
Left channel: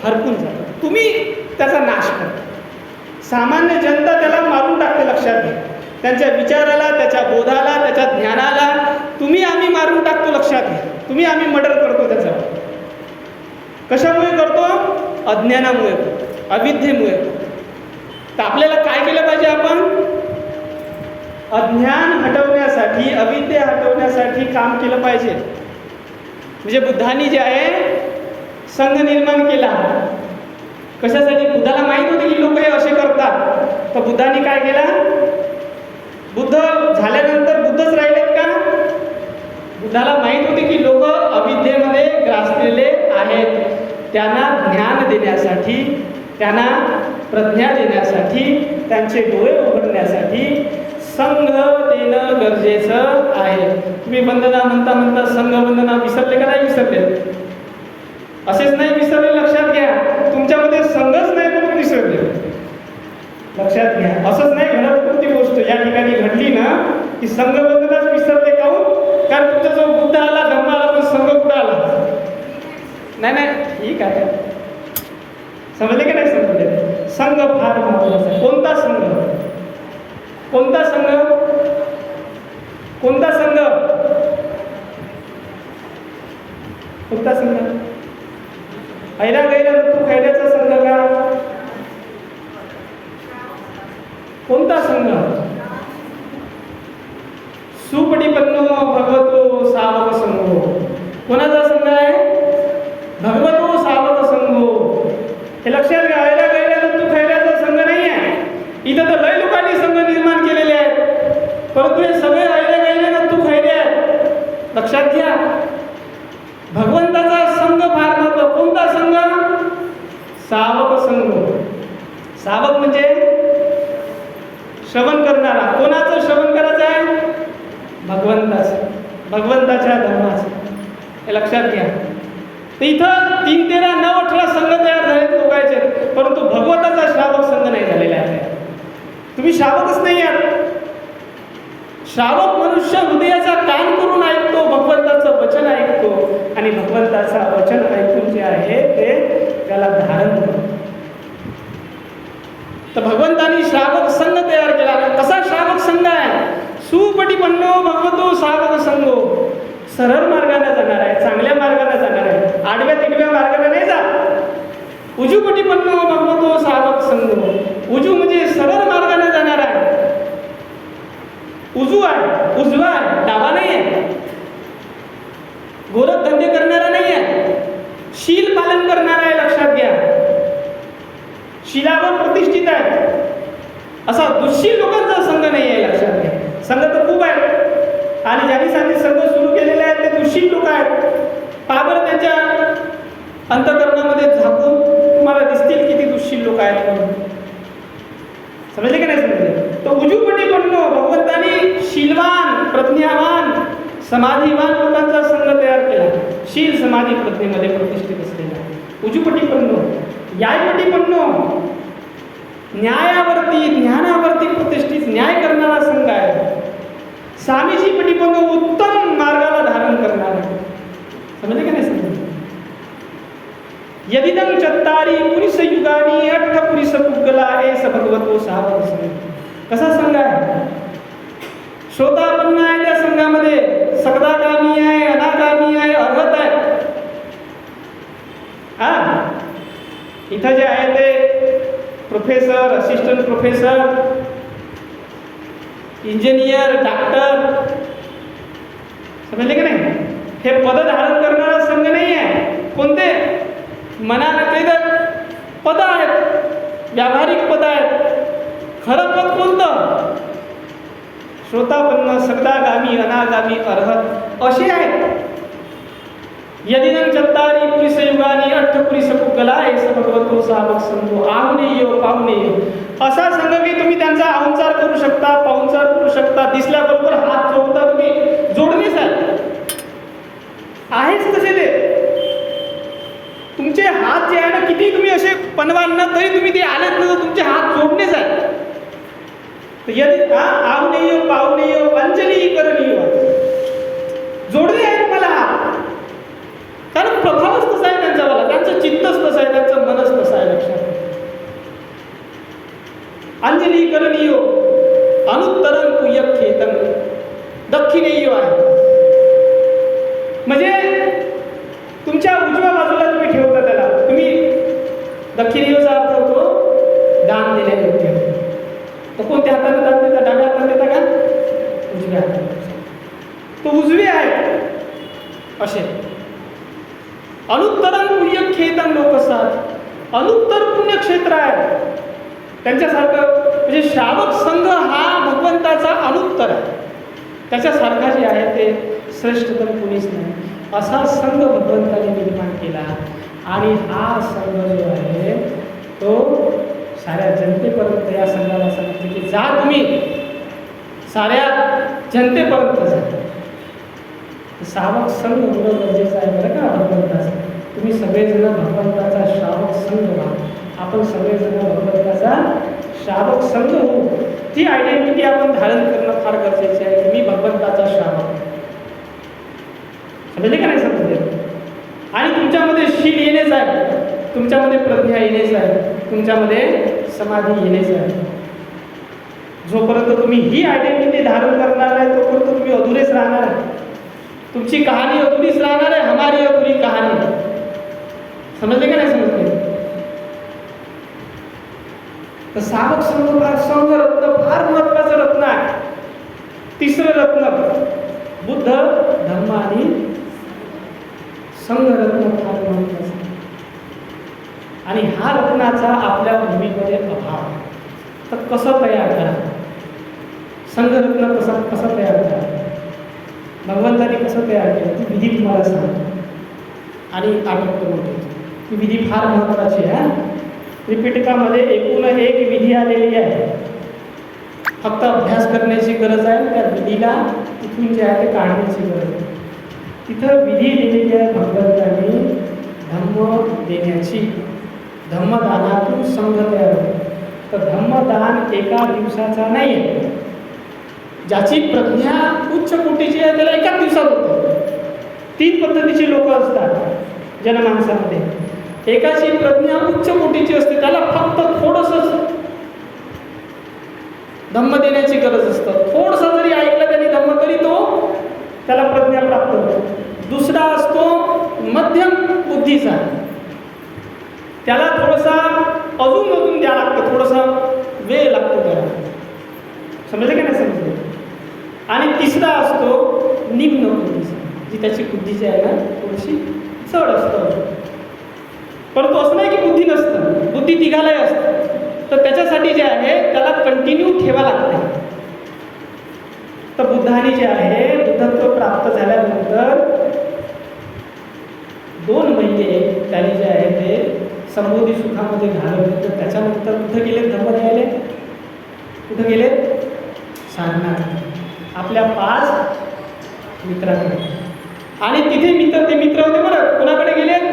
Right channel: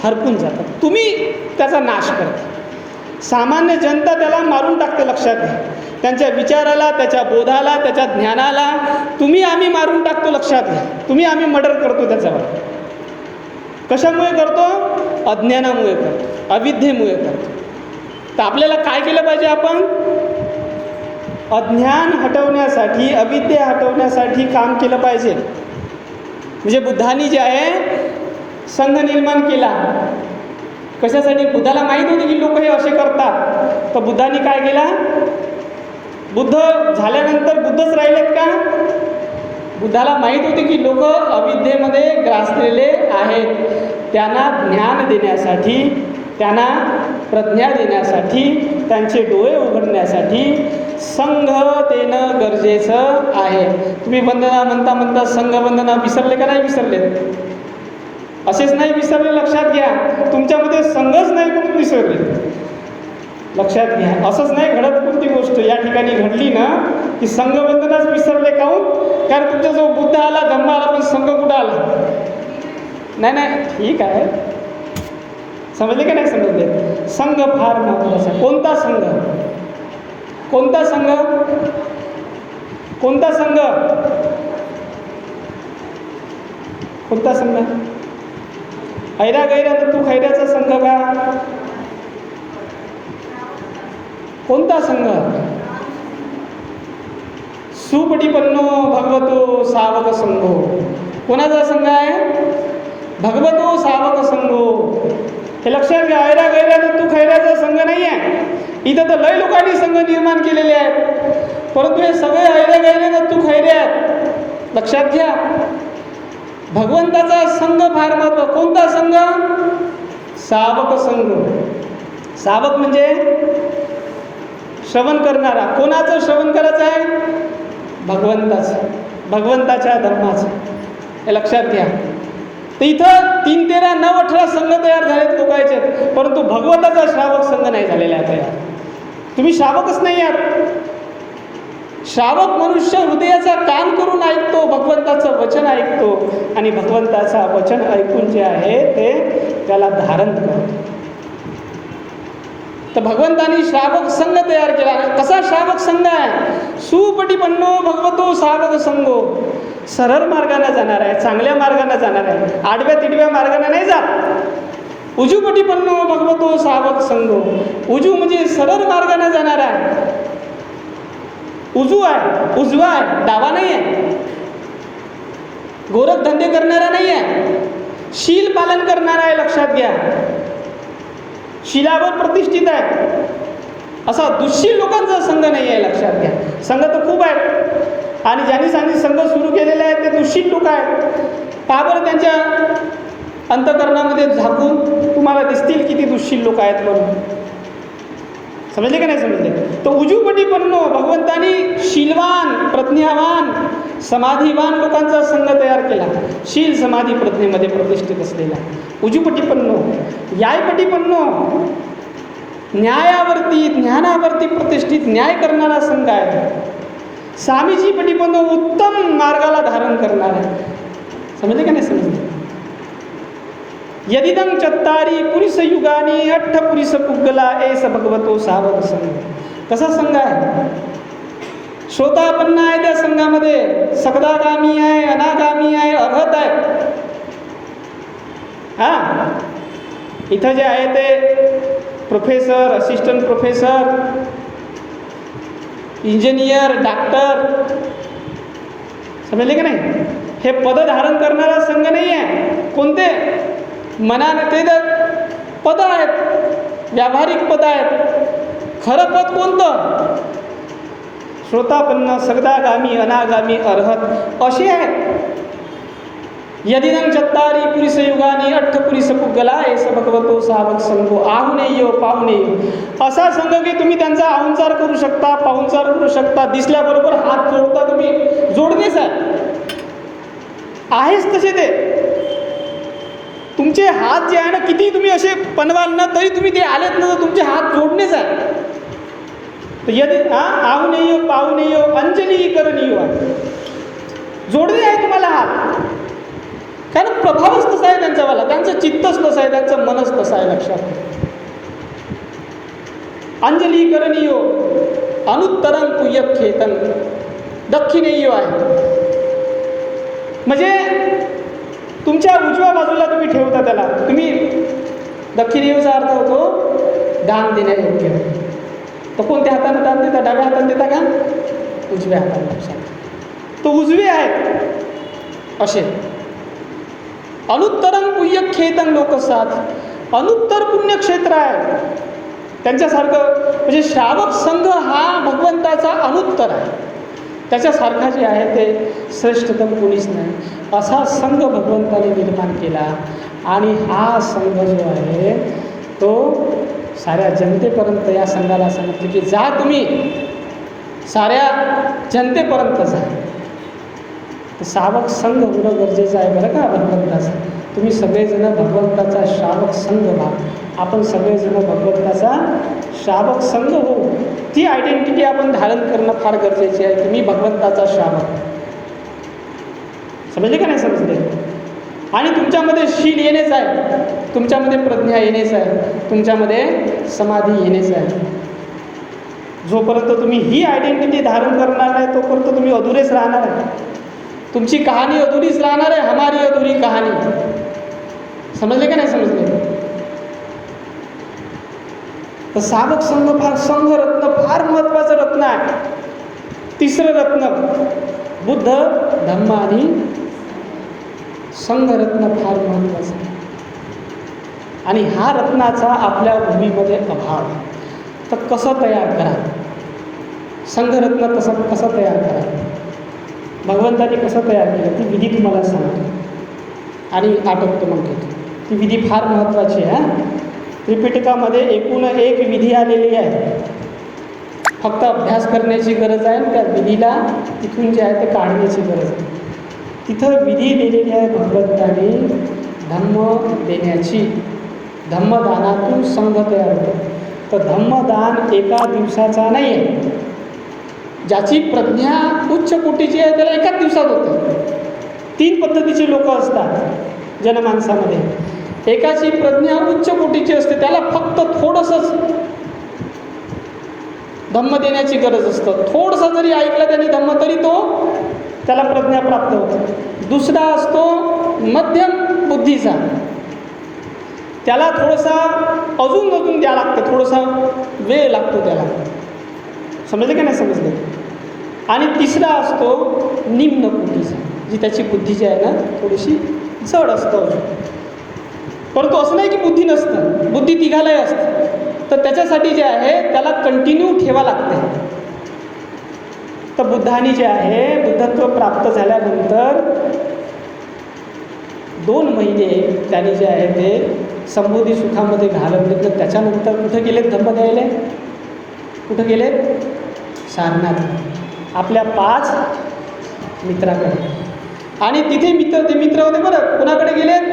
हरपून जातं. तुम्ही त्याचा नाश करता. सामान्य जनता त्याला मारून टाकते. लक्षात घ्या. त्यांच्या विचाराला, त्याच्या बोधाला, त्याच्या ज्ञानाला तुम्ही आम्ही मारून टाकतो. लक्षात घ्या. तुम्ही आम्ही मर्डर करतो त्याच्यावर. कशामुळे करतो? अज्ञानामुळे करतो, अविद्येमुळे करतो. तर आपल्याला काय केलं पाहिजे? आपण अज्ञान हटवण्यासाठी, अविद्या हटवण्यासाठी काम केलं पाहिजे. म्हणजे बुद्धांनी जे आहे संघ निर्माण केला. कशासाठी? बुद्धाला माहीत होते की लोक हे असे करतात. तर बुद्धांनी काय केला? बुद्ध झाल्यानंतर बुद्धच राहिलेत का? बुद्धाला माहीत होते की लोक अविद्येमध्ये ग्रासलेले आहेत. त्यांना ज्ञान देण्यासाठी, त्यांना प्रज्ञा देण्यासाठी, त्यांचे डोळे उघडण्यासाठी संघ देणं गरजेचं आहे. तुम्ही वंदना म्हणता म्हणता संघ वंदना विसरले का नाही विसरले? असेच नाही विसरले. लक्षात घ्या. तुमच्यामध्ये संघच नाही म्हणून विसरले. लक्षात घ्या. असंच नाही घडत. कोणती गोष्ट या ठिकाणी घडली ना की संघवंदनाच विसरले. काहून? कारण तुमचा जो बुद्ध आला, धर्म आला, पण संघ कुठं आला? नाही नाही, ठीक आहे. समजले की नाही समजले? संघ फार महत्त्वाचा आहे. कोणता संघ? कोणता संघ? कोणता संघ? कोणता संघ? ऐरा गैरा तर तू खैऱ्याचा संघ का? कोणता संघ? सुपटीपन्नो भगवतो सावक संघो. कोणाचा संघ आहे? भगवतो सावक संघो. हे लक्षात घ्या. ऐरा गैरा तर तू खैऱ्याचा संघ नाही आहे. इथं तर लय लोकांनी संघ निर्माण केलेले आहेत, परंतु हे सगळे ऐरे गैरे तर तू खैरे आहेत. लक्षात घ्या. भगवंताचा संघ फार महत्त्व. कोणता संघ? सावक संघ. सावक म्हणजे श्रवण करणारा. कोणाचं श्रवण करायचं आहे? भगवंताचं, भगवंताच्या धर्माचं. हे लक्षात घ्या. तर इथं 3, 13, 9, 18 संघ तयार झालेत लोकांचे, परंतु भगवंताचा श्रावक संघ नाही झालेला आहे तयार. तुम्ही श्रावकच नाही आहात. श्रावक मनुष्य हृदयाचा कान करून ऐकतो, भगवंताचं वचन ऐकतो, आणि भगवंताचा वचन ऐकून जे आहे ते त्याला धारण करतो. तर भगवंतानी श्रावक संघ तयार केला. कसा श्रावक संघ आहे? सुपटीपन्नो भगवतो सावक संघो. सरळ मार्गाने जाणार आहे, चांगल्या मार्गाने जाणार आहे, आडव्या तिडव्या मार्गाने नाही जात. उजूपटीपन्नो भगवतो सावक संघो. उजू म्हणजे सरळ मार्गाने जाणार आहे. उजू आहे, उजवा आहे, डावा नाही आहे. गोरख धंदे करणारा नाही आहे, शील पालन करणारा आहे. लक्षात घ्या. शिलावर प्रतिष्ठित आहे. असा दुःशील लोकांचा संघ नाही आहे. लक्षात घ्या. संघ तर खूप आहेत, आणि ज्यांनी संघ सुरू केलेले आहेत ते दुःशील लोक आहेत. पहा बरं त्यांच्या अंतःकरणामध्ये झाकून तुम्हाला दिसतील किती दुःशील लोक आहेत म्हणून. समजले की नाही समजले? तो उजूपटीपन्नो भगवंतानी शीलवान, प्रज्ञावान, समाधीवान लोकांचा संघ तयार केला. शील समाधी प्रज्ञेमध्ये प्रतिष्ठित असलेला उजूपटीपन्नो. न्यायपटीपन्नो न्यायावरती, ज्ञानावरती प्रतिष्ठित न्याय करणारा संघ आहे. स्वामीजी पटीपन्नो उत्तम मार्गाला धारण करणारा. समजले का नाही समजले? यदिदं चत्तारी पुरुष युगानी अठ्ठ पुरुष पुगला एस भगवतो सावक संघ. कसा संघ आहे? श्रोतापन्न आहे त्या संघामध्ये, सकदागामी आहे, अनागामी आहे, अर्हत आहे. हा, इथं जे आहे ते professor, assistant professor, engineer, doctor, समजले की नाही? हे पद धारण करणारा संघ नाही आहे. कोणते? मनाने ते पद आहेत, व्यावहारिक पद आहेत. खरं पद कोणतं? श्रोतापन्न, सकदागामी, अनागामी, अर्हत असे आहेत. यदिदं चत्तारी पुरुष युगानी अठ्ठ पुरुष पुगला एस भगवतो सावक संघो. आहुनेयो पाहुणे, असा संघ की तुम्ही त्यांचा आहुंचार करू शकता, पाहुणचार करू शकता. दिसल्याबरोबर हात जोडता तुम्ही, जोडणेच आहेच तसे ते. तुमचे हात जे आहे ना, किती तुम्ही असे पनवाल ना तरी तुम्ही ते आलेत ना, तुमचे हात जोडणेच आहे. यदि आहुनेयो पाहुनेयो अंजली करणीय, जोडणे आहे तुम्हाला हात. कारण प्रभावच तसा आहे त्यांच्यावाला, त्यांचं चित्तच तसं आहे, त्यांचं मनच तसं आहे. लक्षात. अंजली करणीयो अनुत्तरं तुय्यखेतन, दक्षिणेयो आहे. म्हणजे तुमच्या उजव्या बाजूला तुम्ही ठेवता त्याला. तुम्ही दक्षिणेयोचा अर्थ होतो दान देण्यायोग्य. तर कोणत्या हाताने दान देता? डाव्या हाताने देता का? उजव्या हाताने. लक्षात. तो उजवे आहेत असे. अनुत्तरं पुण्यक्षेत्रं लोकसात, अनुत्तर पुण्यक्षेत्र आहे त्यांच्यासारखं. म्हणजे श्रावक संघ हा भगवंताचा अनुत्तर आहे. त्याच्यासारखा जे आहे ते श्रेष्ठतम कोणीच नाही. असा संघ भगवंताने निर्माण केला. आणि हा संघ जो आहे तो साऱ्या जनतेपर्यंत या संघाला सांगितलं की जा तुम्ही साऱ्या जनतेपर्यंत जा. श्रावक संघ होणं गरजेचं आहे बरं का भगवंताचं. तुम्ही सगळेजण भगवंताचा श्रावक संघ व्हा. आपण सगळेजण भगवंताचा श्रावक संघ होऊ. ती आयडेंटिटी आपण धारण करणं फार गरजेचे आहे की मी भगवंताचा श्रावक. समजले का नाही? समजले. आणि तुमच्यामध्ये शील येणेच आहे, तुमच्यामध्ये प्रज्ञा येणेच आहे, तुमच्यामध्ये समाधी येणेच आहे. जोपर्यंत तुम्ही ही आयडेंटिटी धारण करणार आहे तोपर्यंत तुम्ही अधुरेच राहणार आहे. तुमची कहाणी अधुरीच राहणार आहे. हमारी अधुरी कहाणी. समजले का नाही? समजले. तर सावक संघ फार, संघ रत्न फार महत्त्वाचं रत्न आहे. तिसरं रत्न बुद्ध, धम्म आणि संघ रत्न फार महत्त्वाचं आहे. आणि हा रत्नाचा आपल्या भूमीमध्ये अभाव. तर कसं तयार करा? संघरत्न कसं तयार करा? भगवंताने कसं तयार केलं ती विधी तुम्हाला सांगतो आणि आटोपतो म्हणतो. ती विधी फार महत्त्वाची आहे. त्रिपिटकामध्ये एकूण एक विधी आलेली आहे. फक्त अभ्यास करण्याची गरज आहे. त्या विधीला तिथून जे आहे ते काढण्याची गरज आहे. तिथं विधी दिलेली आहे भगवंताने धम्म देण्याची. धम्मदानातून संघ तयार होतो. तर धम्मदान एका दिवसाचा नाही आहे. ज्याची प्रज्ञा उच्च कोटीची आहे त्याला एकाच दिवसात होतं. 3 पद्धतीची लोक असतात जनमानसामध्ये. एकाची प्रज्ञा उच्च कोटीची असते, त्याला फक्त थोडंसंच धम्म देण्याची गरज असतं. थोडंसं जरी ऐकलं त्यांनी धम्म तरी तो त्याला प्रज्ञा प्राप्त होते. दुसरा असतो मध्यम बुद्धीचा, त्याला थोडासा अजून द्यावं लागतं, थोडासा वेळ लागतो त्याला. समजले का नाही? समजले. आणि तिसरा असतो निम्न बुद्धीचा, जी त्याची बुद्धी जी आहे ना थोडीशी जड असतं. परंतु असं नाही की बुद्धी नसतं, बुद्धी तिघालाही असतं. तर त्याच्यासाठी जे आहे त्याला कंटिन्यू ठेवा लागतं. तर बुद्धाने जे आहे बुद्धत्व प्राप्त झाल्यानंतर 2 महिने त्याने जे आहे ते संबोधी सुखामध्ये घालवले. तर त्याच्यानंतर कुठे गेलेत धम्म द्यायला? कुठे गेलेत? सारनाथ, आपल्या 5 मित्राकडे. आणि तिथे ते मित्र होते बरं. कोणाकडे गेलेत?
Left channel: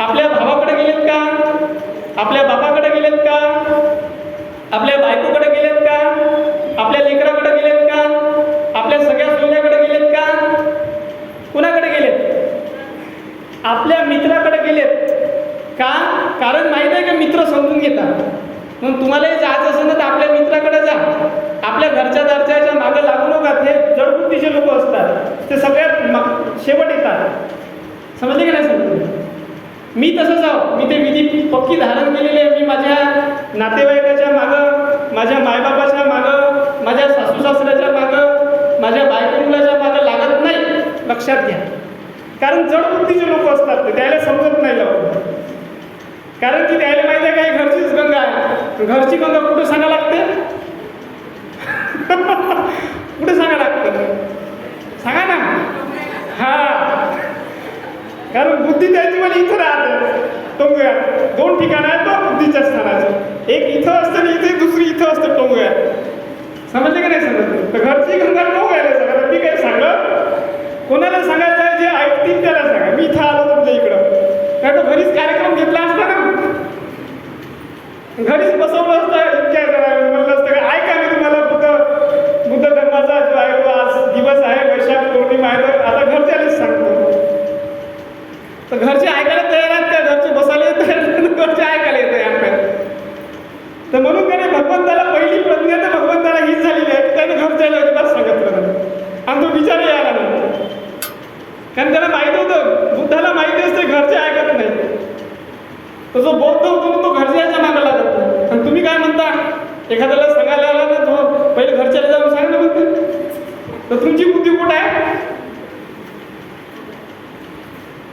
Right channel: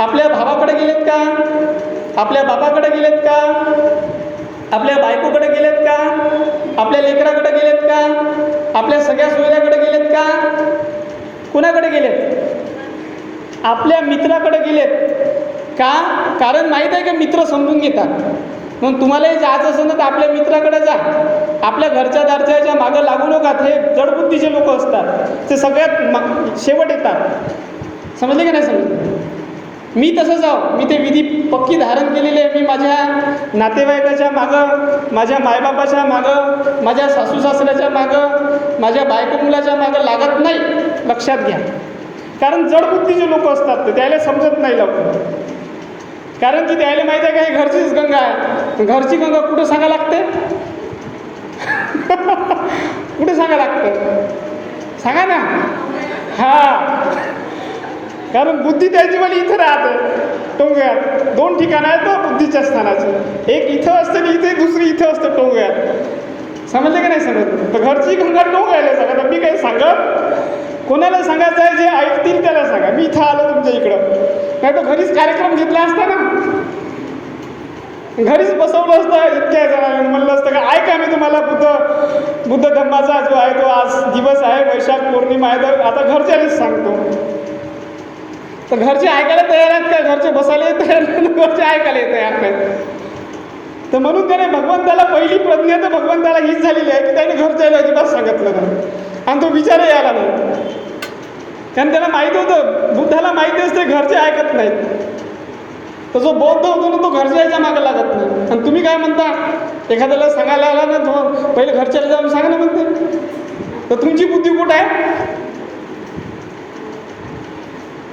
आपल्या भावाकडे गेलेत का? आपल्या बापाकडे गेलेत का? आपल्या बायकोकडे गेलेत का? आपल्या लेकराकडे गेलेत का? आपल्या सगळ्या सोयऱ्याकडे गेलेत का? कुणाकडे गेलेत? आपल्या मित्राकडे गेलेत. का? कारण माहीत आहे की मित्र समजून घेतात. मग तुम्हालाही जायचं असेल ना तर आपल्या मित्राकडे जा. आपल्या घरच्या दारच्या मागं लागू नका. हे जडबुद्धीचे लोक असतात, ते सगळ्यात शेवट येतात. समजले की नाही समजले? मी तसंच आहो. मी ते विधी पक्की धारण केलेली आहे. मी माझ्या नातेवाईकाच्या मागं, माझ्या मायबापाच्या मागं, माझ्या सासू सासऱ्याच्या मागं, माझ्या बायको मुलाच्या मागं लागत नाही. लक्षात घ्या. कारण जडबुद्धीचे लोक असतात, ते त्याला समजत नाही लवकर. कारण की त्याला माहिती आहे काय, घरचीच गंगा आहे. घरची गंगा कुठे सांगा लागते? कुठे सांगा लागतं? सांगा ना. हा, कारण बुद्धी त्याची मला इथं राहते. टोंगळ्यात 2 ठिकाणं आहेत तो बुद्धीच्या स्थानाचे. एक इथं असते आणि इथे दुसरी इथं असतं टोंगळ्यात. समजले की नाही समजले? तर घरची गंगा टोंगळ्याला सांगा. तर मी काही सांगत कोणाला सांगायचं आहे, जे ऐकतील त्याला सांगा. मी इथं आलो तुमच्या इकडं, नाही तर घरीच कार्यक्रम घेतला असता ना, घरीच बसवलं असतं. इतक्या जणांना म्हणलं असतं का ऐका मी तुम्हाला बुद्ध धर्माचा जो आहे तो आज दिवस आहे, वैशाख पौर्णिमा आहे, तर आता घरच्यालाच सांगतो. तर घरचे ऐकायला तयार आहेत का? घरचे बसायला तयार आहेत, घरचे ऐकायला तयार आहेत. तर म्हणून त्याने भगवंताला पहिली प्रज्ञा तर भगवंताला हीच झालेली आहे की त्याने घरच्याला अजिबात सांगितलं नाही आणि तो विचारही आला नाही. कारण त्याला माहिती होतं, बुद्धाला माहिती असते घरचे ऐकत नाहीत. तर जो बौद्ध होतो ना तो घरच्याच्या मागं लागत नाही. आणि तुम्ही काय म्हणता, एखाद्याला सांगायला आला ना तो पहिले घरच्याला जाऊन सांगा ना म्हणते. तर तुमची बुद्धी कुठं आहे?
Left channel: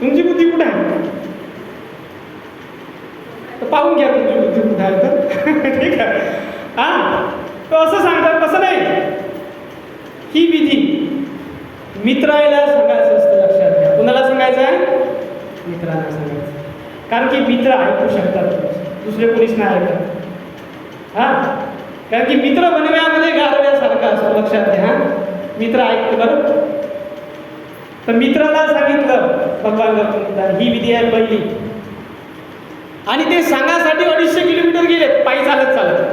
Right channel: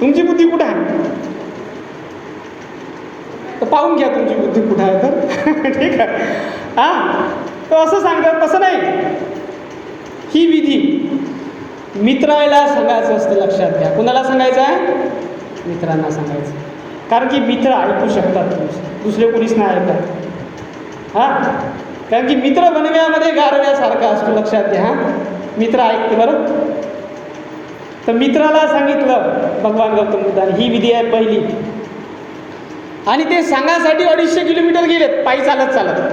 तुमची बुद्धी कुठं आहे? तर पाहून घ्या तुमची बुद्धी कुठं आहे तर. ठीक आहे. हां, तर असं सांगतात. तसं नाही. ही विधी मित्राला सांगायचं असतं. लक्षात घ्या. कुणाला सांगायचं आहे? मित्रांना सांगायचं. कारण की मित्र ऐकू शकतात, दुसरे कोणीच नाही ऐकत. हां, कारण की मित्र बनव्यामध्ये गारव्यासारखा असतो. लक्षात घ्या. मित्र ऐकते बरं. तर मित्राला सांगितलं भगवान गौतम बुद्धाने, ही विधी आहे पहिली. आणि ते सांगासाठी 250 किलोमीटर गेलेत पायी चालत चालत.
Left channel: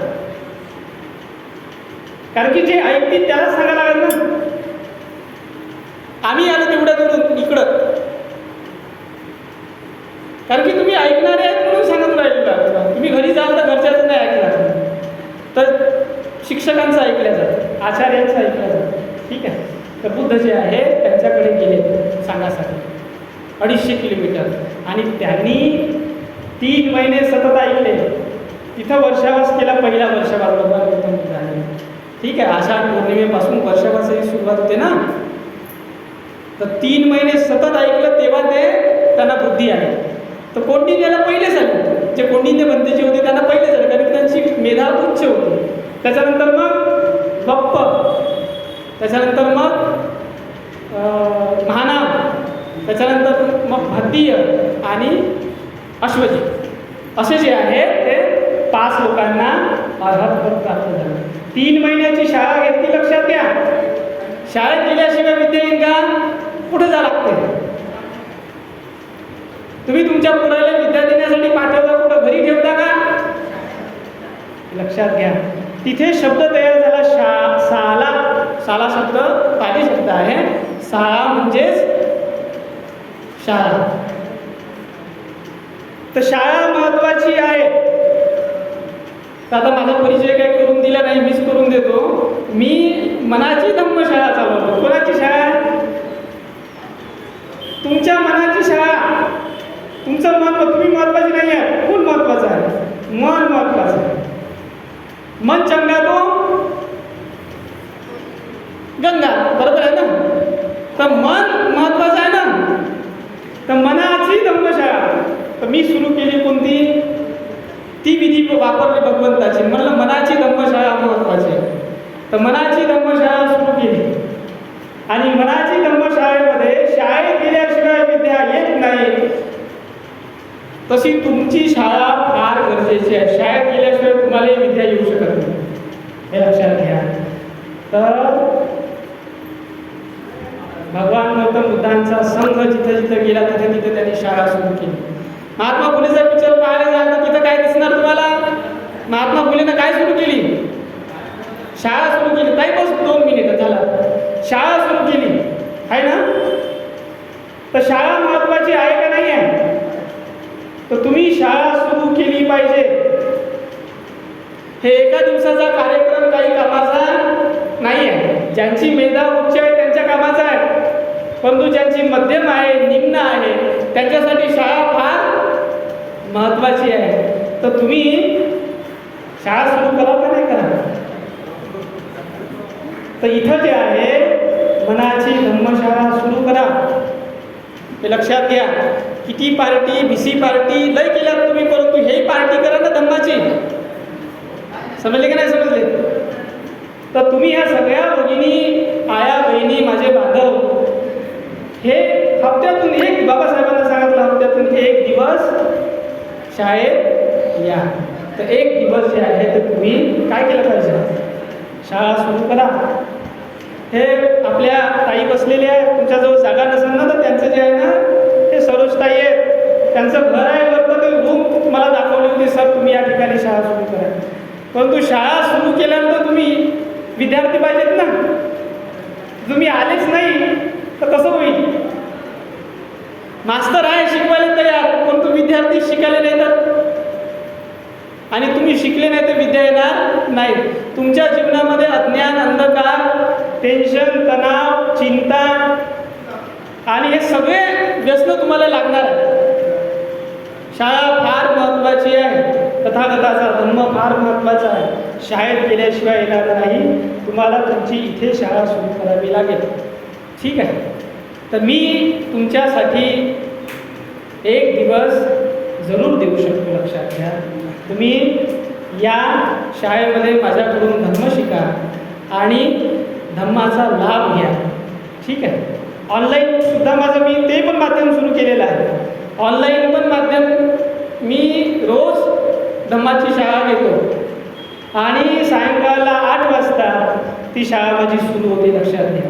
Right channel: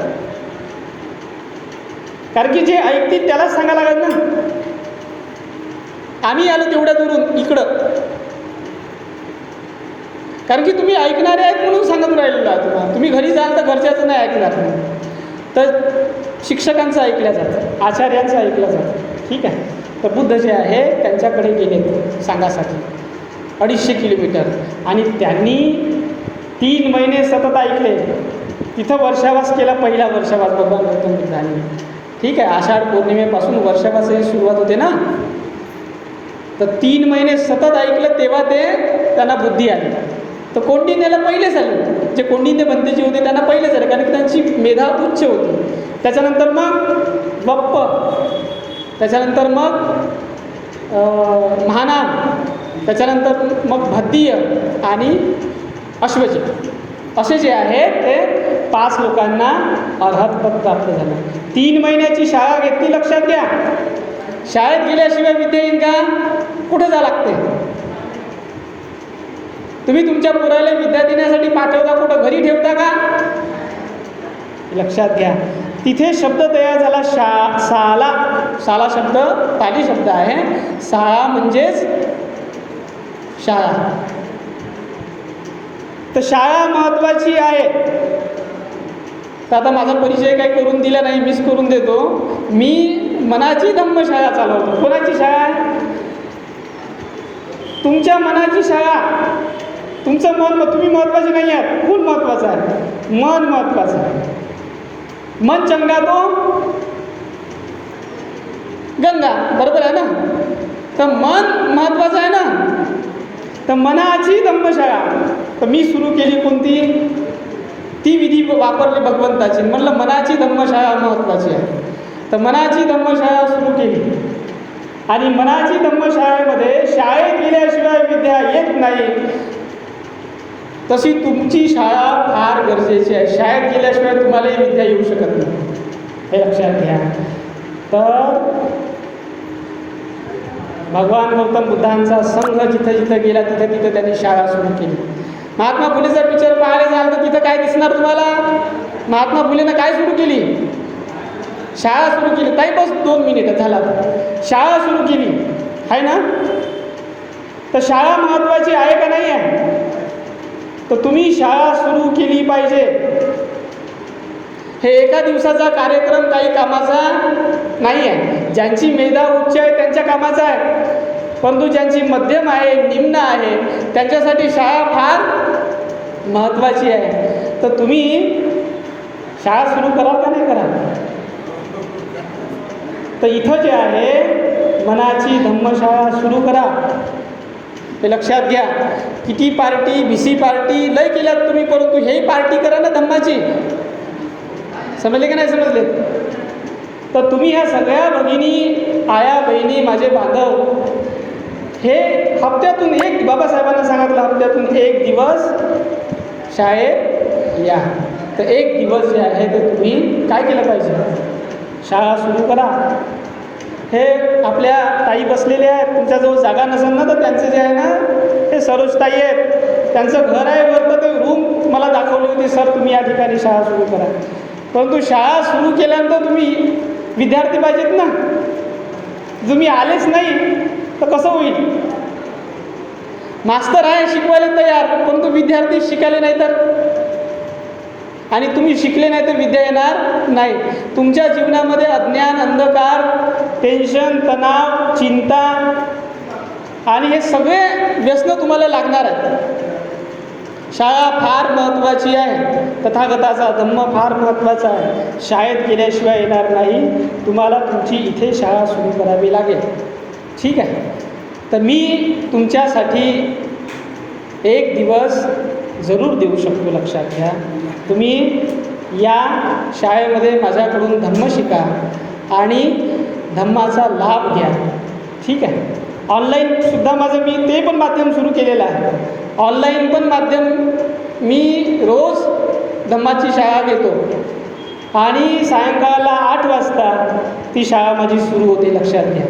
कारण की जे ऐकतील त्यालाच सांगायला लागेल ना. आम्ही आलो तेवढ्या दुरून इकडं, कारण की तुम्ही ऐकणारे आहेत म्हणून सांगत राहिलेलं आहे तुम्हाला. तुम्ही घरी जाल तर घरच्याचं नाही ऐकणार नाही, तर शिक्षकांचं ऐकलं जातं, आचार्यांचं ऐकलं जातं. ठीक आहे. तर बुद्ध जे आहे त्यांच्याकडे गेले सांगासाठी 250 किलोमीटर. आणि त्यांनी 3 महिने सतत ऐकले. तिथं वर्षावास केला, पहिला वर्षावास भगवान गौतम बुद्धाने. ठीक आहे. आषाढ पौर्णिमेपासून वर्षावासही सुरुवात होते ना. तर 3 महिने सतत ऐकलं, तेव्हा त्यांना बुद्धी आली. तर कौंडिन्याला पहिलेच आले. जे कौंडिन्य पंथी जे होते त्यांना पहिलेच आले, कारण की त्यांची मेधा उच्च होती. त्याच्यानंतर मग बप्प, त्याच्यानंतर मग महानाम, त्याच्यानंतर मग भद्दीय आणि अश्वजित असे जे आहेत ते 5 लोकांना अर्हतपद प्राप्त झालं. 3 महिन्याची शाळा घेतली. लक्षात घ्या. शाळेत गेल्याशिवाय विद्या येईल का? कुठं जा लागते? तुम्ही तुमच्या पोराला विद्या देण्यासाठी पाठवता, कुठं घरी ठेवता का? लक्षात घ्या. तिथे शब्द तयार झाला शाला. शाला शब्द पाली शब्द आहे. शाळा म्हणजेच शाळा. तर शाळा महत्त्वाची आहे. तर आता माझा परिचय काही करून दिला नाही, मीच करून देतो. मी मनाची धम्मशाळा चालवतो. कोणाची शाळा? तुमच्या मनाची शाळा. तुमचं मन, तुम्ही महत्त्वाचे नाही आहे, कोण महत्त्वाचं आहे? मन महत्त्वाचं आहे. मन चंगा तो गंगा, बरोबर आहे ना. तर मन महत्त्वाचं आहे ना. तर मनाची धम्मशाळा तर मी सुरू केली. कोणती? ती विधी वापरली भगवंताची. म्हटलं मनाची धम्मशाळा महत्त्वाची आहे. तर मनाची धम्मशाळा सुरू केली. आणि मनाची धम्मशाळेमध्ये शाळेत गेल्याशिवाय विद्या येत नाही, तशी तुमची शाळा फार गरजेची आहे. शाळेत गेल्याशिवाय तुम्हाला विद्या येऊ शकत नाही, हे लक्षात घ्या. तर भगवान गौतम बुद्धांचा संघ जिथं जिथं गेला तिथं तिथं त्यांनी शाळा सुरू केली. महात्मा फुलेचा पिक्चर पाहायला जाल तर तिथं काय दिसणार तुम्हाला? महात्मा फुलेनं काय सुरू केली? शाळा सुरू केली. काही बस 2 मिनिटं झाला, शाळा सुरू केली आहे ना. तर शाळा महत्त्वाची आहे का नाही आहे? तर तुम्ही शाळा सुरू केली पाहिजे. हे एका दिवसाचा कार्यक्रम काही कामाचा नाही आहे. ज्यांची मेधा उच्च आहे त्यांच्या कामाचा आहे, परंतु ज्यांची मध्यम आहे, निम्न आहे, त्यांच्यासाठी शाळा फार महत्त्वाची आहे. तर तुम्ही शाळा सुरू करा का नाही करा? तर इथं जे आहे मनाची धम्मशाळा सुरू करा. हे लक्षात घ्या. किती पार्टी, BC पार्टी लय केल्यात तुम्ही, परंतु हेही पार्टी करा ना धम्माची. समजले की नाही समजले? तर तुम्ही ह्या सगळ्या भगिनी, आया बहिणी, माझे बांधव, हे हप्त्यातून एक, बाबासाहेबांना सांगितलं हप्त्यातून एक दिवस शाळेत या. तर एक दिवस जे आहे ते तुम्ही काय केलं पाहिजे? शाळा सुरू करा. हे आपल्या ताई बसलेले आहेत, तुमच्याजवळ जागा नसेल ना तर त्यांचं जे आहे ना ते सरोजताई आहेत, त्यांचं घर आहे वरतं, ते रूम मला दाखवली होती, सर तुम्ही या ठिकाणी शाळा सुरू करा. परंतु शाळा सुरू केल्यानंतर तुम्ही विद्यार्थी पाहिजेत ना. तुम्ही आलेच नाही तर कसं होईल? मास्तर आहे शिकवायला तयार, परंतु विद्यार्थी शिकायला नाही तर, आणि तुम्ही शिकले नाही तर विद्या येणार नाही. तुमच्या जीवनामध्ये अज्ञान, अंधकार, टेन्शन, तणाव, चिंता आणि हे सगळे व्यसन तुम्हाला लागणार आहेत. शाळा फार महत्त्वाची आहे. तथागताचा धम्म फार महत्त्वाचा आहे. शाळेत गेल्याशिवाय येणार नाही. तुम्हाला तुमची इथे शाळा सुरू करावी लागेल. ठीक आहे. तर मी तुमच्यासाठी एक दिवस जरूर देऊ शकतो. लक्षात घ्या. तुम्ही या शाळेमध्ये माझ्याकडून धम्म शिका आणि धम्माचा लाभ घ्या. ठीक आहे. ऑनलाईनसुद्धा माझं मी ते पण माध्यम सुरू केलेलं आहे. ऑनलाईन पण माध्यम मी रोज धम्माची शाळा घेतो आणि सायंकाळला 8 वाजता ती शाळा माझी सुरू होते. लक्षात घ्या.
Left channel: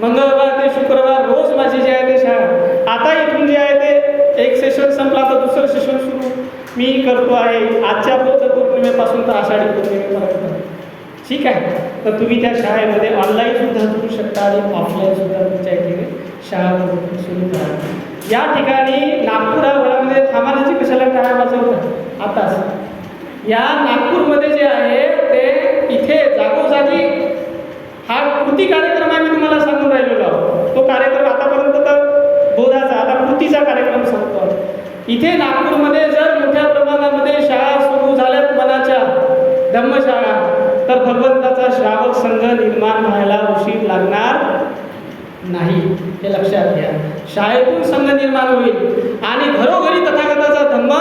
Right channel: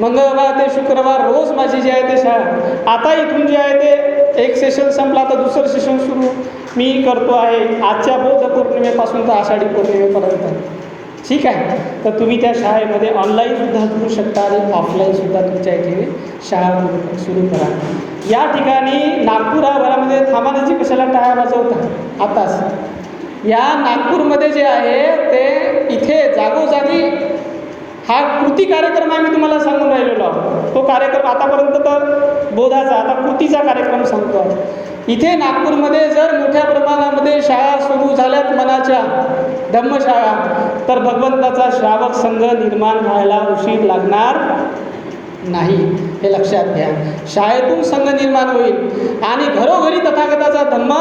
मंगळवार ते शुक्रवार रोज माझी जी आहे ते शाळा. आता इथून जे आहे ते एक सेशन संपला तर दुसरं सेशन सुरू मी करतो आहे. आजच्या बौद्ध पौर्णिमेपासून तर आषाढी पौर्णिमेपर्यंत. ठीक आहे. तर तुम्ही त्या शाळेमध्ये ऑनलाईनसुद्धा करू शकता आणि ऑफलाईनसुद्धा तुमच्या इथे शाळा सुरू करा. या ठिकाणी नागपुरामध्ये थांबाण्याची कशाला टाळ्या वाजवतात आताच. या नागपूरमध्ये जे आहे ते इथे जागोजागी हा कृती कार्यक्रम आम्ही तुम्हाला सांगून राहिलेलो आहोत. तो कार्यक्रम आतापर्यंत तर बोधाचा, आता कृतीचा कार्यक्रम सांगतो. इथे नागपूरमध्ये जर मोठ्या प्रमाणामध्ये शाळा सुरू झाल्यात मनाच्या धम्मशाळा, तर भगवंताचा श्रावक संघ निर्माण व्हायला उशीर लागणार नाही. हे लक्षात घ्या. शाळेतून संघ निर्माण होईल आणि घरोघरी तथागताचा धम्म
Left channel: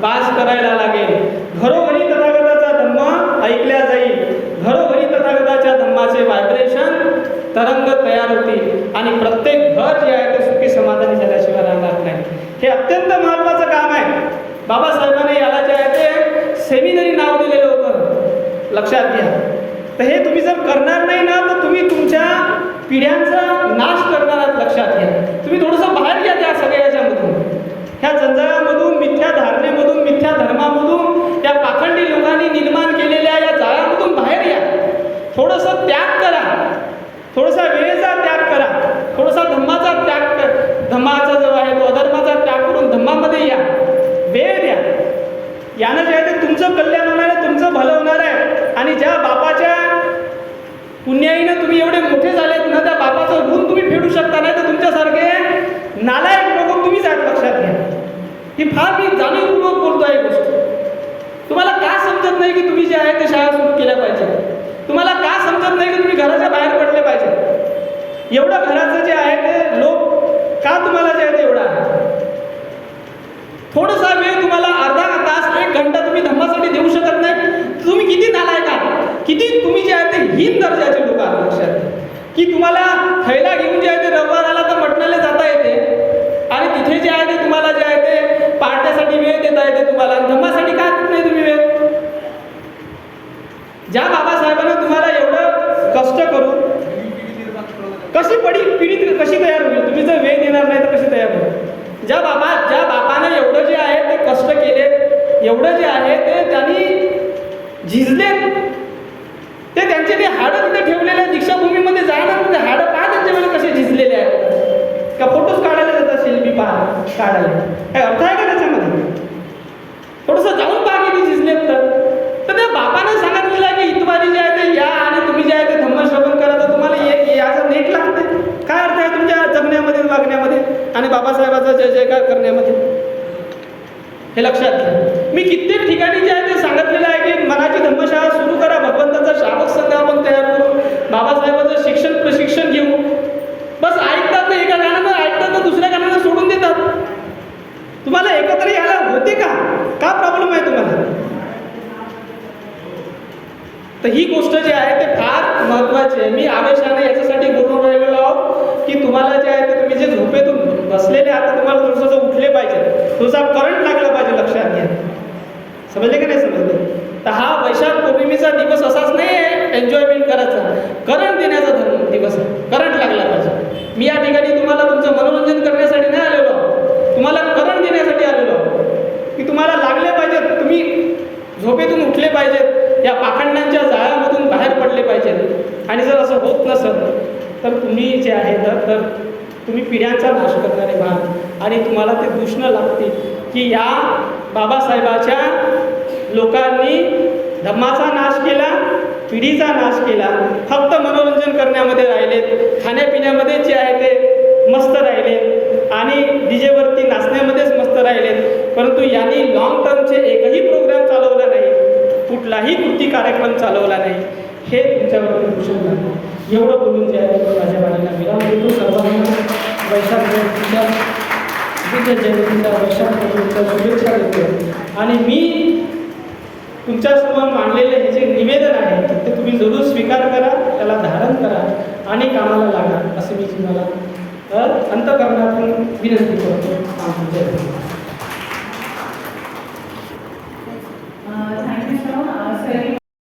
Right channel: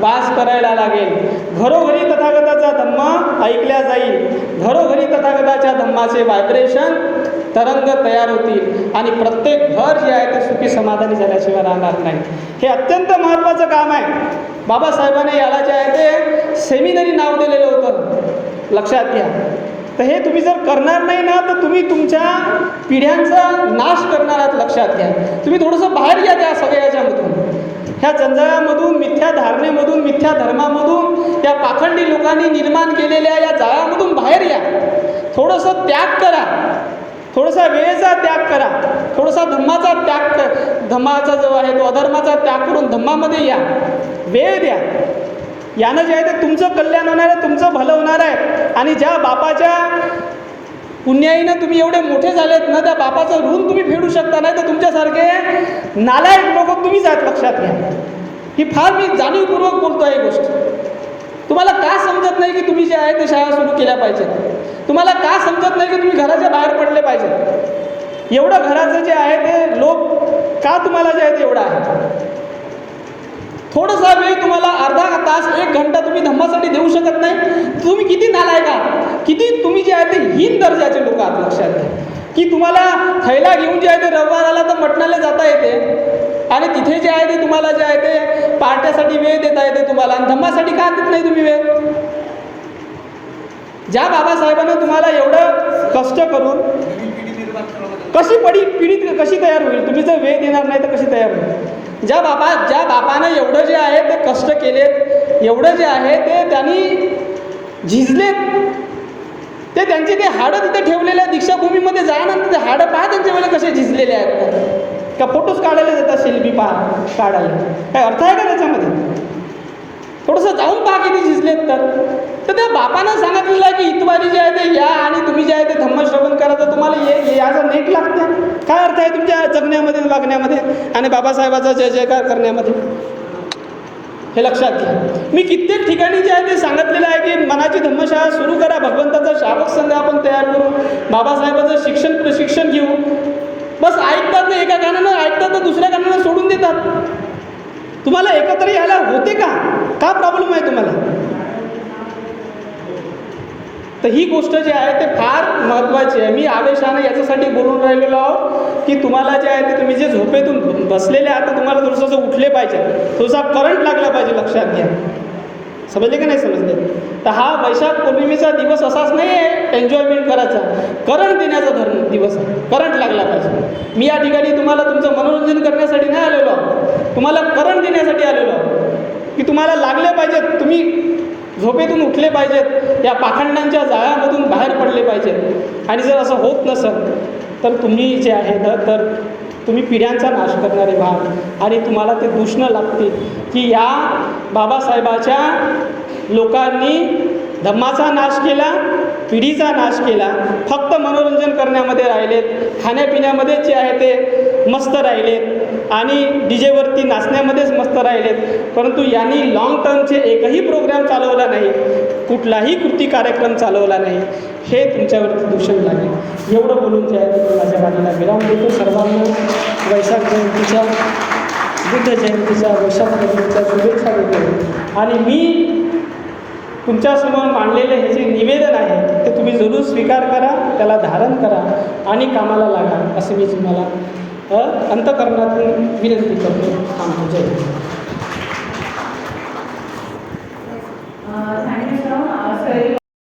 वास करायला लागेल. घरोघरी तथागताचा धम्म ऐकल्या जाईल. घरोघरी तथागताच्या धम्माचे व्हायब्रेशन तरंग तयार होतील आणि प्रत्येक घर जे आहे ते सुखी समाधानी झाल्याशिवाय राहणार नाही. हे अत्यंत महत्त्वाचं काम आहे. बाबासाहेबांनी याला जे आहे ते सेमिनरी नाव दिलेलं होतं. लक्षात घ्या. तर हे तुम्ही जर करणार नाही ना तर तुम्ही तुमच्या पिढ्यांचा नाश करणार आहात. लक्षात घ्या. तुम्ही थोडंसं बाहेर या त्या सगळ्या याच्यामधून, ह्या जंजाळामधून, मिथ्या धारणेमधून, मिथ्या धर्मामधून, त्या पाखंडी लोकांनी निर्माण केलेल्या या जाळ्यामधून बाहेर या. थोडंसं त्याग करा. थोडासा वेळेचा त्याग करा. थोडासा धम्माचा त्याग धम्माचा जो आहे तो अधर्माचा त्याग करून धम्मामध्ये या. वेळ द्या. यानं जे आहे ते तुमचं कल्याण होणार आहे, तुमचं भलं होणार आहे. आणि ज्या बापाच्या पुण्याईनं तुम्ही एवढे मोठे झालेत ना, त्या बापाचं ऋण तुम्ही फेडू शकता. नाही तर तुमच्यासारखे नालायक लोक तुम्हीच आहात. लक्षात घ्या. ही फार मी जाणीवपूर्वक बोलतो आहे गोष्ट. तुम्हाला का समजत नाही की तुम्ही जे आहे ते शाळा सुरू केल्या पाहिजे? तुम्हाला का समजत नाही की तुम्ही घराच्या बाहेर पडले पाहिजे? एवढं घराचं जे आहे ते लोक का तुम्हाला जे आहे ते एवढं आहे? थोडासा वेळ तुम्हाला अर्धा तास, 1 घंटा तुम्ही धम्मासाठी देऊ शकत नाही? तुम्ही किती नालायक आहात, किती तुम्ही जे आहे ते हीन दर्जाचे लोक आहात. लक्षात घ्या की तुम्हाला थैला घेऊन जे आहे ते रविवार आला तर मटणाला जाता येते आणि तिथे जे आहे ते तुम्हाला जे आहे ते पार्ट्यासाठी वेळ देता येते तुम्हाला, आणि धम्मासाठी का देत नाही तुम्ही वेळ? ज्या बाबासाहेबांना तुम्हाला एवढं कष्ट करून पिढी कशी तयार होईल? तुम्ही जर वेळ देणार नाही तर कशी तयार होईल? ज्या बापाने एवढं जे आहे ते कष्ट केलेत, एवढं जे आहे ते त्यांनी झिजलेत, ते त्यांचे ते हाडं तिथे ठेवलेले आहेत. दीक्षाभूमीमध्ये जाणं ते हाडं पहा त्यांच्या वेळेला कसे झिजलेले आहेत. त्या फोटोज काढायला जातात सेल्फी काढायला. काय अर्थ आहे का त्याच्यामध्ये? थोडंसं जाऊन पहा किती शिजलेत तर त्या बापानं सांगितलेलं आहे की इतवारी जे आहे ते या आणि तुम्ही जे आहे ते धम्मश्रवण करा, तर तुम्हाला याचं नेट लागतं. काय अर्थ आहे तुमच्या जगण्यामध्ये वागण्यामध्ये आणि बाबासाहेबाचा जय जयकार करण्यामध्ये? हे लक्षात घ्या. मी कित्येक ठिकाणी जे आहे ते सांगितलेलं आहे की मनाची धर्मशाळा सुरू करा, भगवंताचा शाबक संघ आपण तयार करू, बाबासाहेबाचं शिक्षण प्रशिक्षण घेऊ. बस ऐकतात ना, एका कानानं ऐकतात ना दुसऱ्या कानानं सोडून देतात. तुम्हाला एकत्र यायला होते का प्रॉब्लेम आहे तुम्हाला? तर ही गोष्ट जी आहे ते फार महत्त्वाची आहे. मी आवेशाने याच्यासाठी बोलून राहिलेलो आहोत की तुम्हाला जे आहे ते तुम्ही जे झोपेतून बसलेले आहात तर तुम्हाला थोडंसं उठले पाहिजे, थोडासा करंट लागला पाहिजे. लक्षात घ्या. समजले की नाही समजले? तर हा वैशाख पौर्णिमेचा दिवस असाच नाही आहे एन्जॉयमेंट करायचा, करंट देण्याचा दिवस आहे. करंट लागला पाहिजे. मी या ठिकाणी तुम्हाला तुमचं मनोरंजन करण्यासाठी नाही आलेलो आहोत, तुम्हाला करंट देण्यासाठी आलेलो आहोत की तुम्हाला लागले पाहिजेत, तुम्ही झोपेतून उठले पाहिजेत, या पाखंडांच्या जाळ्यामधून बाहेर पडले पाहिजेत. आणि जर असं होत नसेल तर तुम्ही जे आहे ना तर तुम्ही पिढ्यांचा नाश करणारे व्हाल आणि तुम्हाला ते दूषणं लागतील की या बाबासाहेबाच्या लोकांनी धम्माचा नाश केला, पिढीचा नाश केला, फक्त मनोरंजन करण्यामध्ये राहिलेत, खाण्यापिण्यामध्ये जे आहे ते मस्त राहिलेत आणि डीजेवरती नाचण्यामध्येच मस्त राहिलेत. परंतु यांनी लॉंग टर्मचे एकही प्रोग्राम चालवला नाही, कुठलाही कृती कार्यक्रम चालवला नाही. हे तुमच्यावरती दूषण झाले. एवढं बोलून जे आहे मी माझ्या बाजूला विराम देतो. सर्वांना वैशाख जयंतीच्या, बुद्ध जयंतीच्या, वैशाख जयंतीच्या शुभेच्छा देतो. आणि मी तुमच्यासमोर मांडलेले हे जे निवेदन आहे ते तुम्ही जरूर स्वीकार करा, त्याला धारण करा आणि कामाला लागा, असे मी तुम्हाला अंतःकरणातून विनंती करतो. जय हिंद.